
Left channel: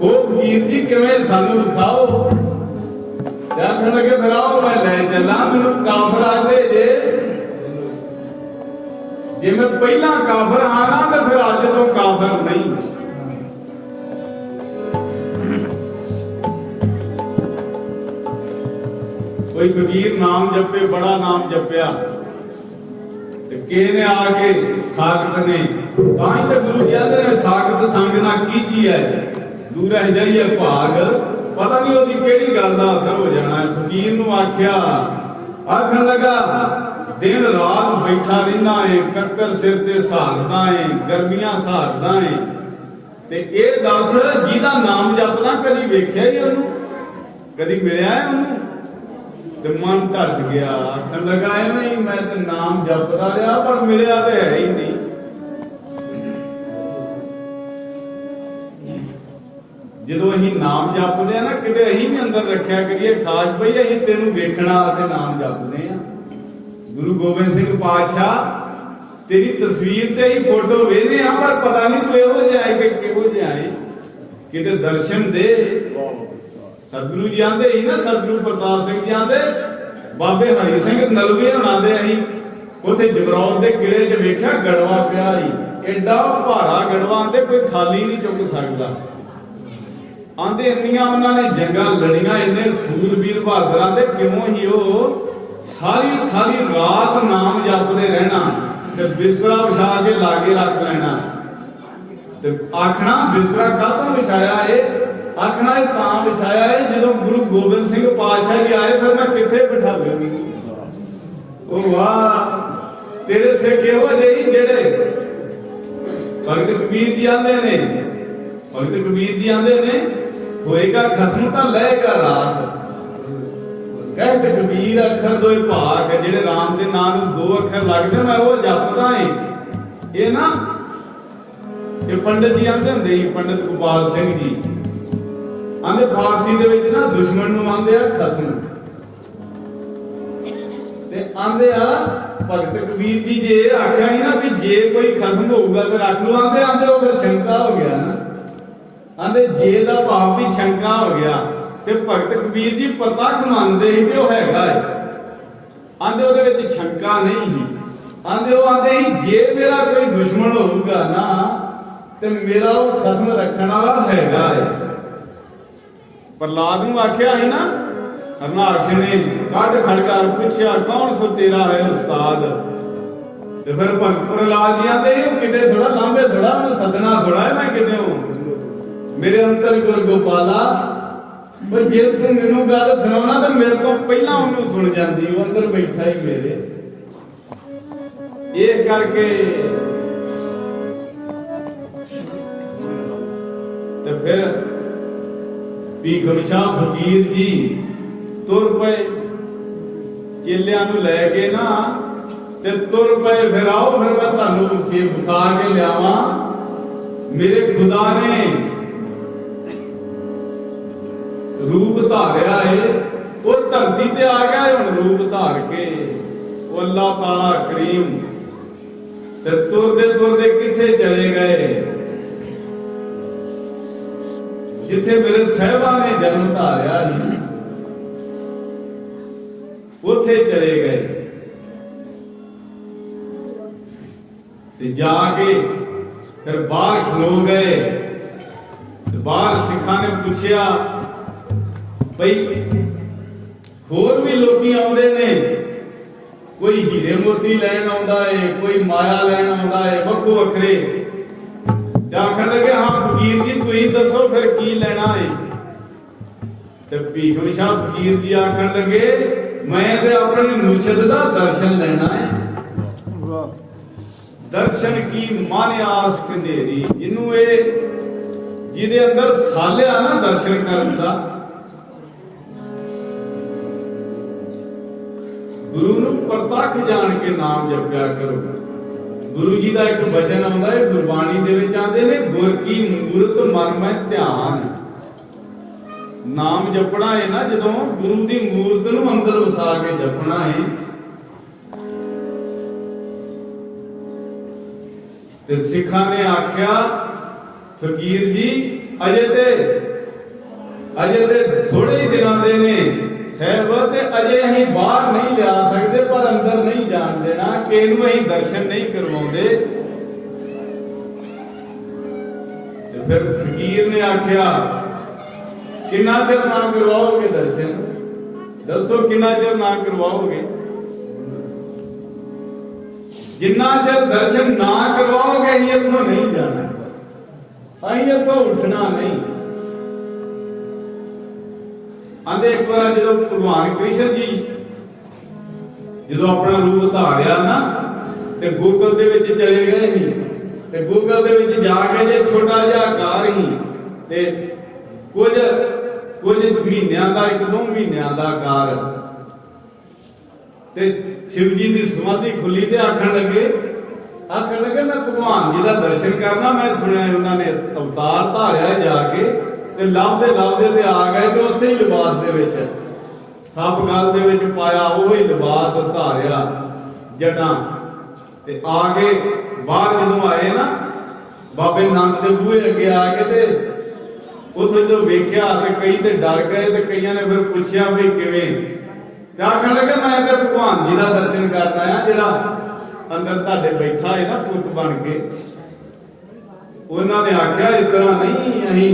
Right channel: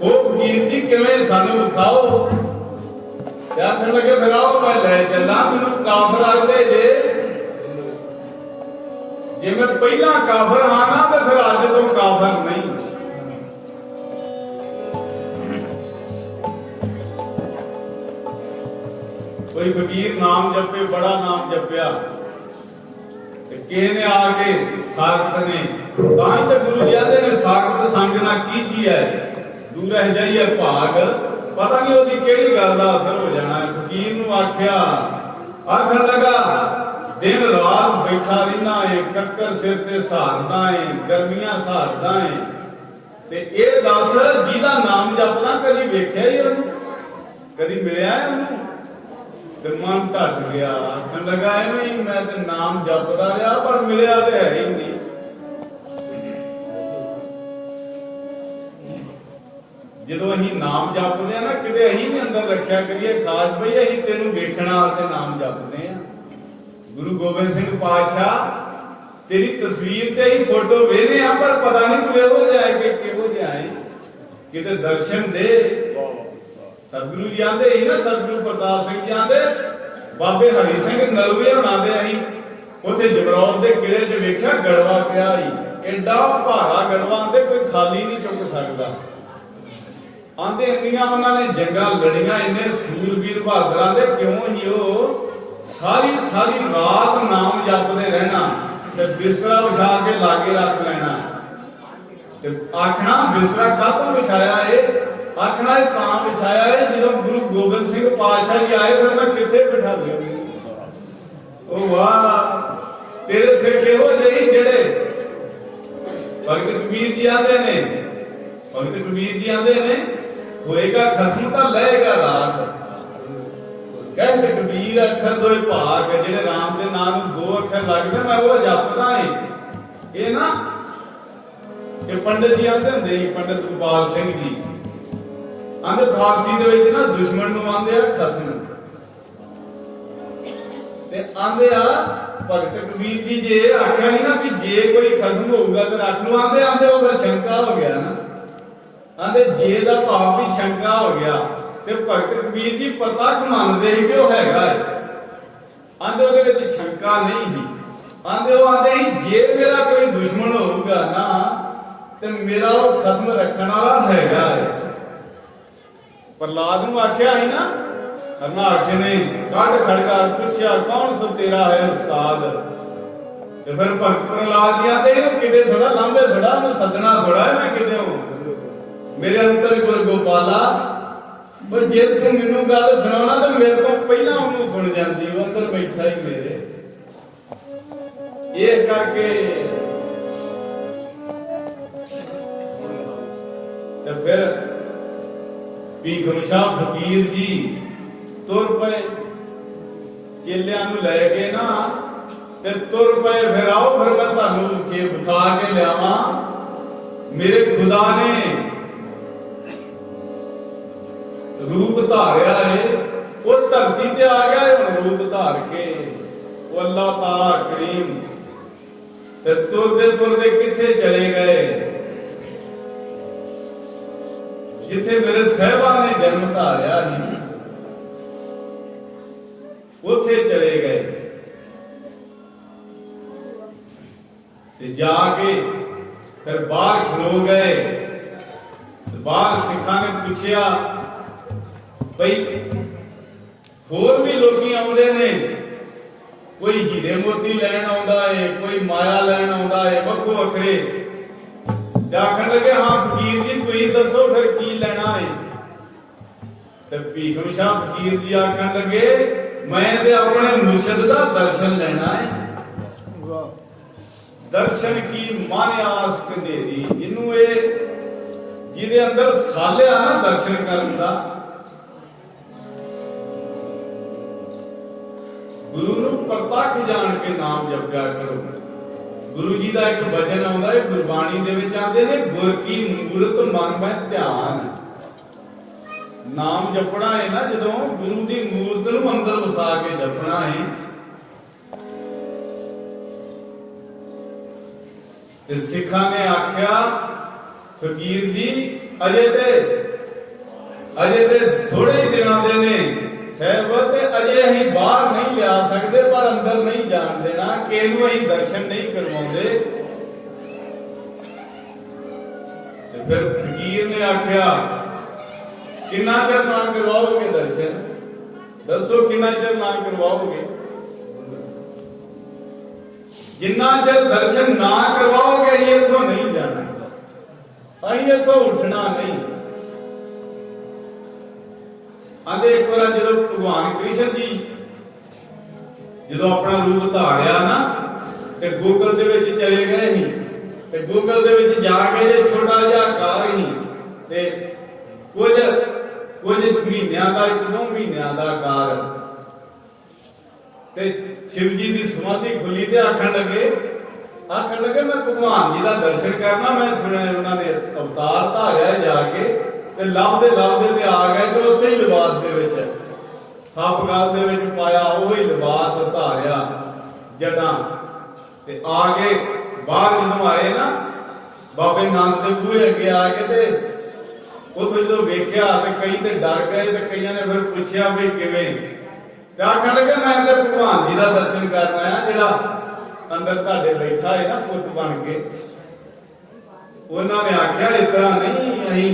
वो फकीर जी किवें सानू दिखाओ। आखन लगे फिर आओ मैं ले चला। मैनू काफर आते जे मैं पहला काफर आना तो फिर अज तो काफर नहीं। कोई फकीर नाम जपे, बड़ा नाम जपया, किसी ने आके सागत ने ताही तो गुरु जी आते ने सागत संग ना कीजी है दूर रह जाइए भाग। पता नहीं ओदी केड़ी गल दा असर हो जाना है। फकीर नूं आख्या, आखन लगा दिन रात बैठा रहिंदा है, कक्कर सिर ते सहारदा है, गर्मियां सहारदा है, ते ए दस जिहदा नाम जपदा कदी वेख्या ही ओनू, कदी मिलिया है ओनू? ते मन ढट गया। आखन लगा नहीं मैं ते नाम जपदा रहा पर मिलिया ते है ही नहीं। ਜਦੋਂ ਅਸੀਂ ਨਾਮ ਜਪਦੇ ਆ ਨਾ ਕਿਤੇ ਅਸੀਂ ਵੀ ਅੰਦਰ ਰੱਖਿਆ ਕਰੀਏ ਖਾਸ ਬਈ ਅਸੀਂ ਤੈਨੂੰ ਵੇਖਣਾ ਤੇ ਨਾਮ ਜਪਦੇ ਆ। ਗੁਰੂ ਗੋਬਿੰਦ ਸਿੰਘ ਪਾਤਸ਼ਾਹ ਤੇਰੀ ਤਸਵੀਰ ਤੇ ਹੀ ਫੋਟੋ ਵੇਖਦੇ ਆ ਪਰ ਪਤਾ ਨਹੀਂ ਤੂੰ ਇਹੋ ਜਿਹਾ ਹੈ ਕਿ ਕਿਹੋ ਜਿਹਾ ਹੈ, ਕਿਤੇ ਦਰਸ਼ਨ ਦੇ। ਸਤਿਗੁਰੂ ਜੀ ਆਂਦੇ ਹੀ ਨਾ, ਸਤਿਗੁਰੂ ਪ੍ਰਤਾਪ ਸਿੰਘ ਜੀ ਆਂਦੇ ਬਾਬੇ ਹਰੀ ਸਿੰਘ ਨਲਵੇ ਹੋਣਾ ਦੇ ਅਸੀਂ ਉੱਥੇ ਜਬਰੌਲ ਦੇ ਕਿਲੇ 'ਚ ਵੇਖਿਆ ਗੜਵਾ ਪਿਆ ਹੀ, ਐਡਾ ਭਾਰਾ ਗੜਵਾ ਆਂਦੇ ਕੋਈ ਖਾਲੀ ਨਹੀਂ ਚੁੱਕ ਸਕਦਾ। ਆਂਦੇ ਇੰਨੀਆਂ ਉਹਨਾਂ ਨੇ ਜੰਗਾਂ ਲੜੀਆਂ, ਇੰਨੇ ਸੂਰਬੀਰ ਬਹਾਦਰ ਆਂਦੇ ਕਿਉਂ ਹੀ ਉਹ ਸਾਰੀ ਸਾਰੀ ਰਾਤ ਨਾਮ ਜਪਦੇ ਰਹਿਣਾ ਤੇ ਬਿਸਤਰਾ ਵਿਛਾ ਕੇ ਲਾਗੇ ਰੱਖ ਲੈਣਾ ਤੇ ਆਖਣਾ ਬਿਸਤਰਾ ਕਾਹਤੋਂ ਵਿਛਾਇਆ ਏ? आखना है ਤਾਂ ਵਿਛਾਇਆ है ਜਦੋਂ गुरु गोबिंद सिंह पातशाह जी आए फिर मैं किथे बिठा लूं। ओ वाह तेरे सिख हो जही जेड़े भगत कबीर जी आंदे ने, भगत कबीर जी आंदे ने होएगा खसम तां लएगा रात। कहते कबीर अखर दोए भाग जेड़े राम दे नाम नूं दो अखर लगदे मैं वो जपदा है। ये ना ये पंडित जी आंदे हुंदे ही, पंडित गोपाल सिंह जी आंदे फारसी दे विच ना दुश्मन नूं आंदे आ खसम ते आंदे आ भगत कबीर जी जे आख्या ही ना भी जे कोई खसम होऊगा ते रख लो। आंदे आंदे वो फिर शंका हो गया ना, आंदे जे दा भाव भी शंका हो गया ते भगत कबीर जी प्रतख मनदे ही कि वो हैगा है। आंदे ओदे विच शंका नहीं ही। आंदे वो आंदे ही जे मेरा कोई दुश्मन होऊगा ना ते मेरा वो खसम रखण वाला हैगा है। प्रहलाद नूं आख्या है ना, हरनाक्ष ने कट खड़का पूछया कौन सो तेरा है उस्ताद? ते फिर भगत प्रहलाद जी आंदे किते थोड़ा लांबे थोड़ा उन्हें सदना थोड़ा है मैं किते मेरे अंतर गुर गोपाला पर जे तू मैनू गल सुनाउणा ते मेरे तो पहला उन्होंने सुन जाती, वो अंदर बैठा ही मेरे। ये करके ते फिर भीखम शाह फकीर जी तुर पे चेलियां नूं लैके ना ते तुर पे फिर आओ फिर मैं तुहानूं विखा के लियावां। मेरे खुदा ने रूप धारिया है, वो धरती ते आ गया है हुण रूप धार के। वो अल्लाह ताला करीम ते तुरदे किथे चले गए जिथे मेरे साहिबा ने जन्म धारिया ही उथे चले गए ते जाके फिर बाहर खलो गए। बाहर सिखा ने पूछया भाई होर भी लोकी आउंदे ने, कोई हीरे मोती लैन आउंदा है, कोई माया लैन आउंदा है, वक्खो वखरे। आखन लगे हाँ फकीर जी तुसीं दसो फिर की लेना है? ते भीखम शाह फकीर जी आखन लगे मैं ते अपने मुर्शिद दा दर्शन लेना है। दर्शन की माने आस कनेरी, जिन्नू ए जिहदे अंदर सालिया ना दर्शन करन दा। गुरु नूं प्रतख जान के नाम जपया करो। गुरु जी का एक वचन आउंदा है गुरबाणी दे विच आंदे ने गुर की मूरत मन में ध्यान। नाम जपना है ना जदों गुरु की मूरत नूं अंदर वसा के जपना है ते सिखा ने आख्या फकीर जी अजे ते थोड़े ही दिनों दे ने साहब ते अजे अहीं बाहर नहीं लिया सकते पर अंदर नहीं जान देना कि इहनूं अहीं दर्शन नहीं करवाउंदे। ते फिर फकीर ने आख्या किन्ना चिर ना करवाओगे दर्शन, दसो किन्ना चिर ना करवाओगे। जिन्ना चिर दर्शन ना करवाओगे अहीं इत्थों नहीं जाना, अहीं इत्थों उठना नहीं। आंदे एक बार जो भगवान कृष्ण जी जो अपना रूप धारिया ना ते गूगल दे विच चले गए ही ते गूगल दे विच जाके जे छोटा जिहा कार ही ते कुछ महीनों का 1-2 महीनों का कार ते शिव जी की समाधि खुली ते आखन लगे मैं भगवान जी का दर्शन करना। मैं सुनिया उन्होंने अवतार धारिया जाके ते लभदे ते आ गए तो उसे ही लिबास दे विच सप गल दे विच पाया, वही लिबास धारिया जटां ते आ गए। बाहर जदों आए ना बाबे नानक दे बूहे अगे आके ते उत्थे जो वेख्या ते कई ते डर गए ते कईयां ने फिर पुछया भी किवें ते आखन लगे मैं ते भगवान जी का दर्शन करना है जिहड़ा अंदर तुहाडे बैठा है ना पुत बन के। उन्होंने आख्या इस तरह नहीं, अहीं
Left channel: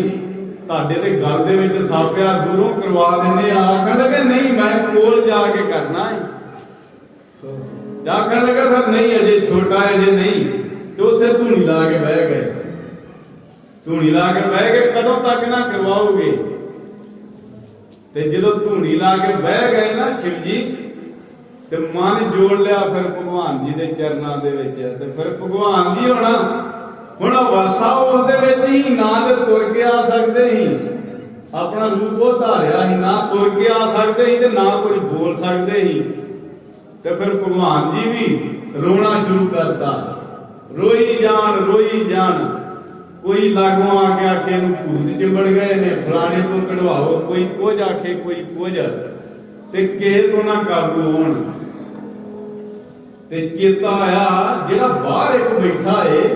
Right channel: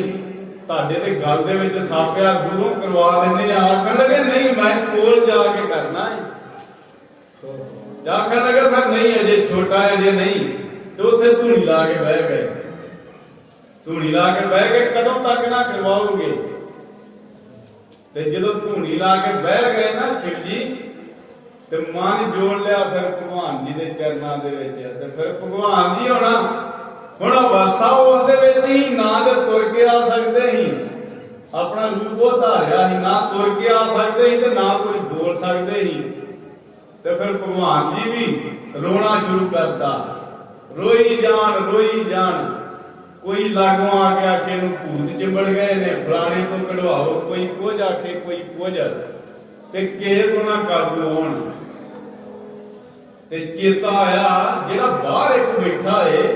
तुहाडे ते गल दे विच सापिया दूरों करवा दिंदे आ। आखन लगे नहीं मैं कोल जाके करना है। आखन लगे फिर नहीं अजे छोटा है अजे नहीं। तो उत्थे धूनी ला के बह गए, धूनी ला के बह गए कदों तक ना करवाओगे। ते जदों धूनी ला के बह गए ना शिव जी ते मन जोड़ लिया फिर भगवान जी दे चरनां दे विच ते फिर भगवान जी होना हुण अवस्था उस दे विच ही ना ते तुर के आ सकदे ही, अपना रूप वो धारिया ही ना तुर के आ सकदे ही ते ना कुछ बोल सकदे ही। ते फिर भगवान जी भी रोना शुरू करता, रोई जान। कोई लागों आके आखे नूं भूत चिंबड़ गए ने फलाने तो कढवाओ, कोई कुछ आखे कोई कुछ ते किहे तो ना काबू होण। ते चेता आया जिहड़ा बाहर एक बैठा है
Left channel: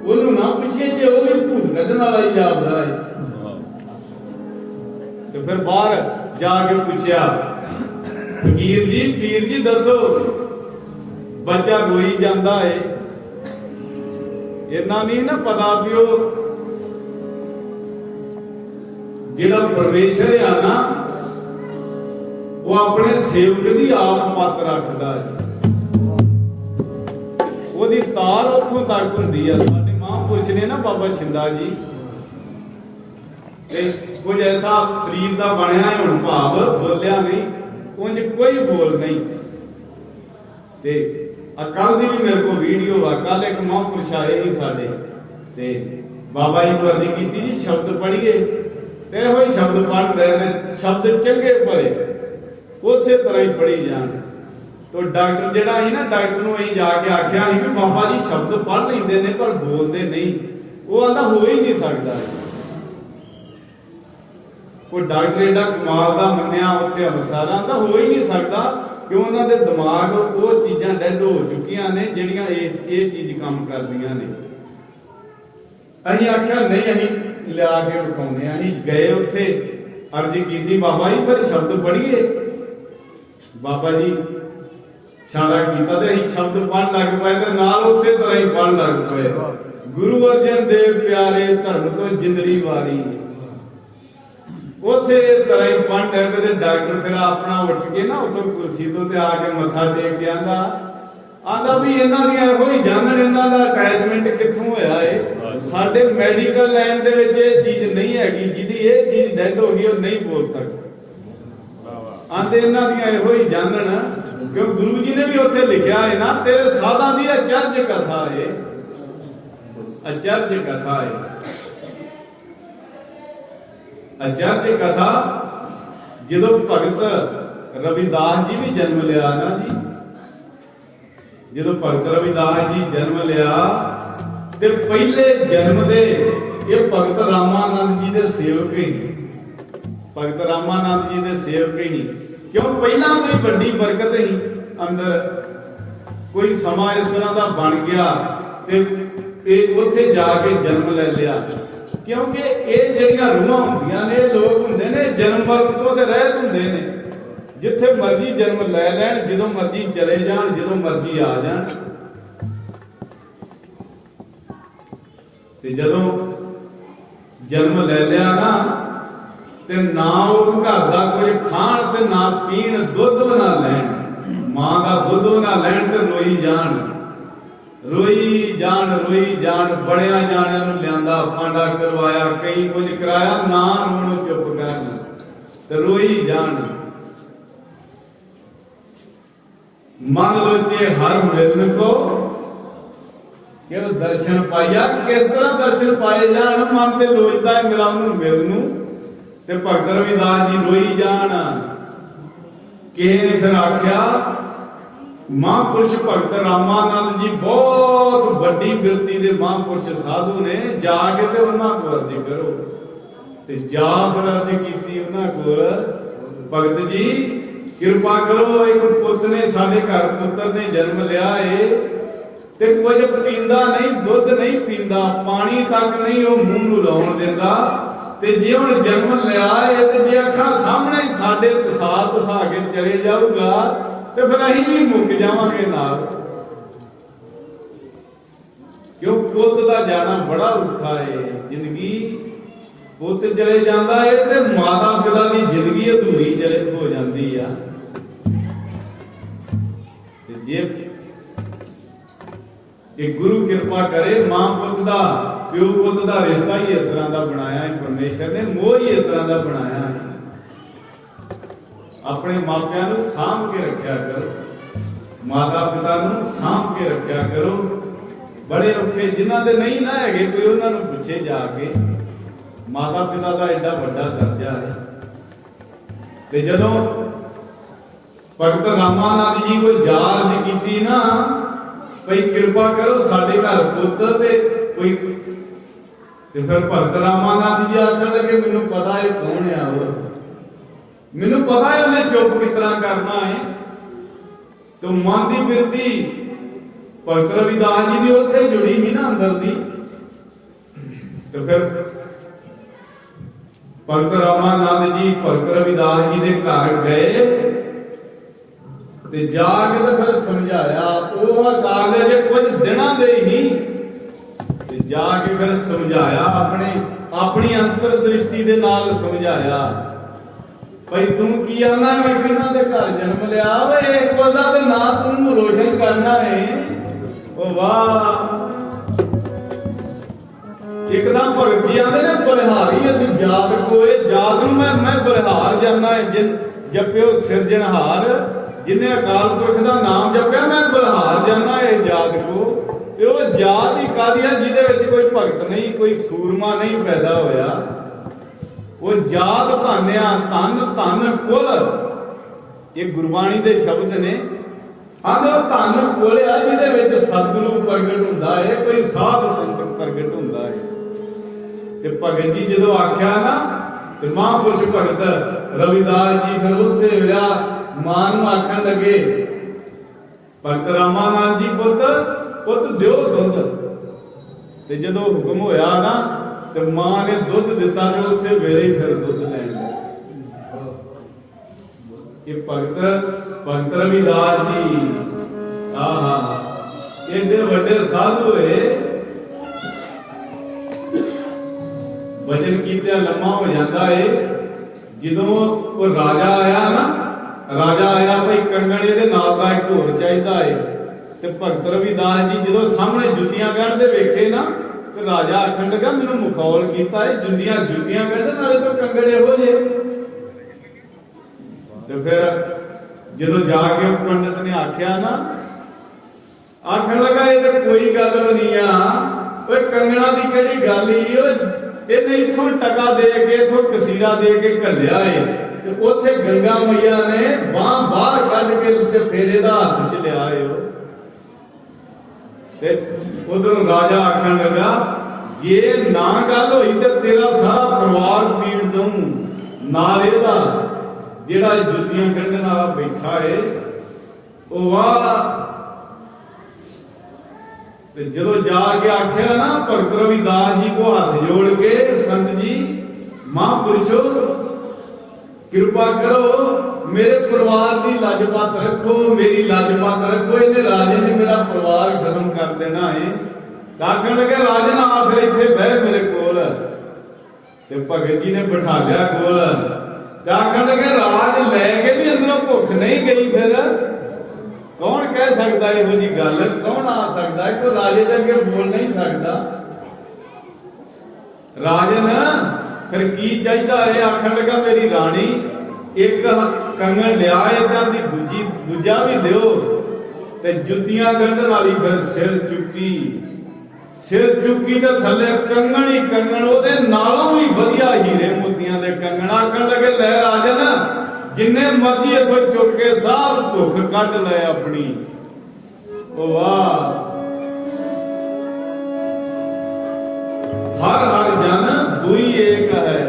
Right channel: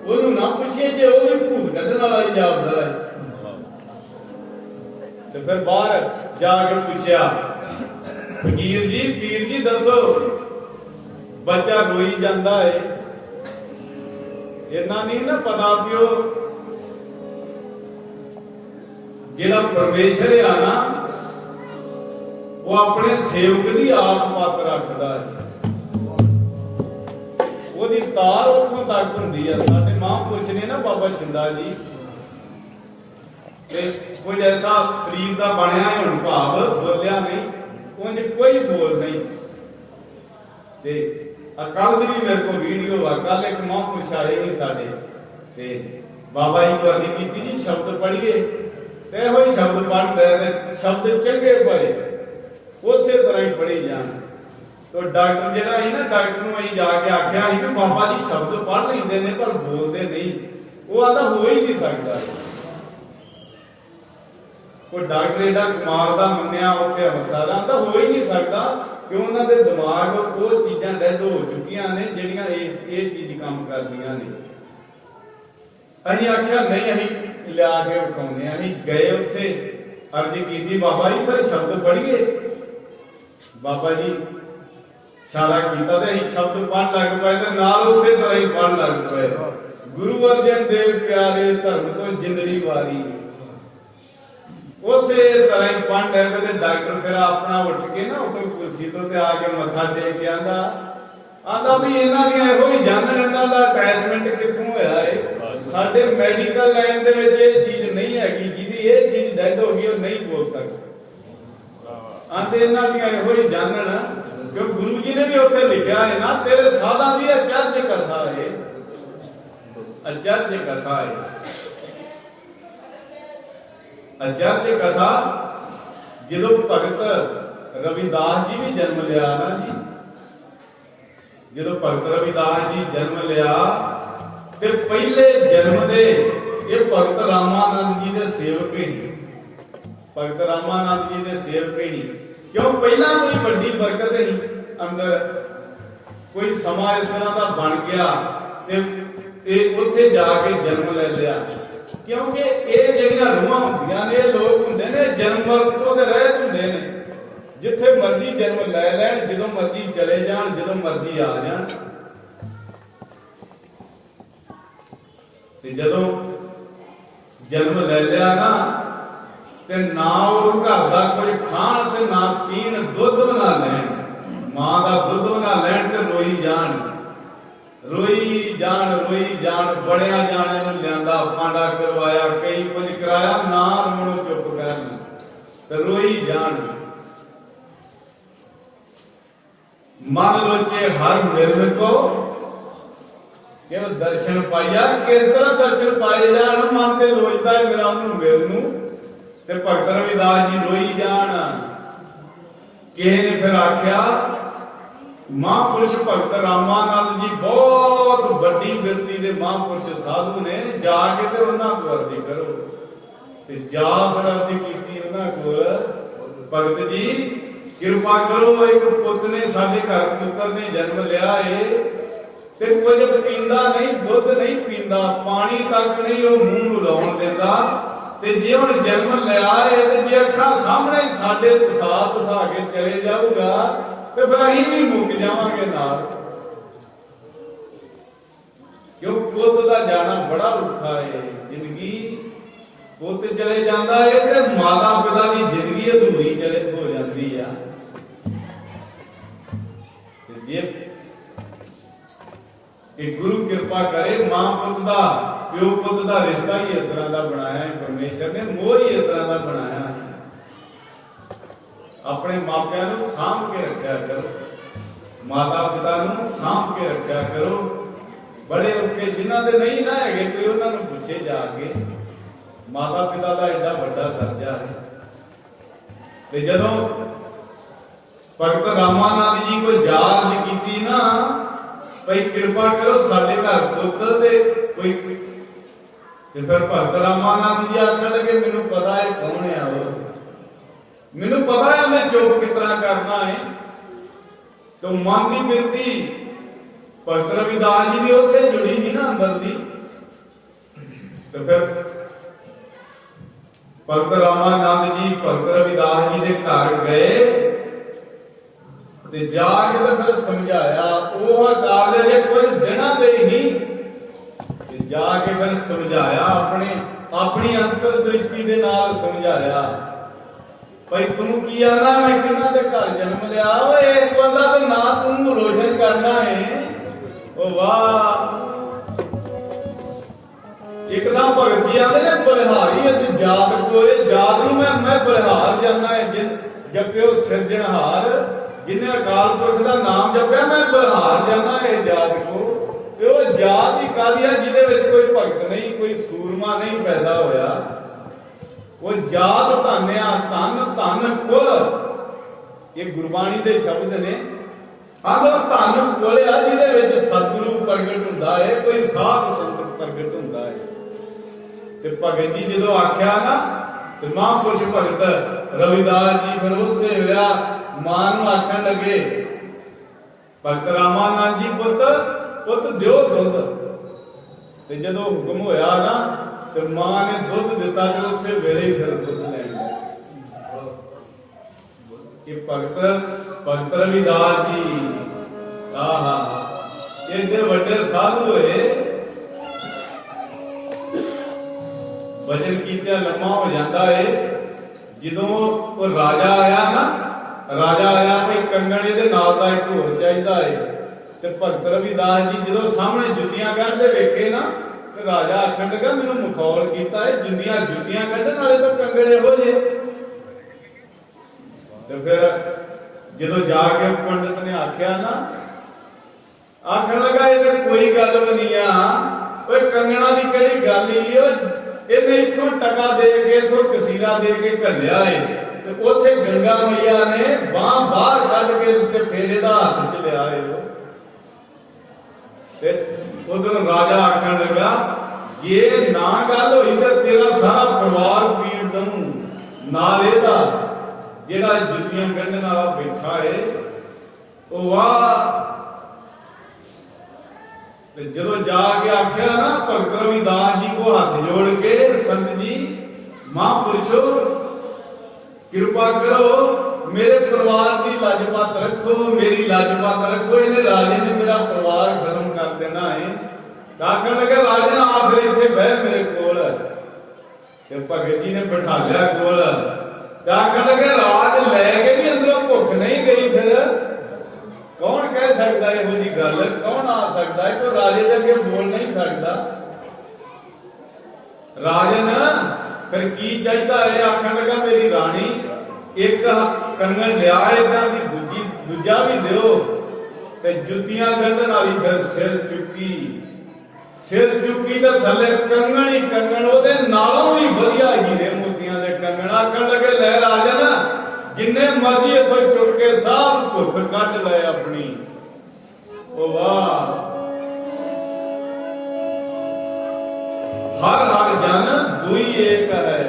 ਉਹਨੂੰ ਨਾ ਪੁੱਛੇ ਜੇ ਉਹ ਵੀ ਭੂਤ ਕੱਢਣ ਵਾਲਾ ਹੀ ਜਾਪਦਾ ਹੈ। ਤੇ ਫਿਰ ਬਾਹਰ ਜਾ ਕੇ ਪੁੱਛਿਆ ਫਕੀਰ ਜੀ ਪੀਰ ਜੀ ਦੱਸੋ ਬੱਚਾ ਰੋਈ ਜਾਂਦਾ ਹੈ, ਇਹਨਾਂ ਨਹੀਂ ਨਾ ਪਤਾ ਵੀ ਉਹ ਜਿਹੜਾ ਪਰਮੇਸ਼ਰ ਆ ਨਾ ਉਹ ਆਪਣੇ ਸੇਵਕ ਦੀ ਆਪ ਪੱਤ ਰੱਖਦਾ ਹੈ। ਉਹਦੀ ਤਾਰ ਉੱਥੋਂ ਤੱਕ ਹੁੰਦੀ ਆ। ਸਾਡੇ ਮਹਾਂਪੁਰਸ਼ ਨੇ ਨਾ ਬਾਬਾ ਸ਼ਿੰਦਾ ਜੀ ਤੇ ਕੁਝ ਐਸਾ ਸਰੀਰ ਦਾ ਬਣਿਆ ਹੈ, ਹੁਣ ਭਾਵ ਬੋਲਿਆ ਨਹੀਂ, ਉਂਝ ਕੋਈ ਬੋਲ ਨਹੀਂ। ਤੇ ਕੱਲ ਦੀ ਵੀ ਮੇਰੇ ਕੋਲ ਵੀਡੀਓ ਆ, ਕੱਲ ਇੱਕ ਮਹਾਂਪੁਰਸ਼ ਆਏ ਸੀ ਸਾਡੇ ਤੇ ਬਾਬਾ ਜੀ ਵਰਦੀ ਕੀਤੀ ਜੀ ਸ਼ਬਦ ਪੜ੍ਹੀਏ ਤੇ ਇਹੋ ਹੀ ਸ਼ਬਦ ਪੜ੍ਹਦੇ ਨੇ, ਸ਼ਬਦ ਚੰਗੇ ਭਲੇ ਉਸੇ ਤਰ੍ਹਾਂ ਹੀ ਪੜ੍ਹੀ ਜਾਣ। तो डॉक्टर जिहड़ा है ना डॉक्टर नूं असीं जाके आख्या कि बाबा जी शब्द पढ़ लैंदे ने पर बोलते नहीं, वो आंदा हो ही नहीं सकता। कोई डॉक्टर एडा कमाल दा मन्निया उत्थे अमृतसर आंदा हो ही नहीं सकता कि उन्हां दे दिमाग वो चीज़ां डेड हो चुकियां ने जिहड़ियां ये चीज़ काम करदियां ने। असीं आख्या नहीं असीं लिया के विखाउने, असीं गए उत्थे अर्ज कीती बाबा जी फिर शब्द पढ़िए। बाबा जी इशारा किया ते असीं शब्द पढ़ लग पे ते नाल उसे तरह ही पढ़ लग पे। गुरु अर्जन देव प्यारे धर्म तो जिंदड़ी वारी, उसे तरह ही पढ़ लग पे। डॉक्टर फिर अपना उठ के ना उतो कुर्सी तो ते आके मत्था टेक के आंदा भी इन्हां दी इहो ही जानन इन्हां दा अटैचमेंट कित्थों होया है। साडे मैडिकल लाइन दे विच इह चीज़ नहीं हैगी, जिहदी इह चीज़ डेड हो गई वो नहीं बोल सकदा। आंदे इन्हां दी इहो ही जानन क्यों गुरु जी ने भी उत्थे लिखा है ना तेरे साधा दी अचरज कथा है, अचरज कथा है। अचरज कथा जो भगत रविदास जी भी जन्म लिया ना जी, जो भगत रविदास जी जन्म लिया ते पहले जन्म दे ये भगत रामानंद जी दे सेवक ही, भगत रामानंद जी दे सेवक ही। क्यों पहला कोई बड़ी बरकत ही अंदर कोई समा इस तरह का बन गया ते ਇਹ ਉੱਥੇ ਜਾ ਕੇ ਜਨਮ ਲੈ ਲਿਆ। क्योंकि ये ਜਿਹੜੀਆਂ रूहां ਹੁੰਦੀਆਂ ਨੇ लोग ਹੁੰਦੇ ਨੇ जन्म मरण ਤੋਂ ਦੇ ਰਹਿਤ ਹੁੰਦੇ ਨੇ, जिथे मर्जी जन्म लै लैन, ਜਦੋਂ मर्जी चले जान, ਜਦੋਂ मर्जी आ जान। ते ਜਦੋਂ जन्म ले लिया ना ते ना वो घर का कुछ खाण ते ना पीण, दुध ना लैन, मां का दुध ना लैन ते रोई जान रोई जान। बड़िया जाने नूं लियांदा, फांडा करवाया, कई कुछ कराया, ना रोणों चुप कर ते रोई जान। मन लोचे हर मिलन को केवल दर्शन पाइया। किस तरह दर्शन पाए जान? मन ते लोचदा है मेरा उन्होंने मिलन नूं ते भगत रविदास जी रोई जान। किसी ने फिर आख्या महापुरुष भगत रामानंद जी बहुत बड़ी बिरती दे महापुरुष साधु ने, जाके ते उन्हां कोल अर्जी करो। ते जा फिर अर्जी कीती उन्हां कोल, भगत जी कृपा करो, एक पुत ने साडे घर पुत्र ने जन्म लिया है ते कुछ पींदा नहीं, दुध नहीं पींदा, पानी तक नहीं वो मूंह नूं लाउण दिंदा। ते जे हुण जन्म लिया है ते जे अखां सामने साडे तसा के चले जाऊगा ते फिर असीं भी मुक जावांगे नाल। क्यों पुत दा जाना बड़ा औखा है। जिंदगी पुत चले जांदा है ते माता पिता दी जिंदगी अधूरी चले हो जांदी आ। ते जे एक गुरु कृपा करे, मां पुत दा, प्यो पुत दा रिश्ता ही इस तरह का बनाया है परमेश्वर ने, मोह ही इस तरह का बनाया है। अपने मापियां नूं सांभ के रखिया करो, माता पिता नूं सांभ के रखिया करो। बड़े औखे जिन्हां दे नहीं ना हैगे कोई, उन्हां नूं पुछे जाके, माता पिता का एडा वड्डा दर्जा है। ते जदों भगत रामानंद जी को जाल कीती ना, भाई कृपा करो साडे घर पुत ते कोई, ते फिर भगत रामानंद जी आखन लगे मैनूं पता है कौन है वो, मैनूं पता है उन्हें चुप किस तरह करना है। तो मन की बिरती भगत रविदास जी की उत्थे जुड़ी नहीं ना अंदर दी। तो फिर भगत रामानंद जी भगत रविदास जी के घर गए ते जाके तो फिर समझाया। वो अकाल दे जे कुछ दिनां दे ही ते जाके फिर समझाया, अपने अपनी अंतर दृष्टि दे नाल समझाया। भाई तू की आना, मैं किन्हां दे घर जन्म लिया, एक बंदा ते ना तू रोशन करना है। ओ वाह, एकदम भगत जी आंदे ने बलिहारी असीं जात कोए, जात नूं मैं बलिहार जाना है। जिन जप्यो सिरजनहार, जिन्हें अकाल पुरख का नाम जपया, मैं बलिहार जाना है जात को। ते वो जात ही कादी है जिहदे विच कोई भगत नहीं, कोई सूरमा नहीं पैदा होया। वो जात धान्या, धन धन कुल, ये गुरबाणी दे शब्द ने। आंदो धन कुल आ जिहदे विच सतगुरु प्रगट हुंदा है, कोई साध संत प्रगट हुंदा है। ते भगत जी जदों आख्या ना, ते महापुरुष भगत रविदास जी फिर उसे वेला मां नूं आखण लगे, भगत रामानंद जी पुत पुत दिओ दुध। ते जदों हुक्म होया ना, ते मां ने दुध दिता, ते उसे वेले ही फिर दुध लैण लगे। ये भगत रविदास जी आहा एडे वड्डे साधु होए, वचन कीतिया लम्मा हो जाता है। जदों वो राजा आया ना, राजा आया भाई कंगण इहदे नाल दा एक होर चाहीदा है। ते भगत रविदास जी जदों सामने जुत्तियां कढ़दे वेखे ना, ते राजा आखण लगा मैनूं मखौल कीता है, जुत्तियां कढ़न वाले तो कंगण इहो जे। ते फिर जदों जाके पंडित ने आख्या ना, आखण लगा ये तो कोई गल भी नहीं आ, कंगणा की किहड़ी गल ही, इन्हें इत्थों टका दे के, इत्थों कसीरा दे के घल्लिया है। ते उत्थे गंगा मैया ने बांह बाहर कढ के ते फेरे दा हाथ च लिया है। ते उधर राजा आखण लगा जे ना गल होई ते तेरा सारा परिवार पीड़ दूं, नाल इहदा जेड़ा जुत्तियां कढण वाला बैठा है। ओ वाह, ਤੇ ਜਦੋਂ ਜਾके आख्या ना भगत रविदास जी को हाथ जोड़ के, संत जी महापुरुषो कृपा करो, मेरे परिवार की लाजपात रखो, मेरी लाजपात रखो, इन्हें राजे ने मेरा परिवार खत्म कर देना है। आखन लगे राजन आ फिर इत्थे बह मेरे कोल, ते भगत जी ने बिठा लिया कोल। आखन लगे राज लैके भी अंदरों भुख नहीं गई, फिर कौन कह सकता है इहो जी गल, कौन आ सकता है, कोई राजे दे अगे बोल नहीं सकता। राजन फिर की चाहिए है, आखन लगा मेरी रानी एक कंगन लिया, एक आंदी दूजी दूजा भी दिओ, ते जुत्तियां गंढण वाली फिर सिर चुकी ते थल्ले कंगन ही कंगन, ओदे नालों भी वधिया हीरे मोतियां दे कंगन। आखन लगे लै राजन जिन्ने मर्जी इथों चुक के सब भुख कट ले अपनी। ओ वाह, हर हर जन दुई एक है।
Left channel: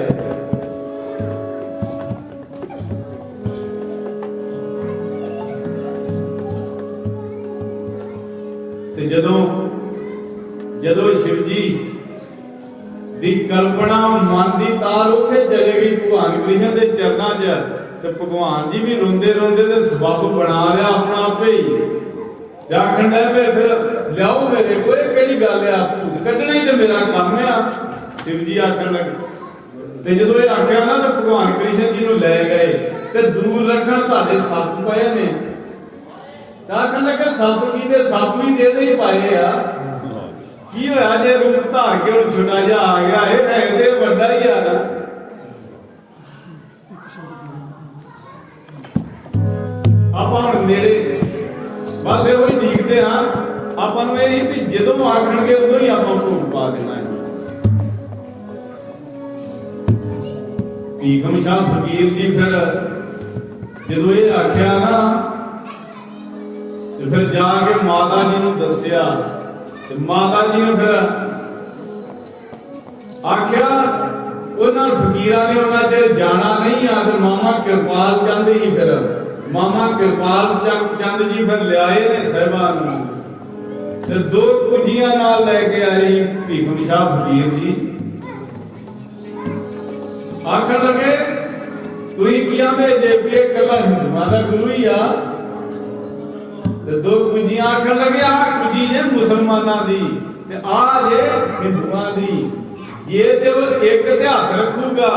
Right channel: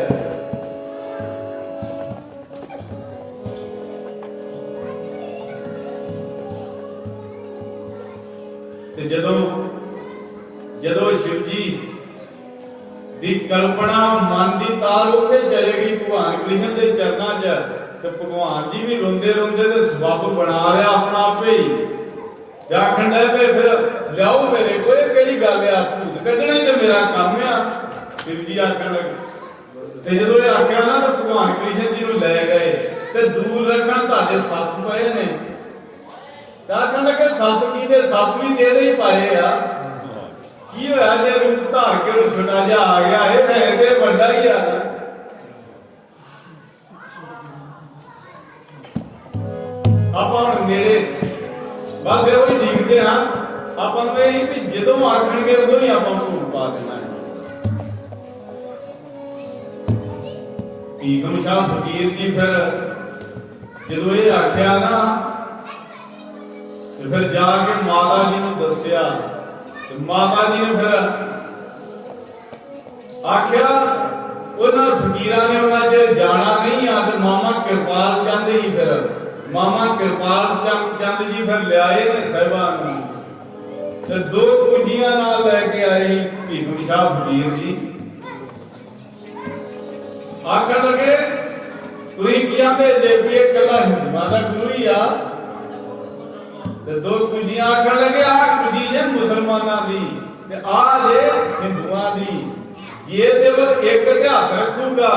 ते जदों शिव जी दी कल्पना मन की तार उत्थे चले गई भगवान कृष्ण के चरणों च, तो भगवान जी भी रोंदे रोंदे ते सबब बना लिया अपना आपे ही। आखन लगे फिर लियाओ मेरे को, केड़ी गल आ, भूत कड्ढने ही तो मेरा काम आ। शिव जी आखन लगे, ते जदों ये आख्या ना तो भगवान कृष्ण जी नूं लै गए, ते दूर रखण तुहाडे सप पए ने। आखन लगे सप की दे, सप भी दे ही पाए आ, की होया जे रूप धार के हुण छोटा जिहा आ गया, ये है ते बड़ा ही आ ना। ਆਪਾਂ ਹੁਣ ਨੇੜੇ ਬਸ ਇਹੋ ਹੀ ਦੇਖਦੇ ਹਾਂ, ਆਪਾਂ ਨੂੰ ਇਹ ਵੀ ਜਦੋਂ ਆਖਣਗੇ ਉਦੋਂ ਹੀ ਆਪਾਂ ਭੋਗ ਪਾ ਦੇਣਾ ਹੈ। ਭੀਖਮ ਸ਼ਾਹ ਫਕੀਰ ਜੀ ਫਿਰ ਜਦੋਂ ਇਹ ਆਖਿਆ ਨਾ, ਤੇ ਫਿਰ ਜਾ ਕੇ ਮਾਤਾ ਜੀ ਨੂੰ ਦੱਸਿਆ, ਤੇ ਮਾਤਾ ਜੀ ਨੇ ਫਿਰ ਆਖਿਆ ਉਹਨਾਂ ਫਕੀਰਾਂ ਨੇ ਉਹਨਾਂ ਚਿਰ ਜਾਣਾ ਨਹੀਂ ਆ, ਤੇ ਮਾਮਾ ਕਿਰਪਾਲ ਚੰਦ ਹੀ ਫਿਰ मामा कृपाल चंद जी फिर लियाए ने साहिबान ते दो कुजियां नाल लेके आए भीखम शाह फकीर जी। आखन लगे तुई किया भेजे भी ये कला हिंदुआं दा गुरु ही आ, ते दो कुजियां आखन लगे आ कुजी जे मुसलमानां दी ते आ जे हिंदुआं दी, ये ते वो एक ते हथ रखूगा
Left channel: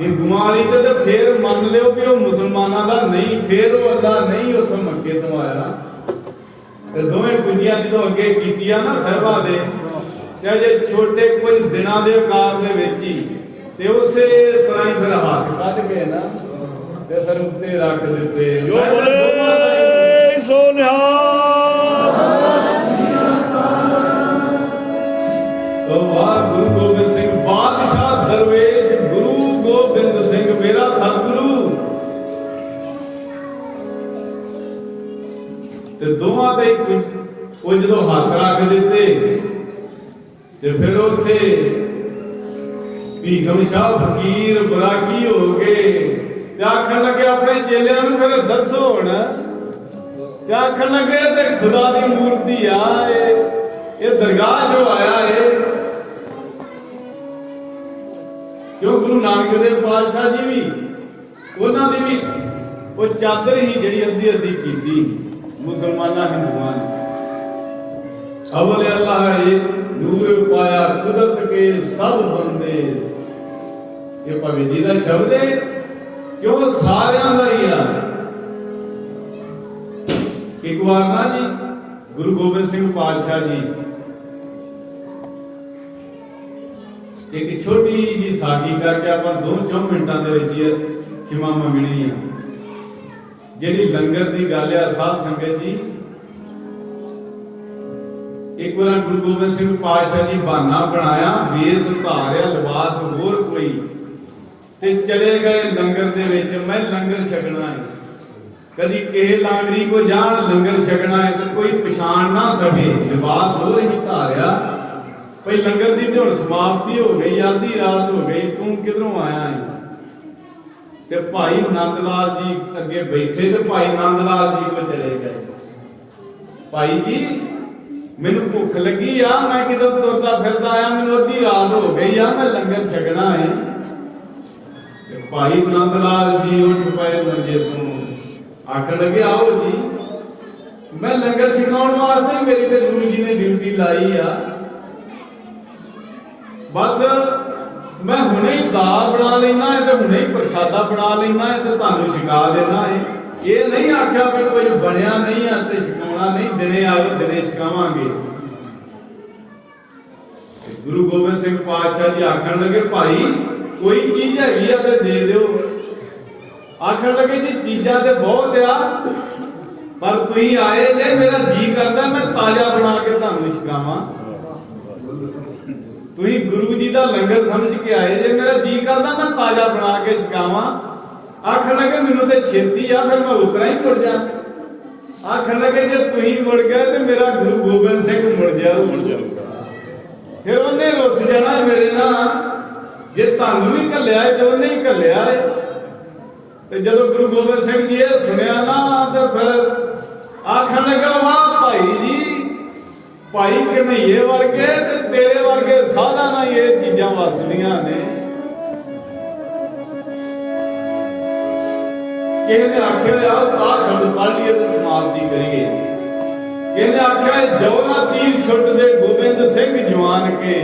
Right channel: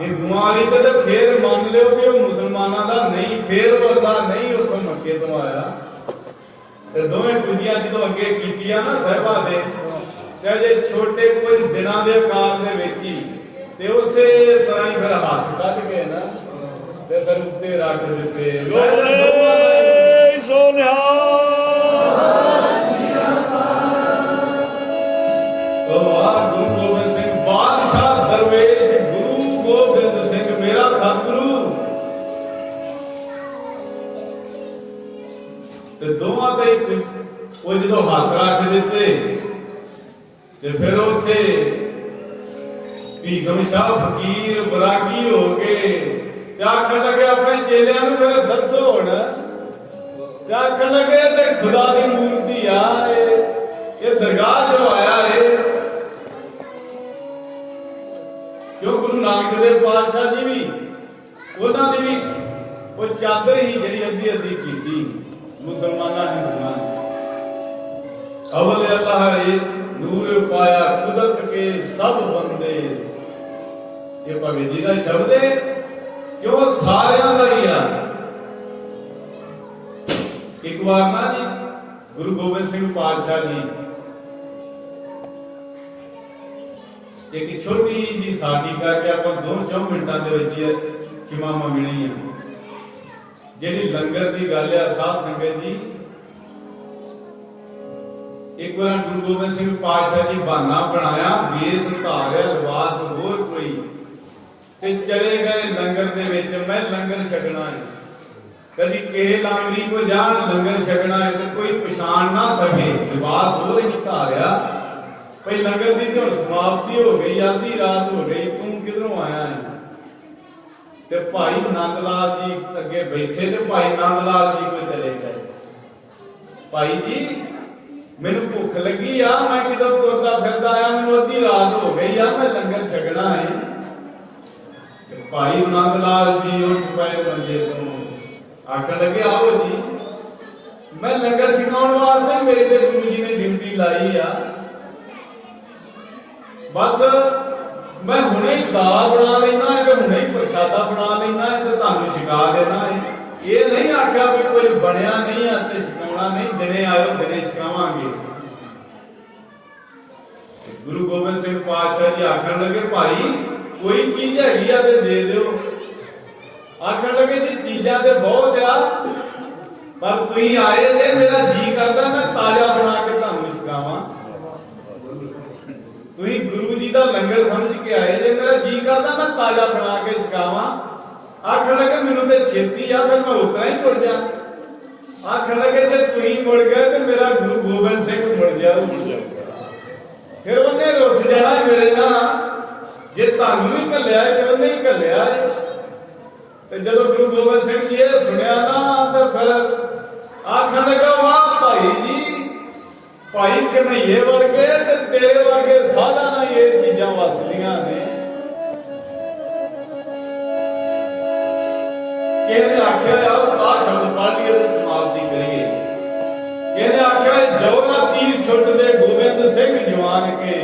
हिंदुआं वाली ते फिर मान लियो कि वो मुसलमानों का नहीं, फिर वो अल्लाह नहीं उथों मक्के तो आया। ते दोवें कुंजियां जो अगे कीतियां ना साहिबा दे, क्या जे छोटे कुछ दिनां दे आकार दे विच ही, ते उसे तरह ही फिर हाथ कढ के ना ते फिर उत्ते रख दिते। गुरु गोबिंद सिंह बादशाह दरवेश गुरु गोबिंद सिंह मेरा सतगुरु, ते दोवां ते वो जो हाथ रख दिते, ते फिर उत्थे भीखम शाह फकीर बरागी हो गए, ते आखन लगे अपने चेलियां नूं फिर दसो हुण, ते आखन लगे ते खुदा दी मूर्ति आ ये दरगाह जो आया है, क्यों गुरु नानक देव पातशाह जी भी उन्हां दी भी वो चादर ही जिहड़ी अद्धी अद्धी कीती मुसलमानां हिंदुआं ने। अवल अल्लाह ये नूर पाया कुदरत के सब बंदे, ये भगत जी दा शब्द है, क्यों सारियां दा ही आ। एक बार ना जी गुरु गोबिंद सिंह पातशाह जी एक छोटी जी साडी करके आप 2-4 मिनटां दे विच खिमा मंगनी है। जिहड़ी लंगर की गल है साध संगत जी, एक बार गुरु गोबिंद सिंह पातशाह जी बहाना बनाया, वेस उतारिया लिबास होर कोई, ते चले गए लंगर दे विच, मैं लंगर छकना है। कदी किहे लांगरी को जान लंगर छकना है तो कोई पछाण ना सके, लिबास होर ही धारिया भाई लंगर की तो समाप्ति हो गई, आधी रात हो गई, तू किधरों आया है। ते भाई नंद लाल जी अगे बैठे, तो भाई नंद लाल जी को चले गए, भाई जी मैनू भुख लगी आ, मैं कितों तुरदा फिरदा आया, मैनू अद्धी रात हो गई आ, मैं लंगर छकना है। भाई नंद लाल जी उठ पे मंजे तो आखन लगे आओ जी, मैं लंगर छकाउण वास्ते मेरी ते गुरु जी ने ड्यूटी लाई आ, बस मैं हुणे ही दाल बना लेना है ते हुणे ही प्रसादा बना लेना है ते तुहानू छका देना है। ये नहीं आख्या भी कोई बनया नहीं है ते छकाउणा नहीं, दिने आयो दिने छकावांगे। गुरु गोबिंद सिंह पातशाह जी आखन लगे भाई कोई चीज हैगी आ ते दे दिओ। आखन लगे जी चीज़ां ते बहुत आ, पर तुसीं आए जे मेरा जी करदा मैं ताजा बना के तुहानू छकावां। तुसीं गुरु जी दा लंगर समझ के आए जे, मेरा जी करदा मैं ताजा बना के छकावां। आखन लगे मैनू ते छेती आ, फिर मैं उतरा ही मुड़ जा। आखन लगे जे तुसीं मुड़ गए ते मेरा गुरु गोबिंद सिंह मुड़ जाऊ, फिर उन्हें रुस जाना मेरे नाल। जे तुहानू भी घल्लिया है तो उन्हें ही घल्लिया है। तो जदों गुरु गोबिंद सिंह जी ये सुनिया ना तो फिर आखन लगा वाह भाई जी, भाई कन्हैये वर्गे ते तेरे वर्गे साधा ना ये चीजां वसदियां ने। किहने आख्या आ शब्द पढ़ लिए तो समाप्ति करिए। किहने आख्या जो ना तीर छुट दे गोबिंद सिंह जवान के,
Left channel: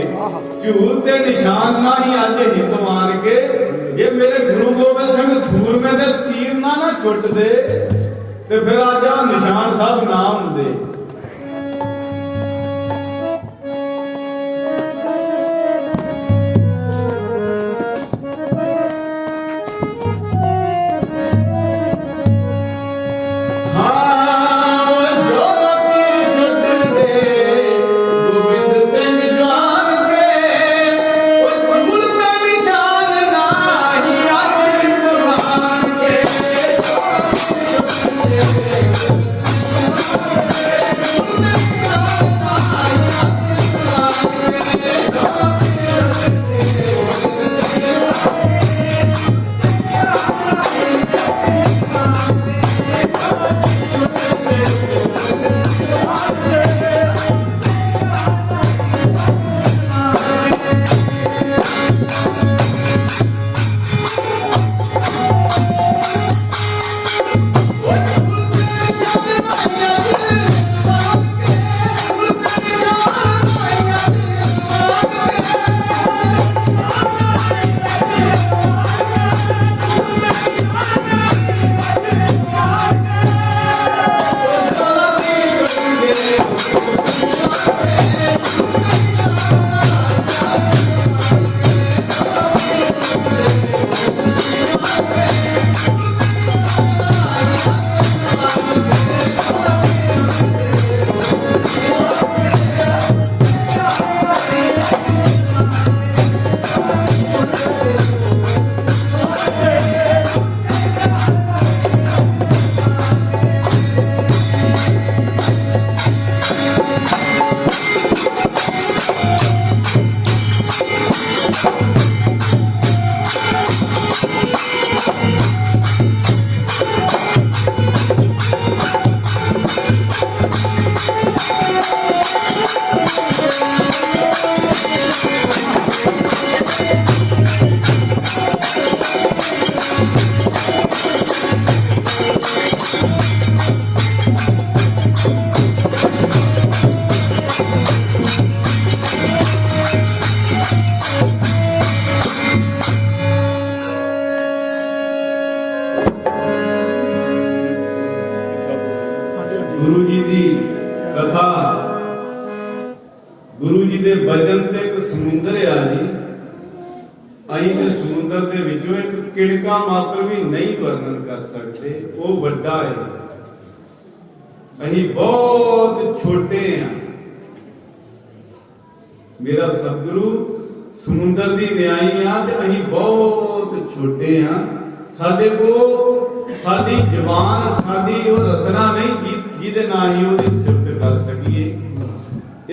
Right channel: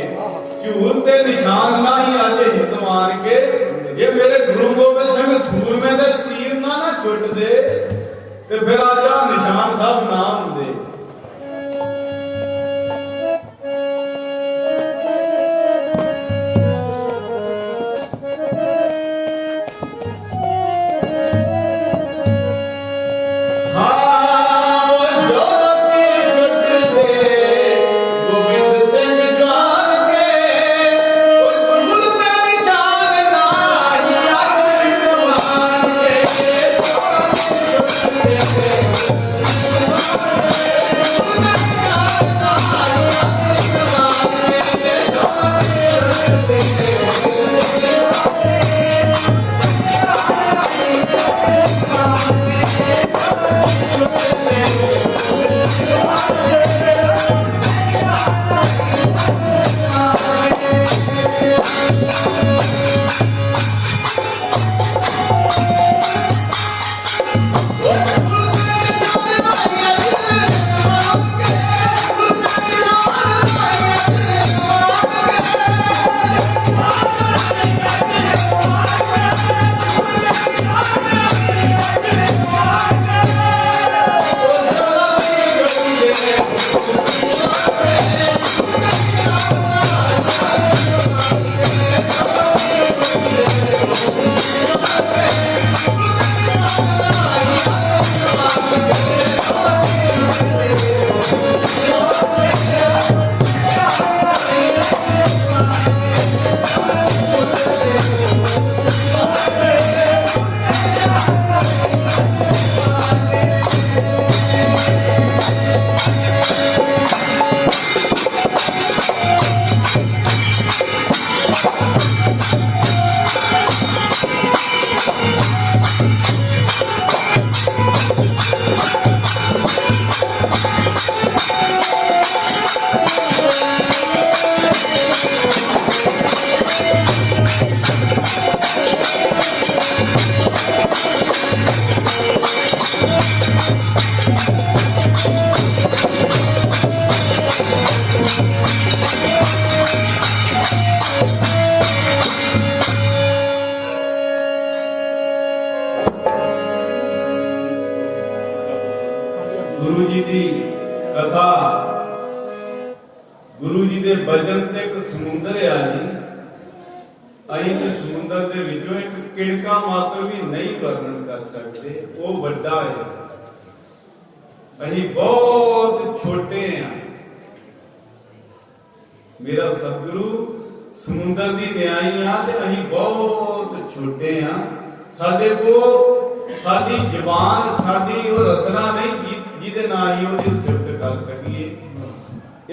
झूल ते निशान ना ही आज हिंदवान के। जे मेरे गुरु गोबिंद सिंह सूरमे दे तीर ना छुट दे ते फिर आज आ निशान साहब ना हुंदे। गुरु जी की कथा, गुरु जी के बचन ते एक समुंदर आ जी। अहीं ते समुंदर दे विचों एक किणका मात्र भी नहीं वर्णन कर सकते, वो बड़ा है। अहीं बहुत छोटे हैं। मेरा सतगुरु समुंदर की न्याई आ ते अहीं बहुत छोटे हैं। साडे को साडी जबान साडी वो रचना नहीं जिहदे नाल ही ओहदी सिफत कर सकीए।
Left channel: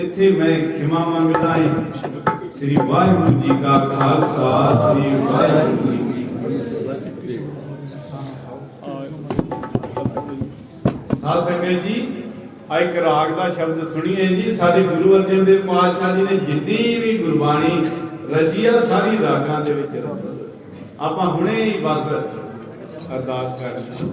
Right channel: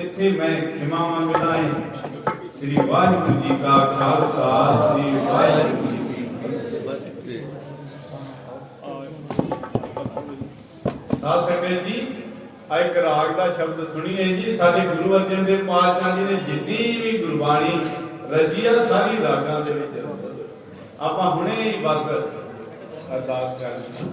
इत्थे मैं खिमा मंगदा हां। श्री वाहिगुरू जी का खालसा, श्री वाहिगुरू जी की फतेह। साध संगत जी, ਆ ਇੱਕ ਰਾਗ ਦਾ ਸ਼ਬਦ ਸੁਣੀਏ ਜੀ। ਸਾਡੇ ਗੁਰੂ ਅਰਜਨ ਦੇਵ ਪਾਤਸ਼ਾਹ ਜੀ ਨੇ ਜਿੰਨੀ ਵੀ ਗੁਰਬਾਣੀ ਰਚੀ ਆ ਸਾਰੀ ਰਾਗਾਂ ਦੇ ਵਿੱਚ ਰਚੀ। ਆਪਾਂ ਹੁਣੇ ਹੀ ਬਸ ਅਰਦਾਸ ਕਰਦੇ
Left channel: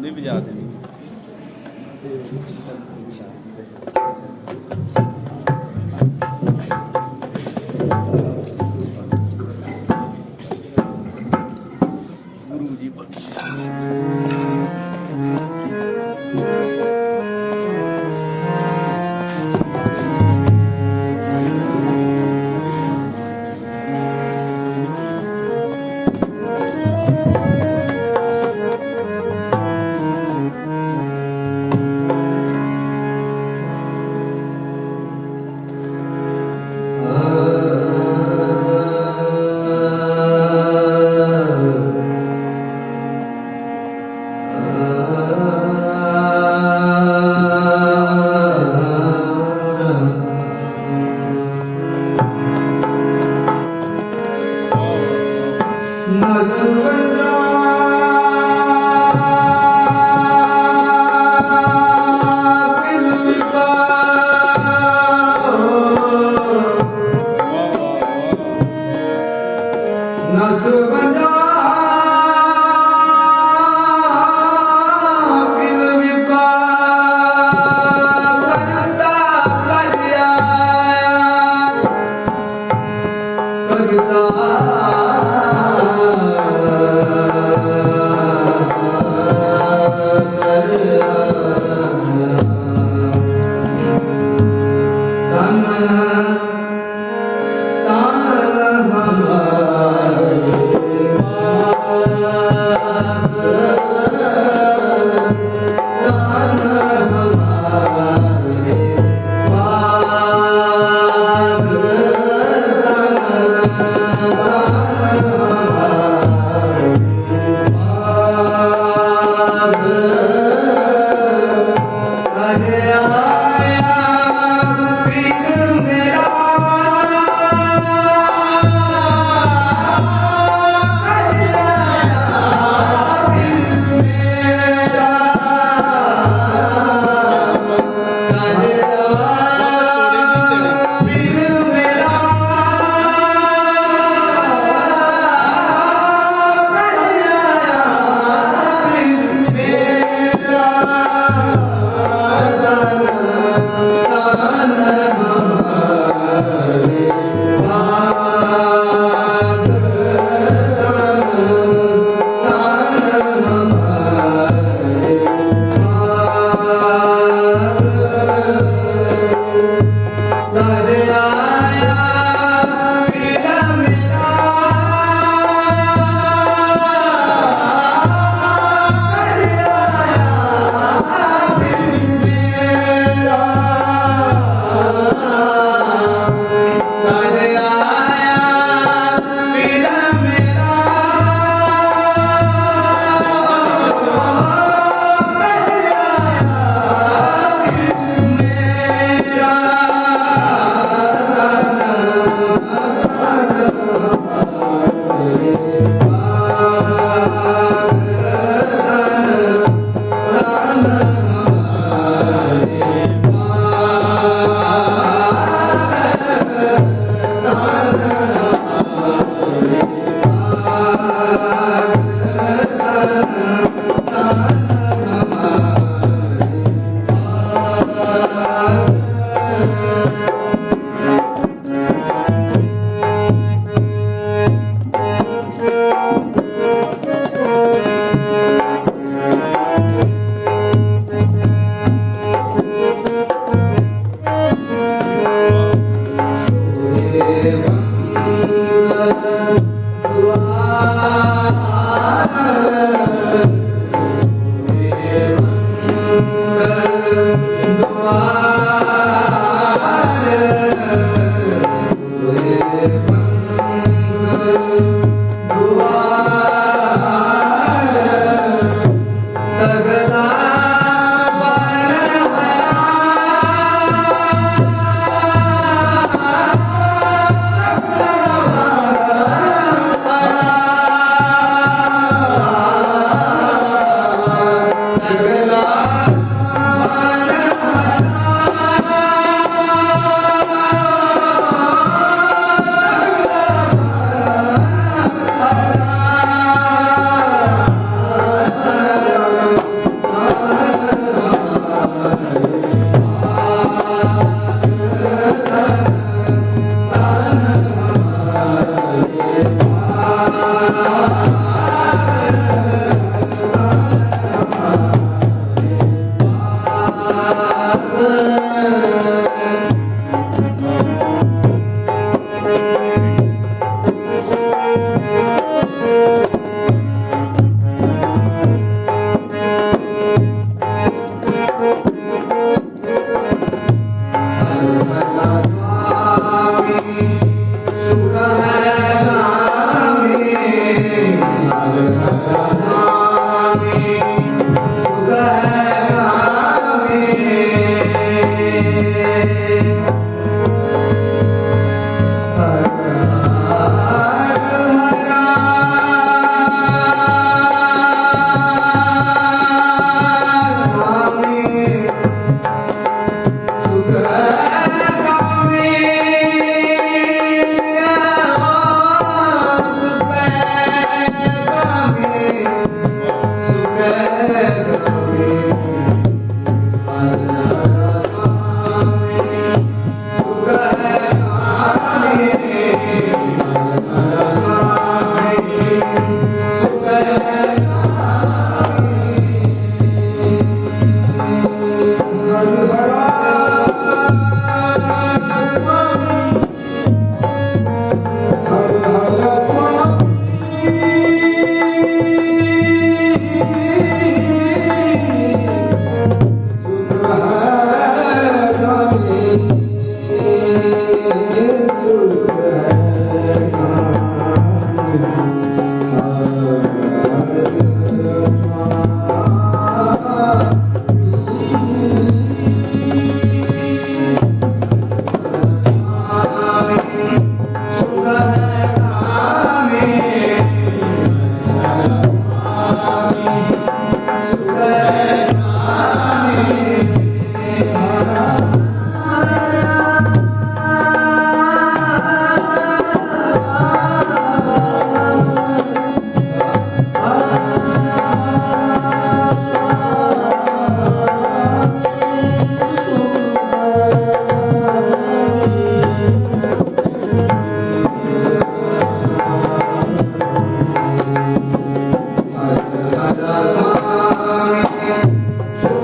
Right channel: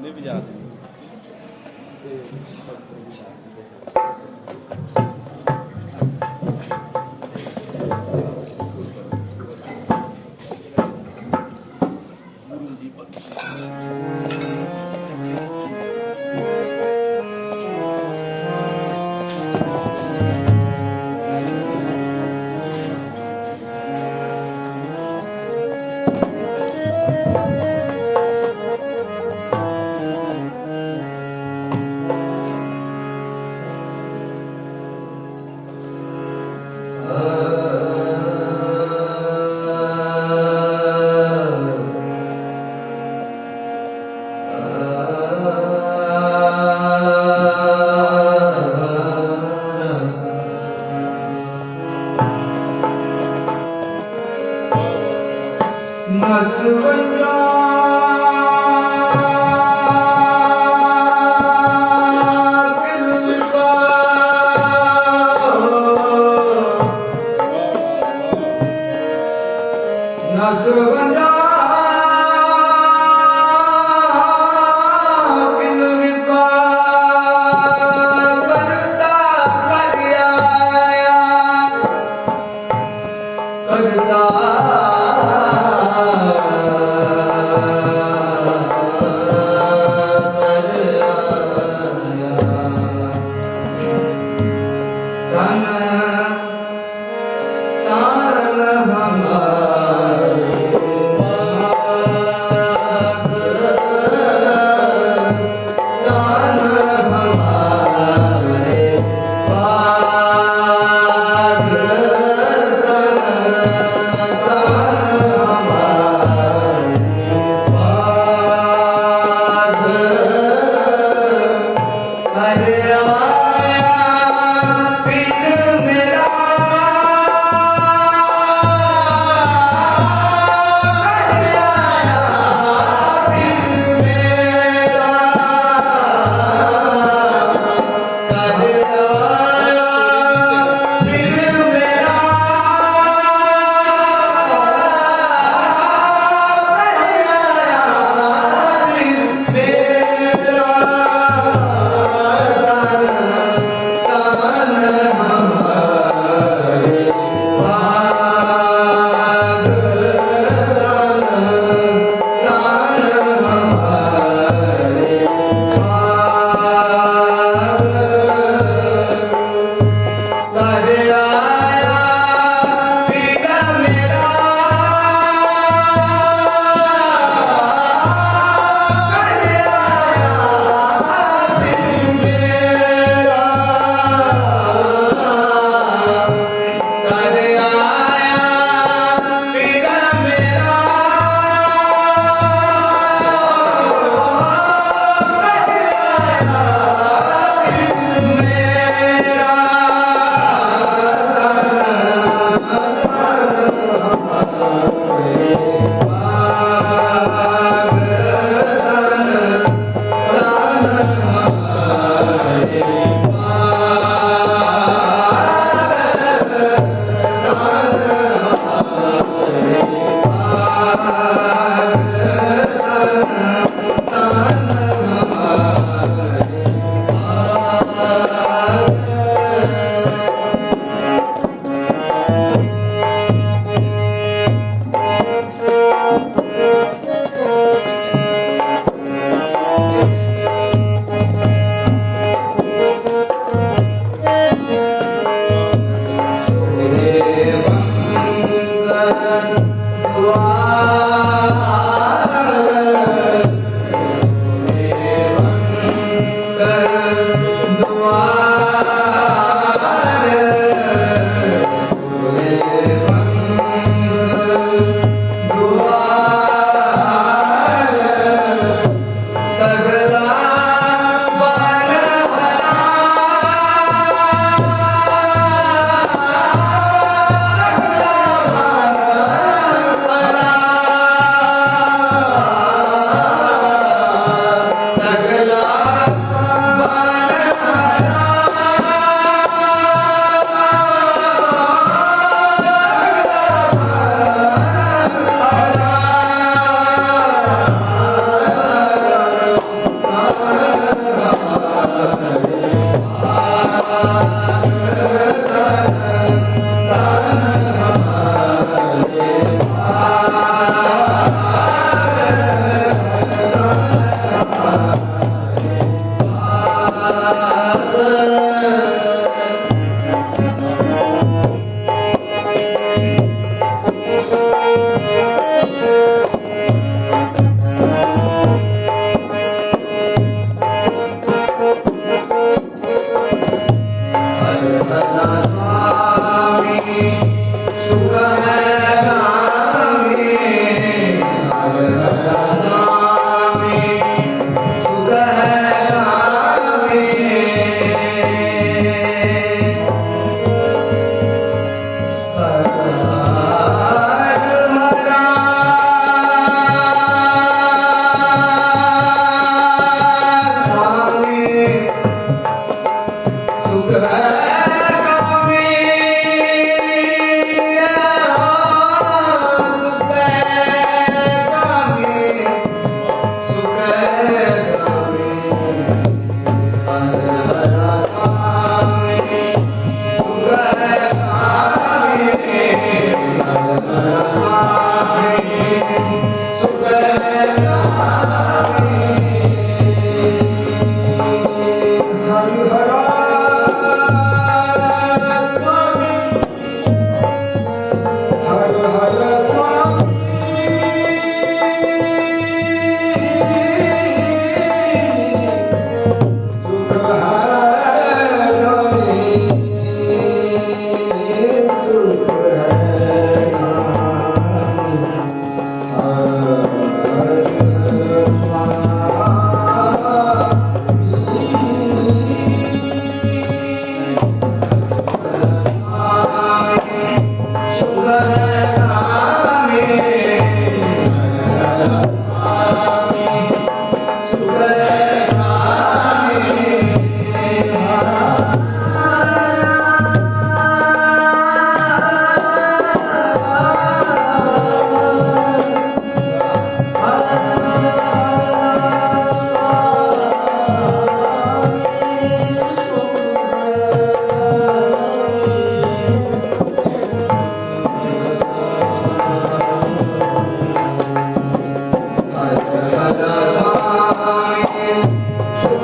ਨਹੀਂ ਬਜਾ ਦੇ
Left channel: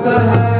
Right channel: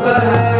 ਕਹੈ